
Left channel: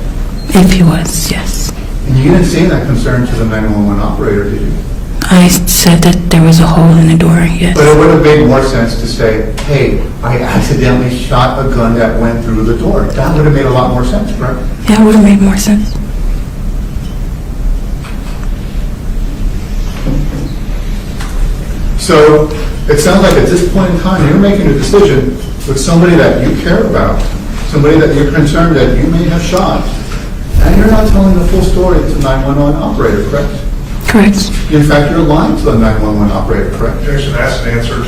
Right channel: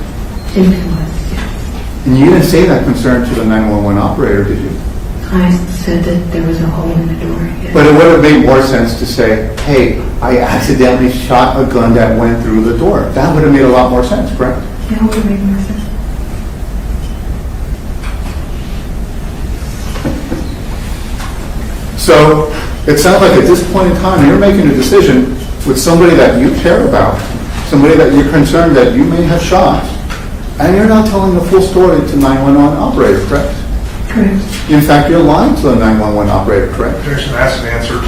if he was, yes. And you didn't say that concern to the 911 operator, did you? I said that there was a hole in the door, yes. But it would have made more sense to say, hey, I accidentally shot a gun that went through the door. That would have made a lot more sense, correct? Yeah, it would have made more sense. So it sounds like at this point in time, you're making a decision with somebody that you care about somebody that you're concerned that you may have shot, and you're not telling the full story to 911 operator, correct? Correct. In fact, you're lying to the 911 operator, correct? Objection, that's answered.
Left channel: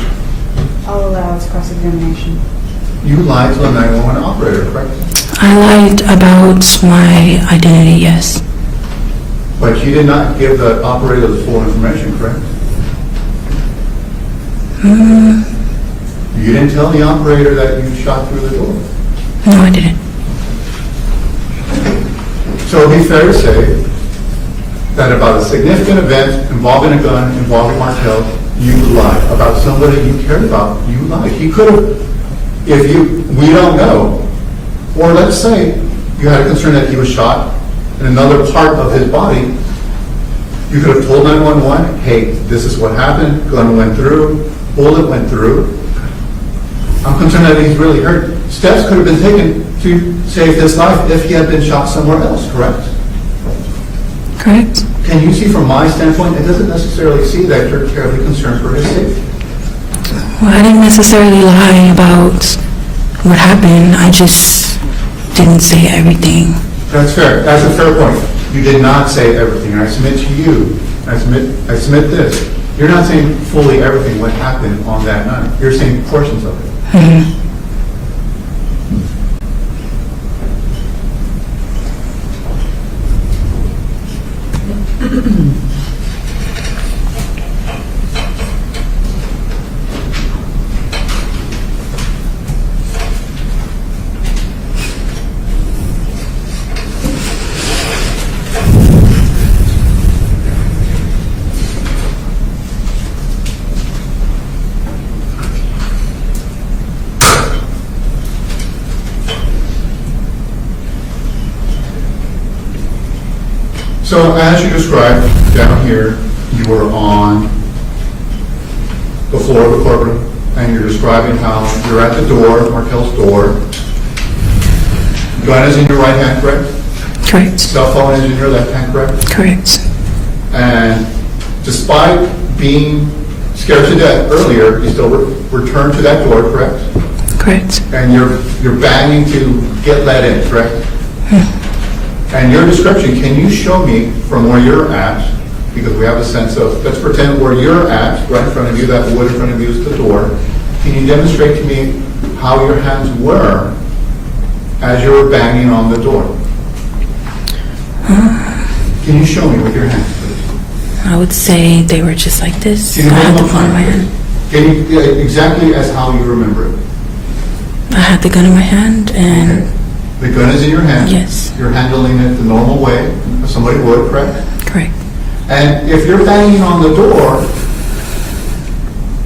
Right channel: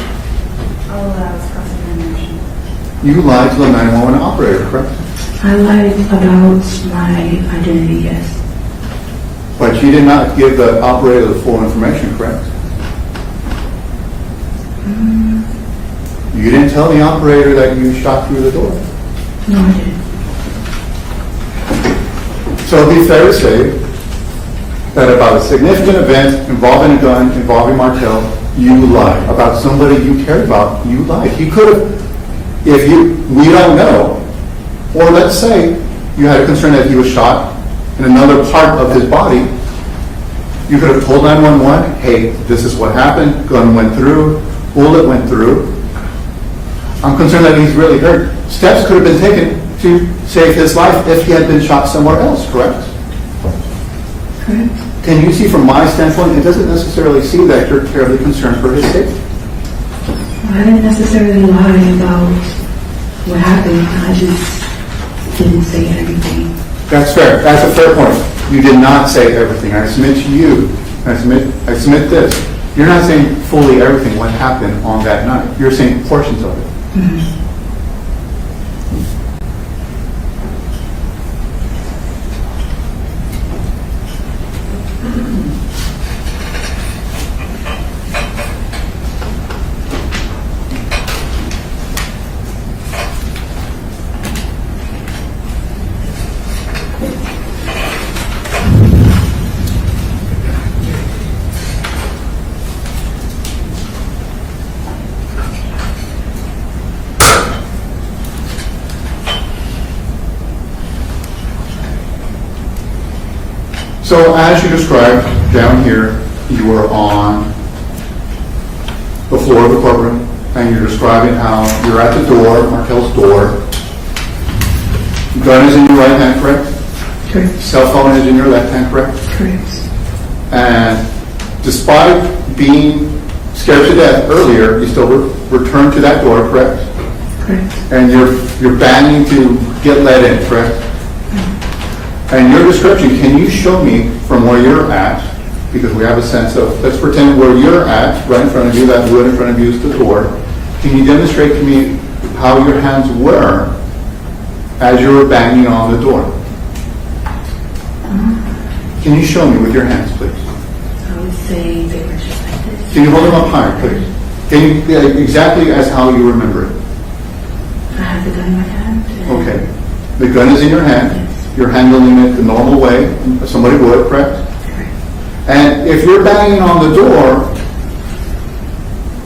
I'll allow its cross-examination. You lied to the 911 operator, correct? I lied about my identity, yes. But you did not give the operator the full information, correct? You didn't tell the operator that you shot through the door. No, I didn't. So it'd be fair to say that about a significant event involving a gun, involving Martel, you lied. About somebody you cared about, you lied. He could have, we don't know, or let's say you had a concern that he was shot in another part of his body, you could have told 911, hey, this is what happened, gun went through, bullet went through. I'm concerned that he's really hurt. Steps could have been taken to save his life if he had been shot somewhere else, correct? Correct. Can you see from my standpoint, it doesn't necessarily seem that you're terribly concerned for his safety? Well, I didn't necessarily lie about what happened. I just didn't say everything. That's fair. That's a fair point. You did not say everything. I submit to you, I submit this. You're not saying fully everything what happened on that night. You're saying portions of it. Mm-hmm. So as you described down here, you were on the floor of the courtroom, and you're describing how you're at the door, Martel's door. Gun is in your right hand, correct? Correct. Cell phone is in your left hand, correct? Correct. And despite being scared to death earlier, you still returned to that door, correct? Correct. And you're banging to get let in, correct? And your description, can you show me from where you're at, because we have a sense of, let's pretend where you're at, right in front of you, that wood in front of you is the door. Can you demonstrate to me how your hands were as you were banging on the door? Can you show me with your hands, please? I would say they were just like this. Can you hold I had them the up gun in my high, hand. please? Can you, exactly as how you remember it? I had the gun in my hand and Okay. The gun is in your hand. Yes. You're handling it the normal way somebody would, correct? Correct. And if you're banging on the door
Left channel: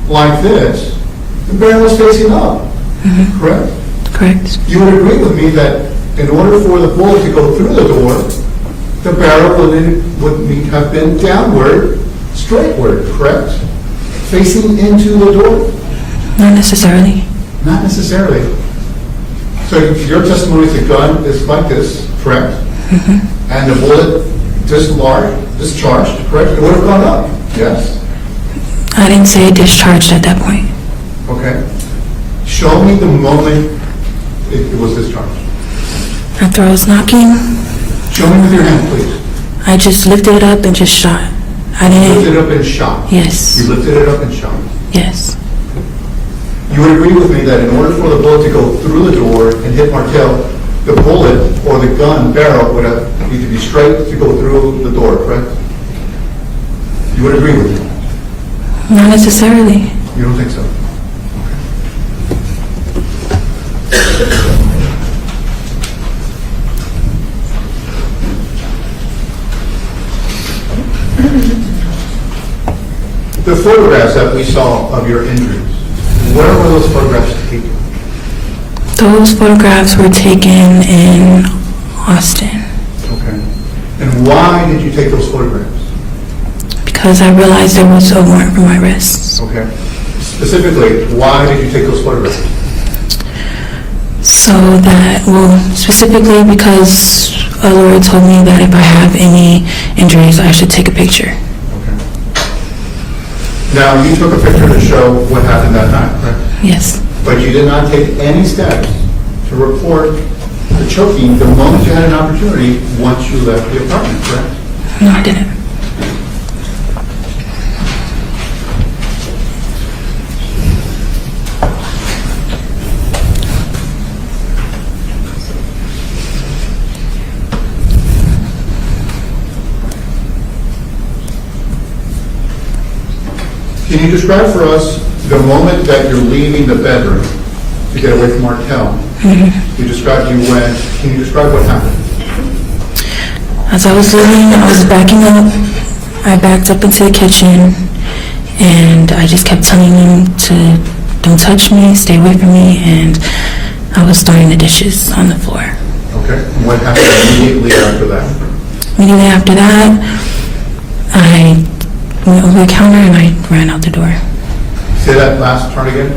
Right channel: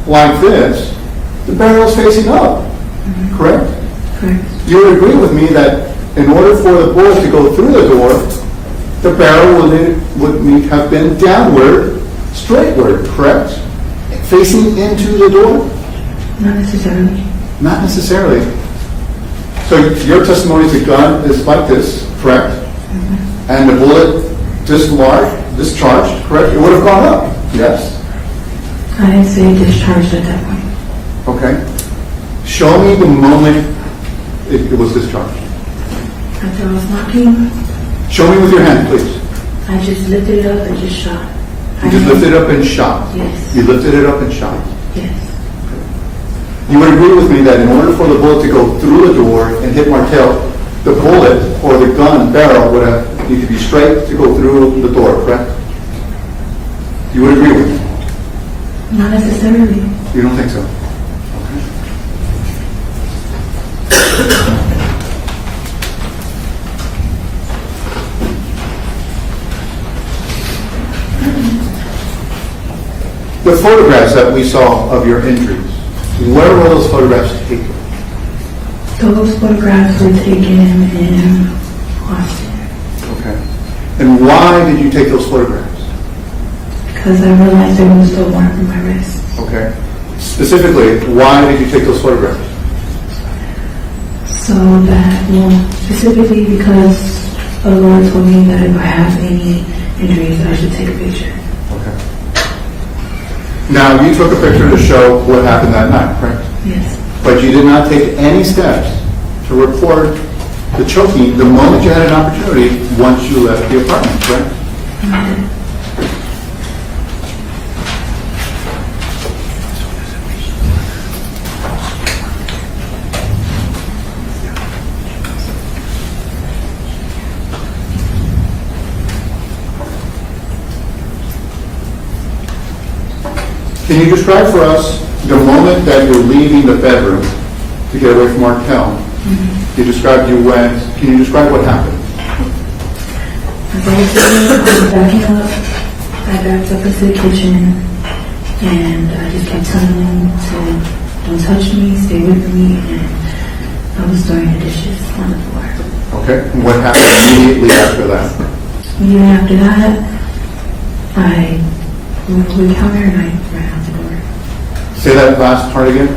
like this, the barrel is facing up, correct? Correct. You would agree with me that in order for the bullet to go through the door, the barrel would have been downward, straightward, correct? Facing into the door? Not necessarily. Not necessarily. So your testimony is the gun is like this, correct? And the bullet discharged, correct? It would have gone up, yes? I didn't say discharged at that point. Okay. Show me the moment it was discharged. After I was knocking, Show me with your hand, please. I just lifted it up and just shot. I You didn't. lifted it up and shot. Yes. You lifted it up and shot. Yes. You would agree with me that in order for the bullet to go through the door and hit Martel, the bullet or the gun barrel would have need to be straight to go through the door, correct? You would agree with me? Not necessarily. You don't think so? The photographs that we saw of your injuries, where were those photographs taken? Those photographs were taken in Austin. Okay. And why did you take those photographs? Because I realized there was a warrant for my arrest. Okay. Specifically, why did you take those photographs? So that, well, specifically because a lawyer told me that if I have any injuries, I should take a picture. Now, you took a picture to show what happened that night, correct? Yes. But you did not take any steps to report the choking the moment you had an opportunity once you left the apartment, correct? No, I didn't. Can you describe for us the moment that you're leaving the bedroom to get away from Martel? You described you went. Can you describe what happened? As I was leaving, I was backing up. I backed up into the kitchen, and I just kept telling him to don't touch me, stay away from me, and I was throwing the dishes on the floor. Okay. And what happened immediately after that? Immediately after that, I went over the counter and I ran out the door. Say that last part again.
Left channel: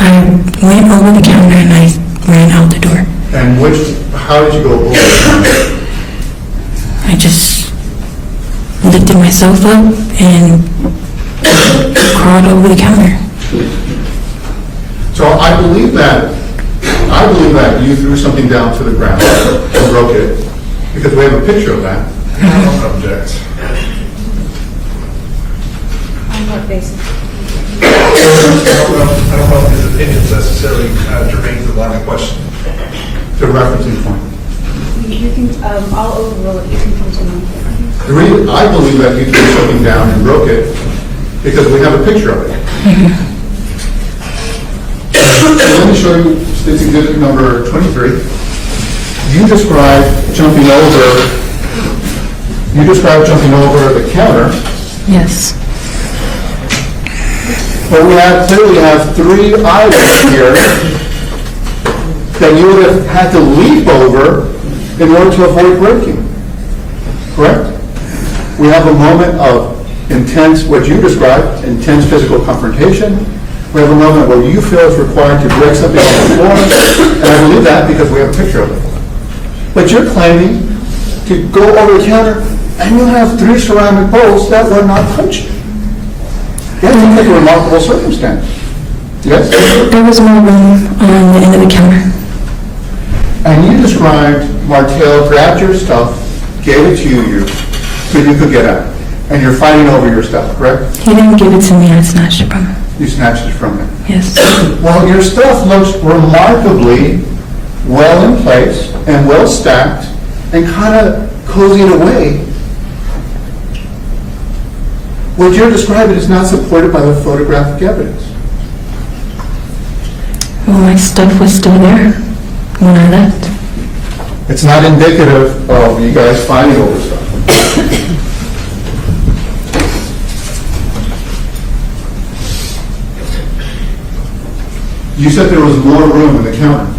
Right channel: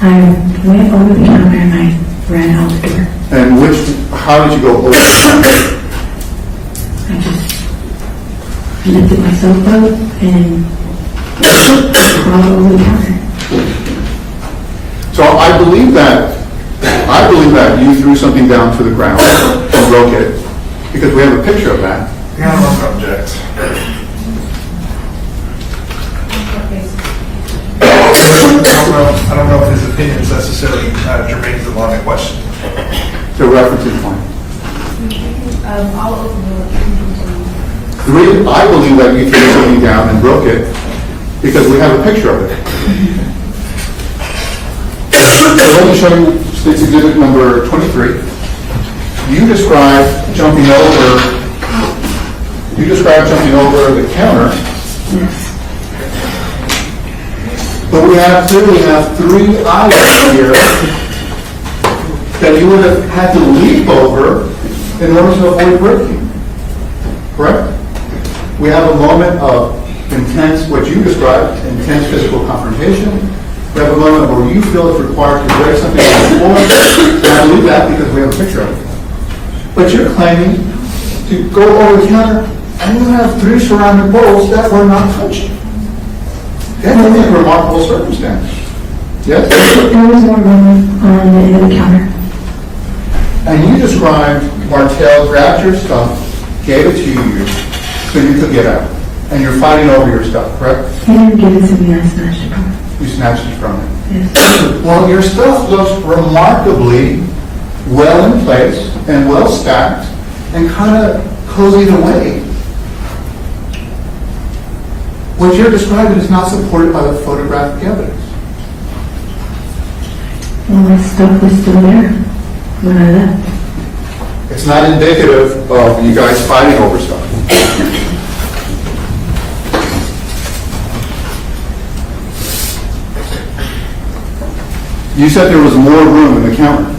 I went over the counter and I ran out the door. And how did you go over the counter? I just lifted myself up and crawled over the counter. So I believe that you threw something down to the ground and broke it, because we have a picture of that. I don't object. I don't know if his opinion is necessarily germane to the line of question. The referencing point. I'll overrule it. You can continue. I believe that you threw something down and broke it because we have a picture of it. So let me show you State's Exhibit number 23. You described jumping over the counter. Yes. But we clearly have 3 items here that you would have had to leap over in order to avoid breaking. Correct? We have a moment of intense, what you described, intense physical confrontation. We have a moment where you feel it's required to break something on the floor, and I believe that because we have a picture of it. But you're claiming to go over the counter and you have 3 ceramic bowls that were not touched. Yeah, I think that's a remarkable circumstance. Yes? There was more room on the end of the counter. And you described Martel grabbed your stuff, gave it to you so you could get out. And you're fighting over your stuff, correct? He didn't give it to me, I snatched it from him. You snatched it from him. Yes. Well, your stuff looks remarkably well in place and well stacked and kind of cozying away. What you're describing is not supported by the photographic evidence. Well, my stuff was still there when I left. It's not indicative of you guys fighting over stuff. You said there was more room in the counter.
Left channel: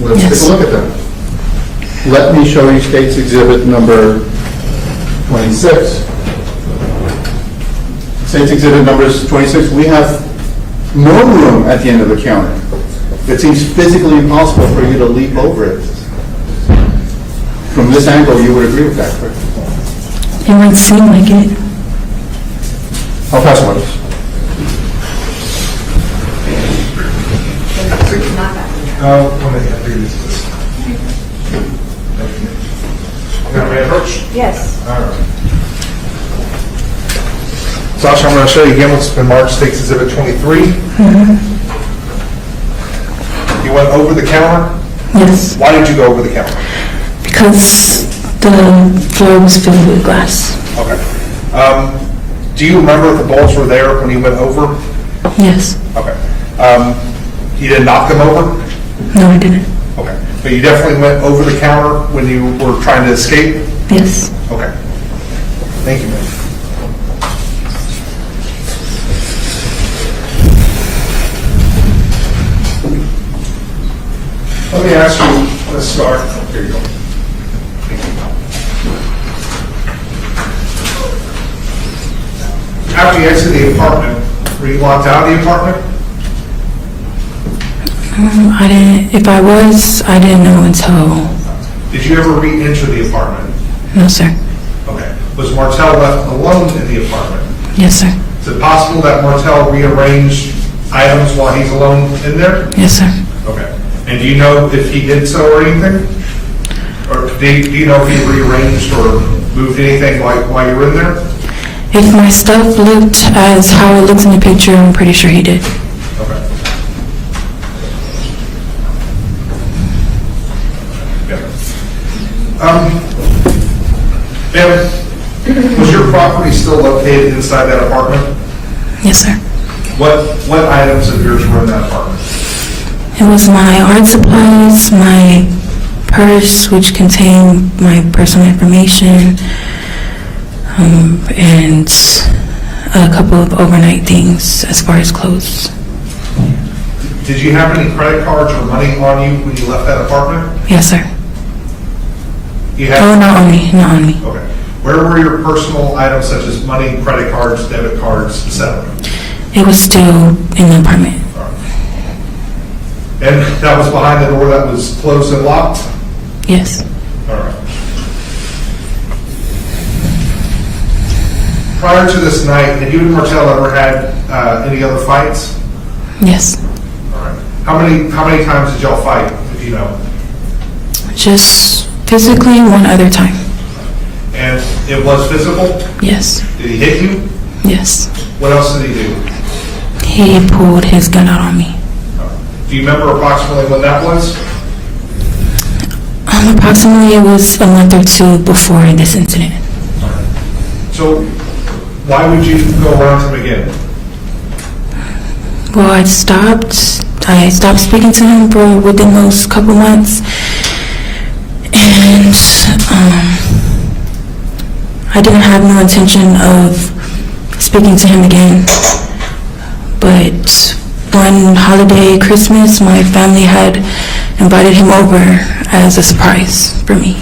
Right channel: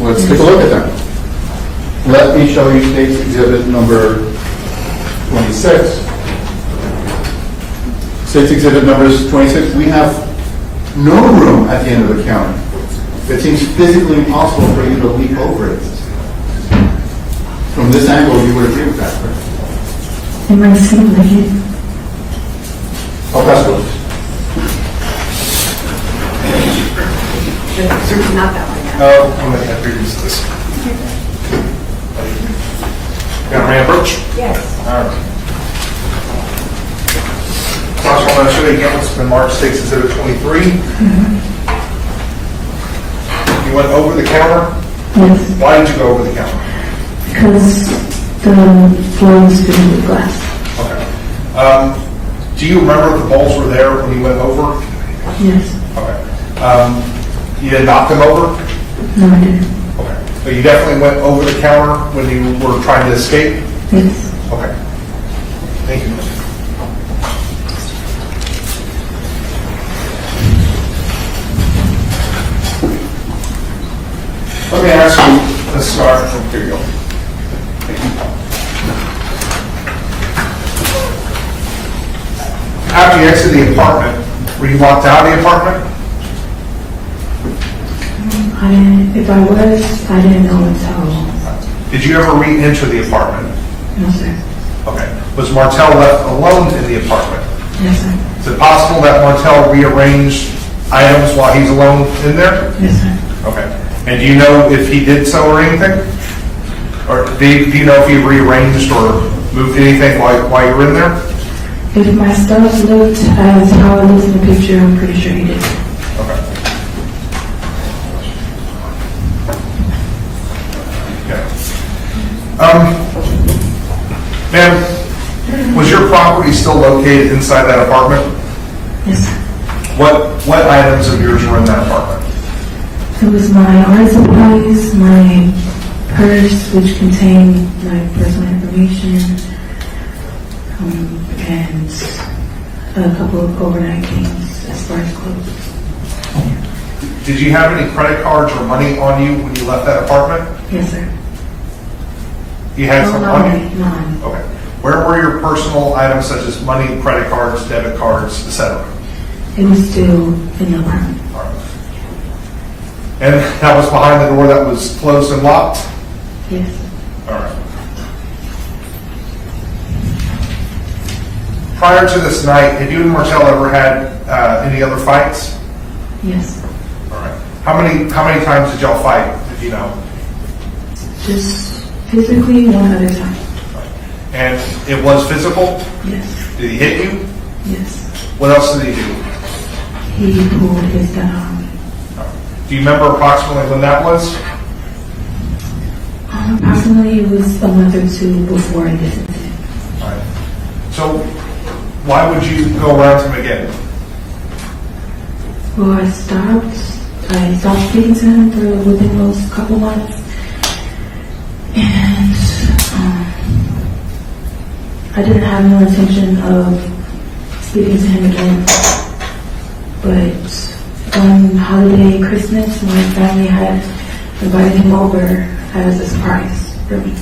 Let's take a look at that. Let me show you State's Exhibit number 26. State's Exhibit number 26, we have more room at the end of the counter. It seems physically impossible for you to leap over it. From this angle, you would agree with that, correct? It might seem like it. I'll pass a witness. Not that one. No, one minute, I figured this. You got a man approach? Yes. All right. Sasha, I'm going to show you again what's been marked State's Exhibit 23. You went over the counter? Yes. Why did you go over the counter? Because the floor was filled with glass. Okay. Do you remember if the bowls were there when you went over? Yes. Okay. You didn't knock them over? No, I didn't. Okay. But you definitely went over the counter when you were trying to escape? Yes. Okay. Thank you. Let me ask you, Ms. Skare, here you go. After you exited the apartment, were you locked out of the apartment? I didn't, if I was, I didn't know until... Did you ever re-enter the apartment? No, sir. Okay. Was Martel left alone in the apartment? Yes, sir. Is it possible that Martel rearranged items while he's alone in there? Yes, sir. Okay. And do you know if he did so or anything? Or do you know if he rearranged or moved anything while you were in there? If my stuff looked as how it looks in the picture, I'm pretty sure he did. Okay. Ma'am, was your property still located inside that apartment? Yes, sir. What items of yours were in that apartment? It was my art supplies, my purse, which contained my personal information, and a couple of overnight things as far as clothes. Did you have any credit cards or money on you when you left that apartment? Yes, sir. You had not on me, not on me. Okay. Where were your personal items such as money, credit cards, debit cards, etc.? It was still in the apartment. All right. And that was behind the door that was closed and locked? Yes. All right. Prior to this night, had you and Martel ever had any other fights? Yes. All right. How many times did y'all fight, if you know? Just physically one other time. And it was physical? Yes. Did he hit you? Yes. What else did he do? He pulled his gun out on me. Do you remember approximately when that was? Approximately it was a month or two before this incident. All right. So why would you go around him again? Well, I stopped speaking to him for within those couple months, and I didn't have no intention of speaking to him again. But one holiday, Christmas, my family had invited him over as a surprise for me.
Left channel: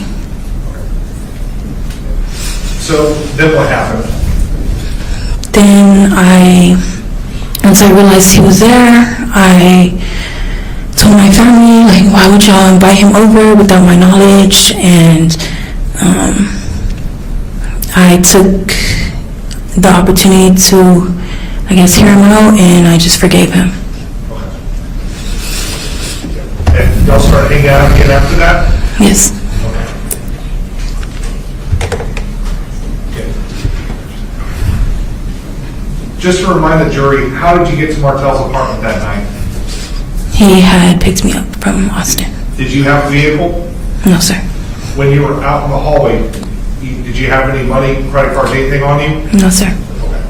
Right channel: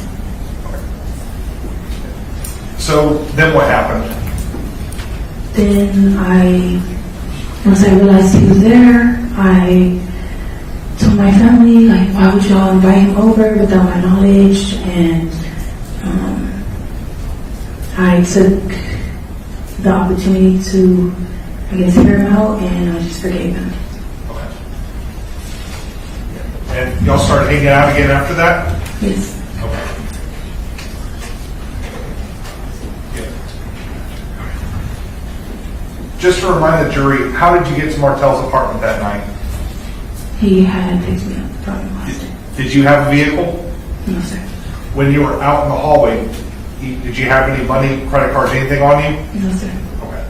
So then what happened? Then once I realized he was there, I told my family, like, why would y'all invite him over without my knowledge? And I took the opportunity to, I guess, hear him out, and I just forgave him. And y'all started hanging out again after that? Yes. Just to remind the jury, how did you get to Martel's apartment that night? He had picked me up from Austin. Did you have a vehicle? No, sir. When you were out in the hallway, did you have any money, credit cards, anything on you? No, sir. Okay.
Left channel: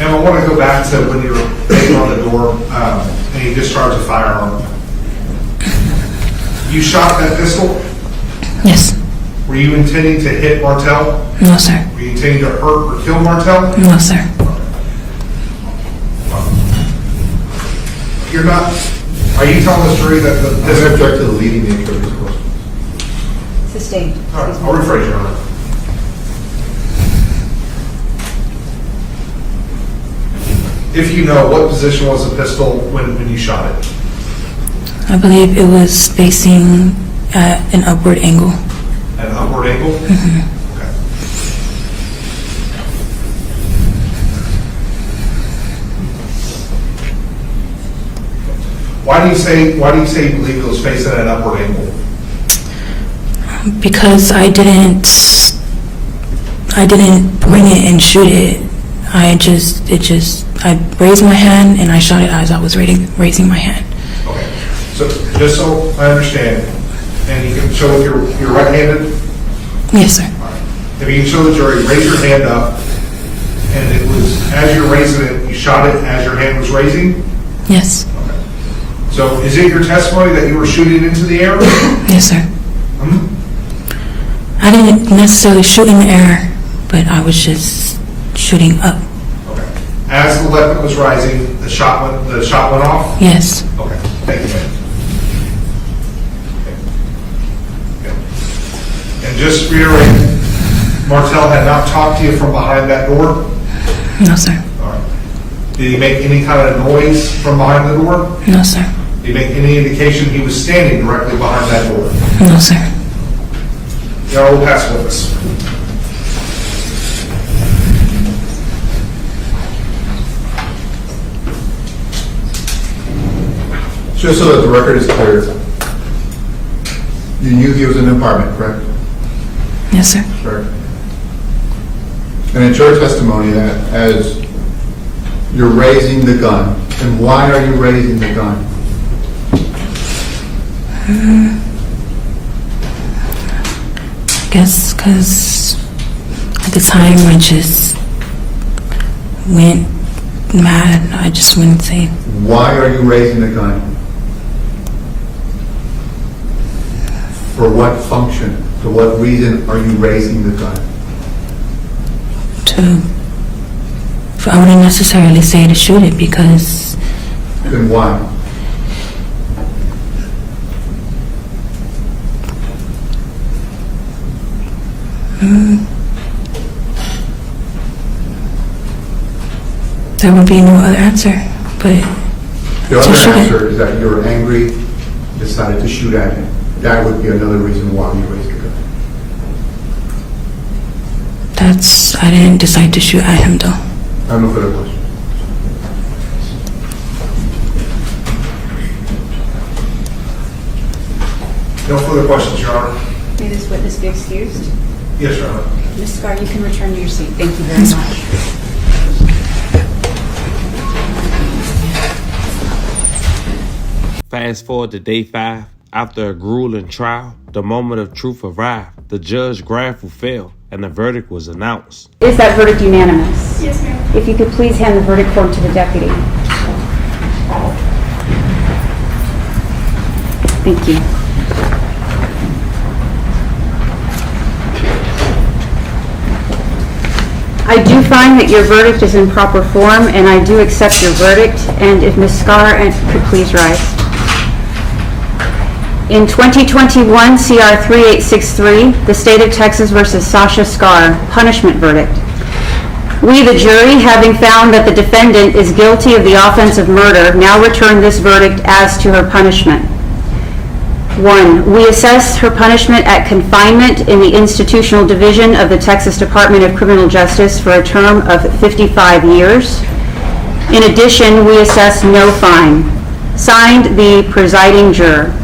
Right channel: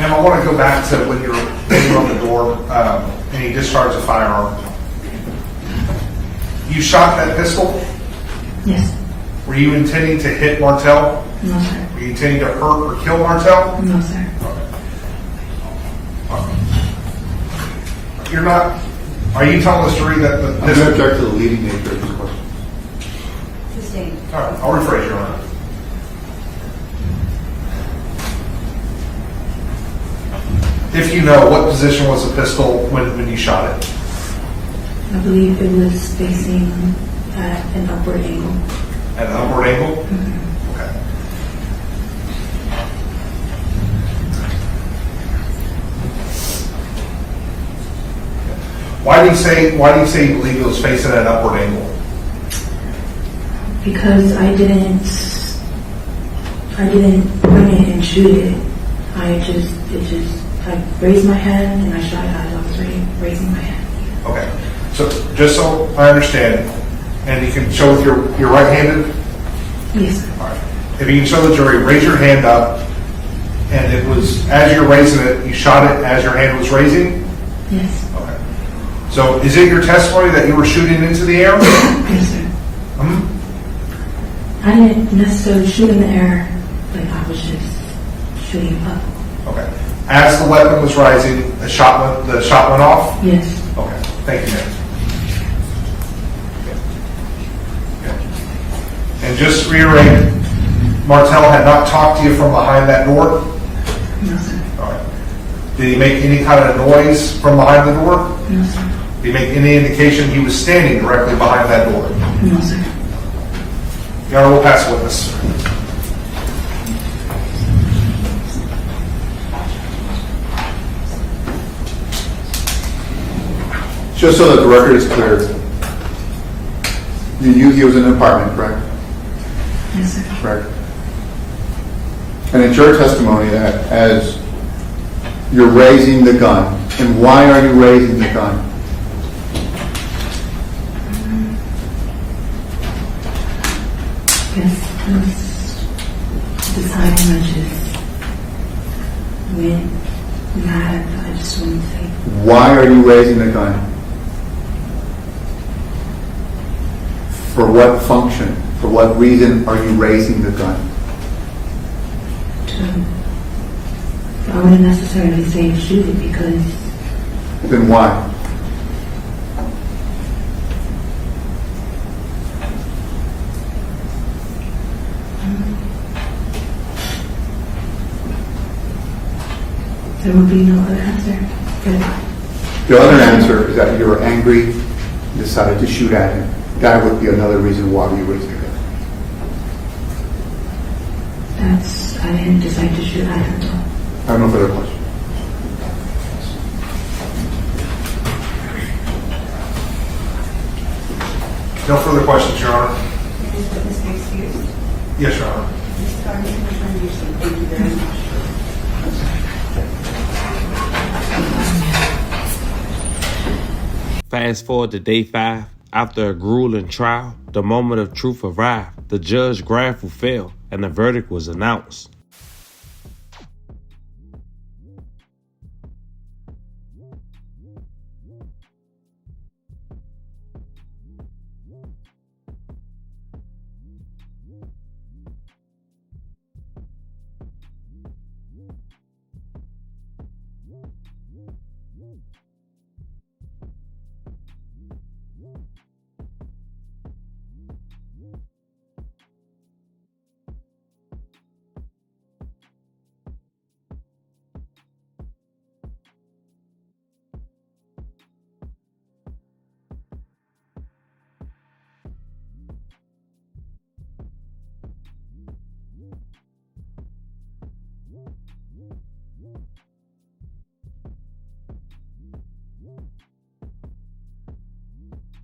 And I want to go back to when you were banging on the door and you discharged a firearm. You shot that pistol? Yes. Were you intending to hit Martel? No, sir. Were you intending to hurt or kill Martel? No, sir. You're not, are you telling the jury that the I'm going to object to the leading nature of this question. Sustained. All right, I'll rephrase your honor. If you know, what position was the pistol when you shot it? I believe it was facing at an upward angle. At an upward angle? Mm-hmm. Okay. Why do you say you believe it was facing at an upward angle? Because I didn't bring it and shoot it. I raised my hand and I shot it as I was raising my hand. Okay. So just so I understand, and you can show with your right-handed? Yes, sir. All right. If you can show the jury, raise your hand up, and it was, as you're raising it, you shot it as your hand was raising? Yes. Okay. So is it your testimony that you were shooting into the air? Yes, sir. I didn't necessarily shoot in the air, but I was just shooting up. Okay. As the weapon was rising, the shot went off? Yes. Okay. Thank you, ma'am. And just to reiterate, Martel had not talked to you from behind that door? No, sir. All right. Did he make any kind of noise from behind the door? No, sir. Did he make any indication he was standing directly behind that door? No, sir. Your Honor, we'll pass the witness. Just so that the record is clear, you knew he was in an apartment, correct? Yes, sir. Correct. And it's your testimony that as you're raising the gun, and why are you raising the gun? I guess because at the time I just went mad. I just wouldn't say. Why are you raising the gun? For what function? For what reason are you raising the gun? I wouldn't necessarily say to shoot it because. Then why? There would be no other answer, but. The other answer is that you're angry and decided to shoot at him. That would be another reason why you raised the gun. I didn't decide to shoot at him though. I have no further questions. No further questions, Your Honor. May this witness be excused? Yes, Your Honor. Ms. Skare, you can return to your seat. Thank you very much. Fast forward to day 5. After a grueling trial, the moment of truth arrived. The judge gavel fell, and the verdict was announced. Is that verdict unanimous? Yes, ma'am. If you could please hand the verdict form to the deputy. Thank you. I do find that your verdict is in proper form, and I do accept your verdict. And if Ms. Skare could please rise. In 2021 CR 3863, the State of Texas versus Sasha Skare, punishment verdict. We, the jury, having found that the defendant is guilty of the offense of murder, now return this verdict as to her punishment. 1, we assess her punishment at confinement in the institutional division of the Texas Department of Criminal Justice for a term of 55 years. In addition, we assess no fine. Signed, the presiding juror.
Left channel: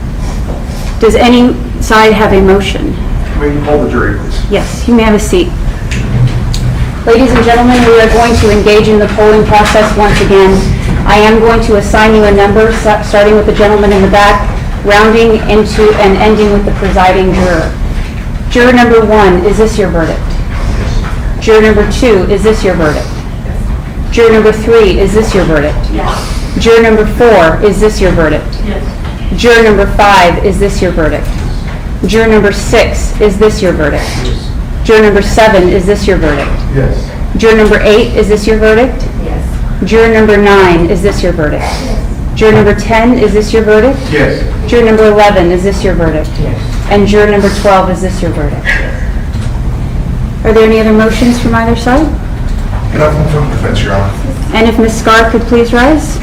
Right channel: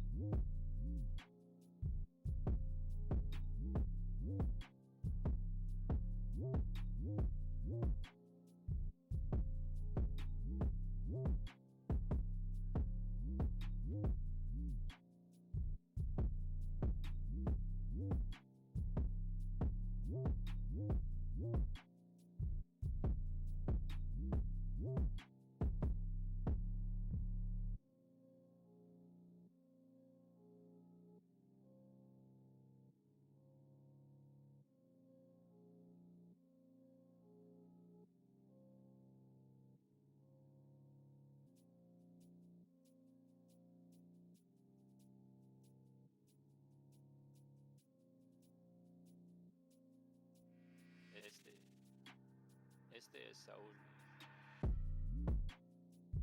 Does any side have a motion? May you poll the jury, please? Yes, you may have a seat. Ladies and gentlemen, we are going to engage in the polling process once again. I am going to assign you a number, starting with the gentleman in the back, rounding into and ending with the presiding juror. Juror number 1, is this your verdict? Yes. Juror number 2, is this your verdict? Yes. Juror number 3, is this your verdict? Yes. Juror number 4, is this your verdict? Yes. Juror number 5, is this your verdict? Juror number 6, is this your verdict? Yes. Juror number 7, is this your verdict? Yes. Juror number 8, is this your verdict? Yes. Juror number 9, is this your verdict? Yes. Juror number 10, is this your verdict? Yes. Juror number 11, is this your verdict? Yes. And juror number 12, is this your verdict? Are there any other motions from either side? Nothing from defense, Your Honor. And if Ms. Skare could please rise.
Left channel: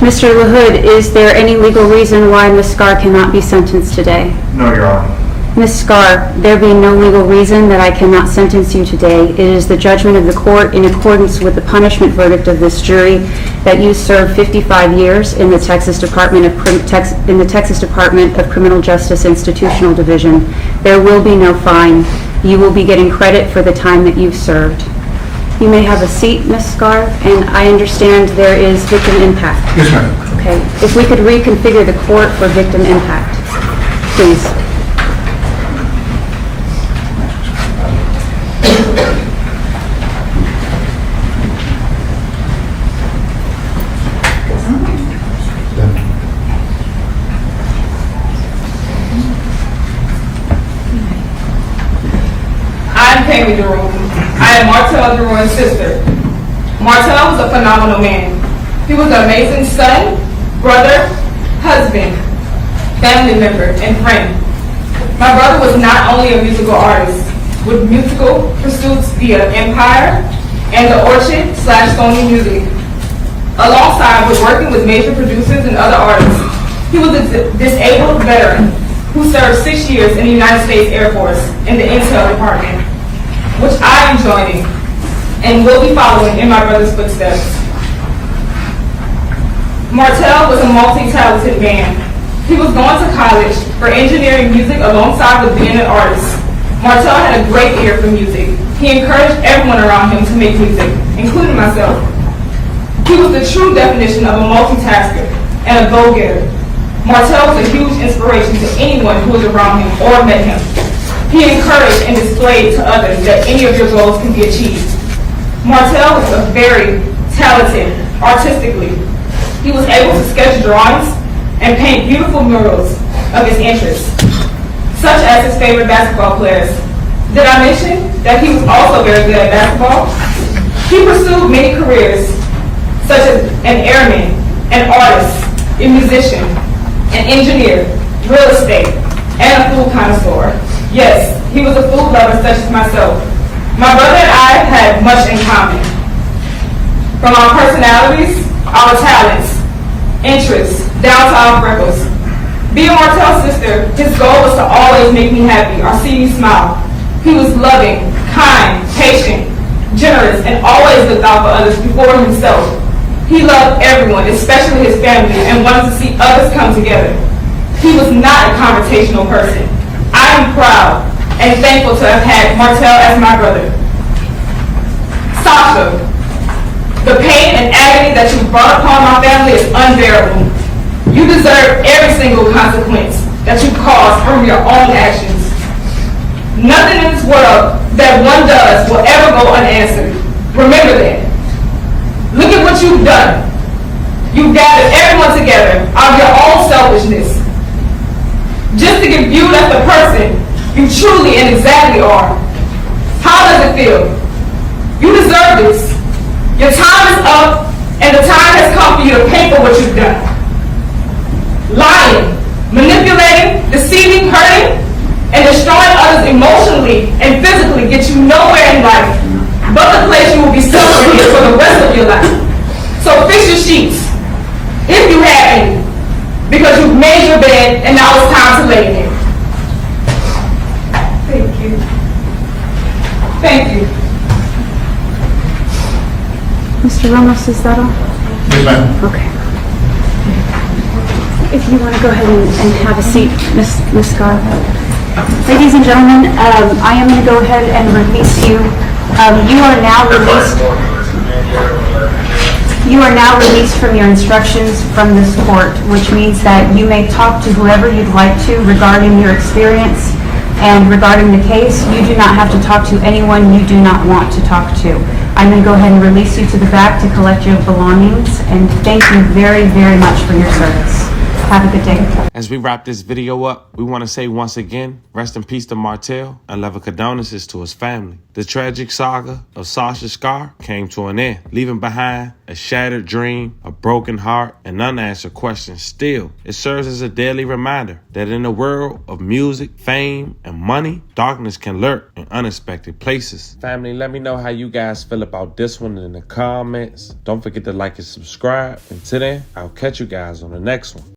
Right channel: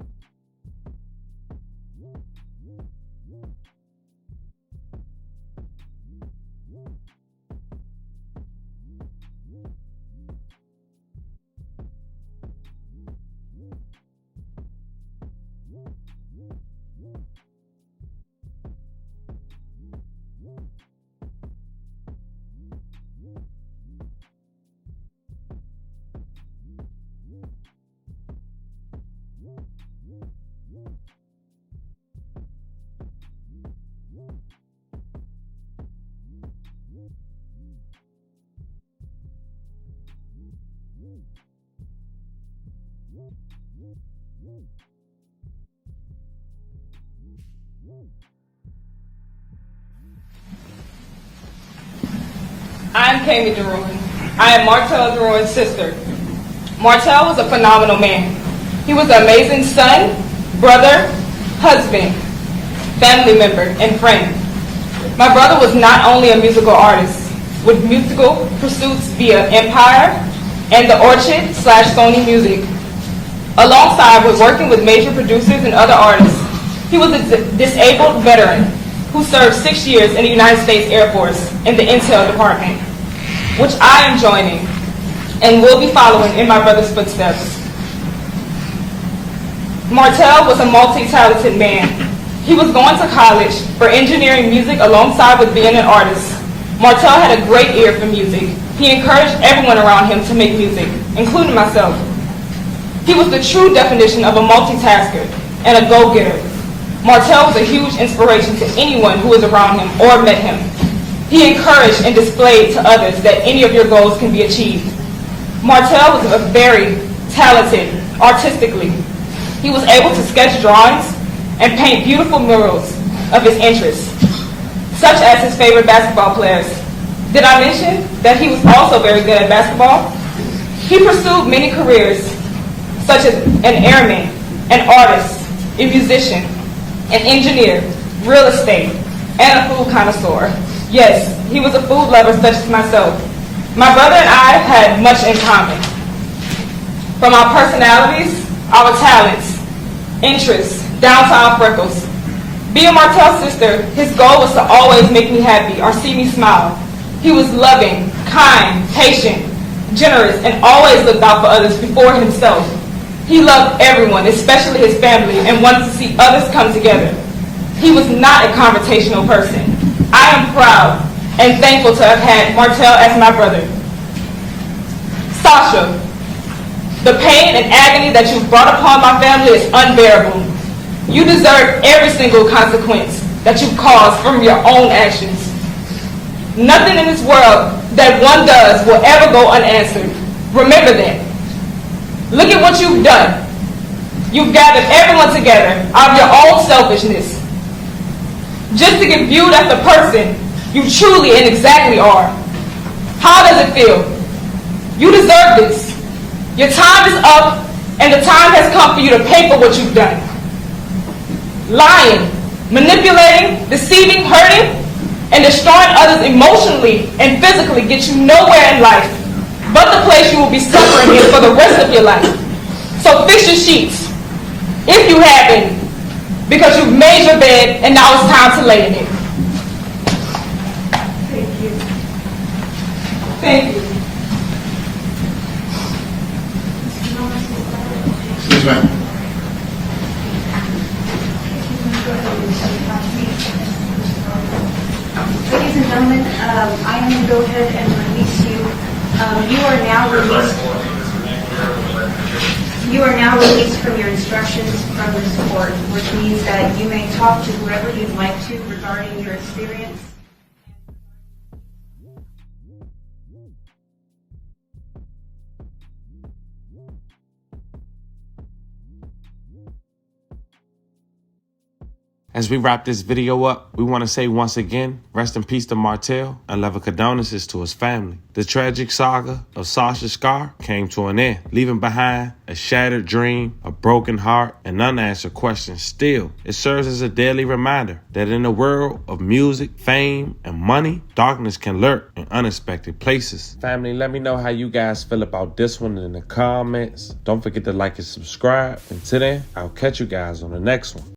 Mr. LaHood, is there any legal reason why Ms. Skare cannot be sentenced today? No, Your Honor. Ms. Skare, there being no legal reason that I cannot sentence you today, it is the judgment of the court in accordance with the punishment verdict of this jury that you serve 55 years in the Texas Department of Criminal Justice Institutional Division. There will be no fine. You will be getting credit for the time that you've served. You may have a seat, Ms. Skare, and I understand there is victim impact. Yes, ma'am. Okay, if we could reconfigure the court for victim impact, please. I am Martel Derouin's sister. Martel was a phenomenal man. He was an amazing son, brother, husband, family member, and friend. My brother was not only a musical artist, with musical pursuits via Empire and the Orchard/Sony Music. Alongside with working with major producers and other artists, he was a disabled veteran who served 6 years in the United States Air Force in the Intel Department, which I am joining and will be following in my brother's footsteps. Martel was a multi-talented man. He was going to college for engineering music alongside with being an artist. Martel had a great ear for music. He encouraged everyone around him to make music, including myself. He was the true definition of a multitasker and a go-getter. Martel was a huge inspiration to anyone who was around him or met him. He encouraged and displayed to others that any of your goals can be achieved. Martel was very talented artistically. He was able to sketch drawings and paint beautiful murals of his interests, such as his favorite basketball players. Did I mention that he was also very good at basketball? He pursued many careers, such as an airman, an artist, a musician, an engineer, real estate, and a food connoisseur. Yes, he was a food lover such as myself. My brother and I had much in common. From our personalities, our talents, interests, down to our freckles. Being Martel's sister, his goal was to always make me happy or see me smile. He was loving, kind, patient, generous, and always looked out for others before himself. He loved everyone, especially his family, and wanted to see others come together. He was not a confrontational person. I am proud and thankful to have had Martel as my brother. Sasha, the pain and agony that you brought upon my family is unbearable. You deserve every single consequence that you caused from your own actions. Nothing in this world that one does will ever go unanswered. Remember that. Look at what you've done. You've gathered everyone together out of your own selfishness, just to get viewed as the person you truly and exactly are. How does it feel? You deserve this. Your time is up, and the time has come for you to pay for what you've done. Lying, manipulating, deceiving, hurting, and destroying others emotionally and physically gets you nowhere in life, but the place you will be suffering is for the rest of your life. So fix your sheets, if you have any, because you've made your bed and now it's time to lay in it. Thank you. Thank you. Mr. Ramos, is that all? Yes, ma'am. Okay. If you want to go ahead and have a seat, Ms. Skare. Ladies and gentlemen, I am going to go ahead and release you. You are now released. You are now released from your instructions from this court, which means that you may talk to whoever you'd like to regarding your experience and regarding the case. You do not have to talk to anyone you do not want to talk to. I'm going to go ahead and release you to the back to collect your belongings, and thank you very, very much for your service. Have a good day. As we wrap this video up, we want to say once again, rest in peace to Martel and love and condolences to his family. The tragic saga of Sasha Skare came to an end, leaving behind a shattered dream, a broken heart, and unanswered questions. Still, it serves as a daily reminder that in the world of music, fame, and money, darkness can lurk in unexpected places. Family, let me know how you guys feel about this one in the comments. Don't forget to like and subscribe. Until then, I'll catch you guys on the next one.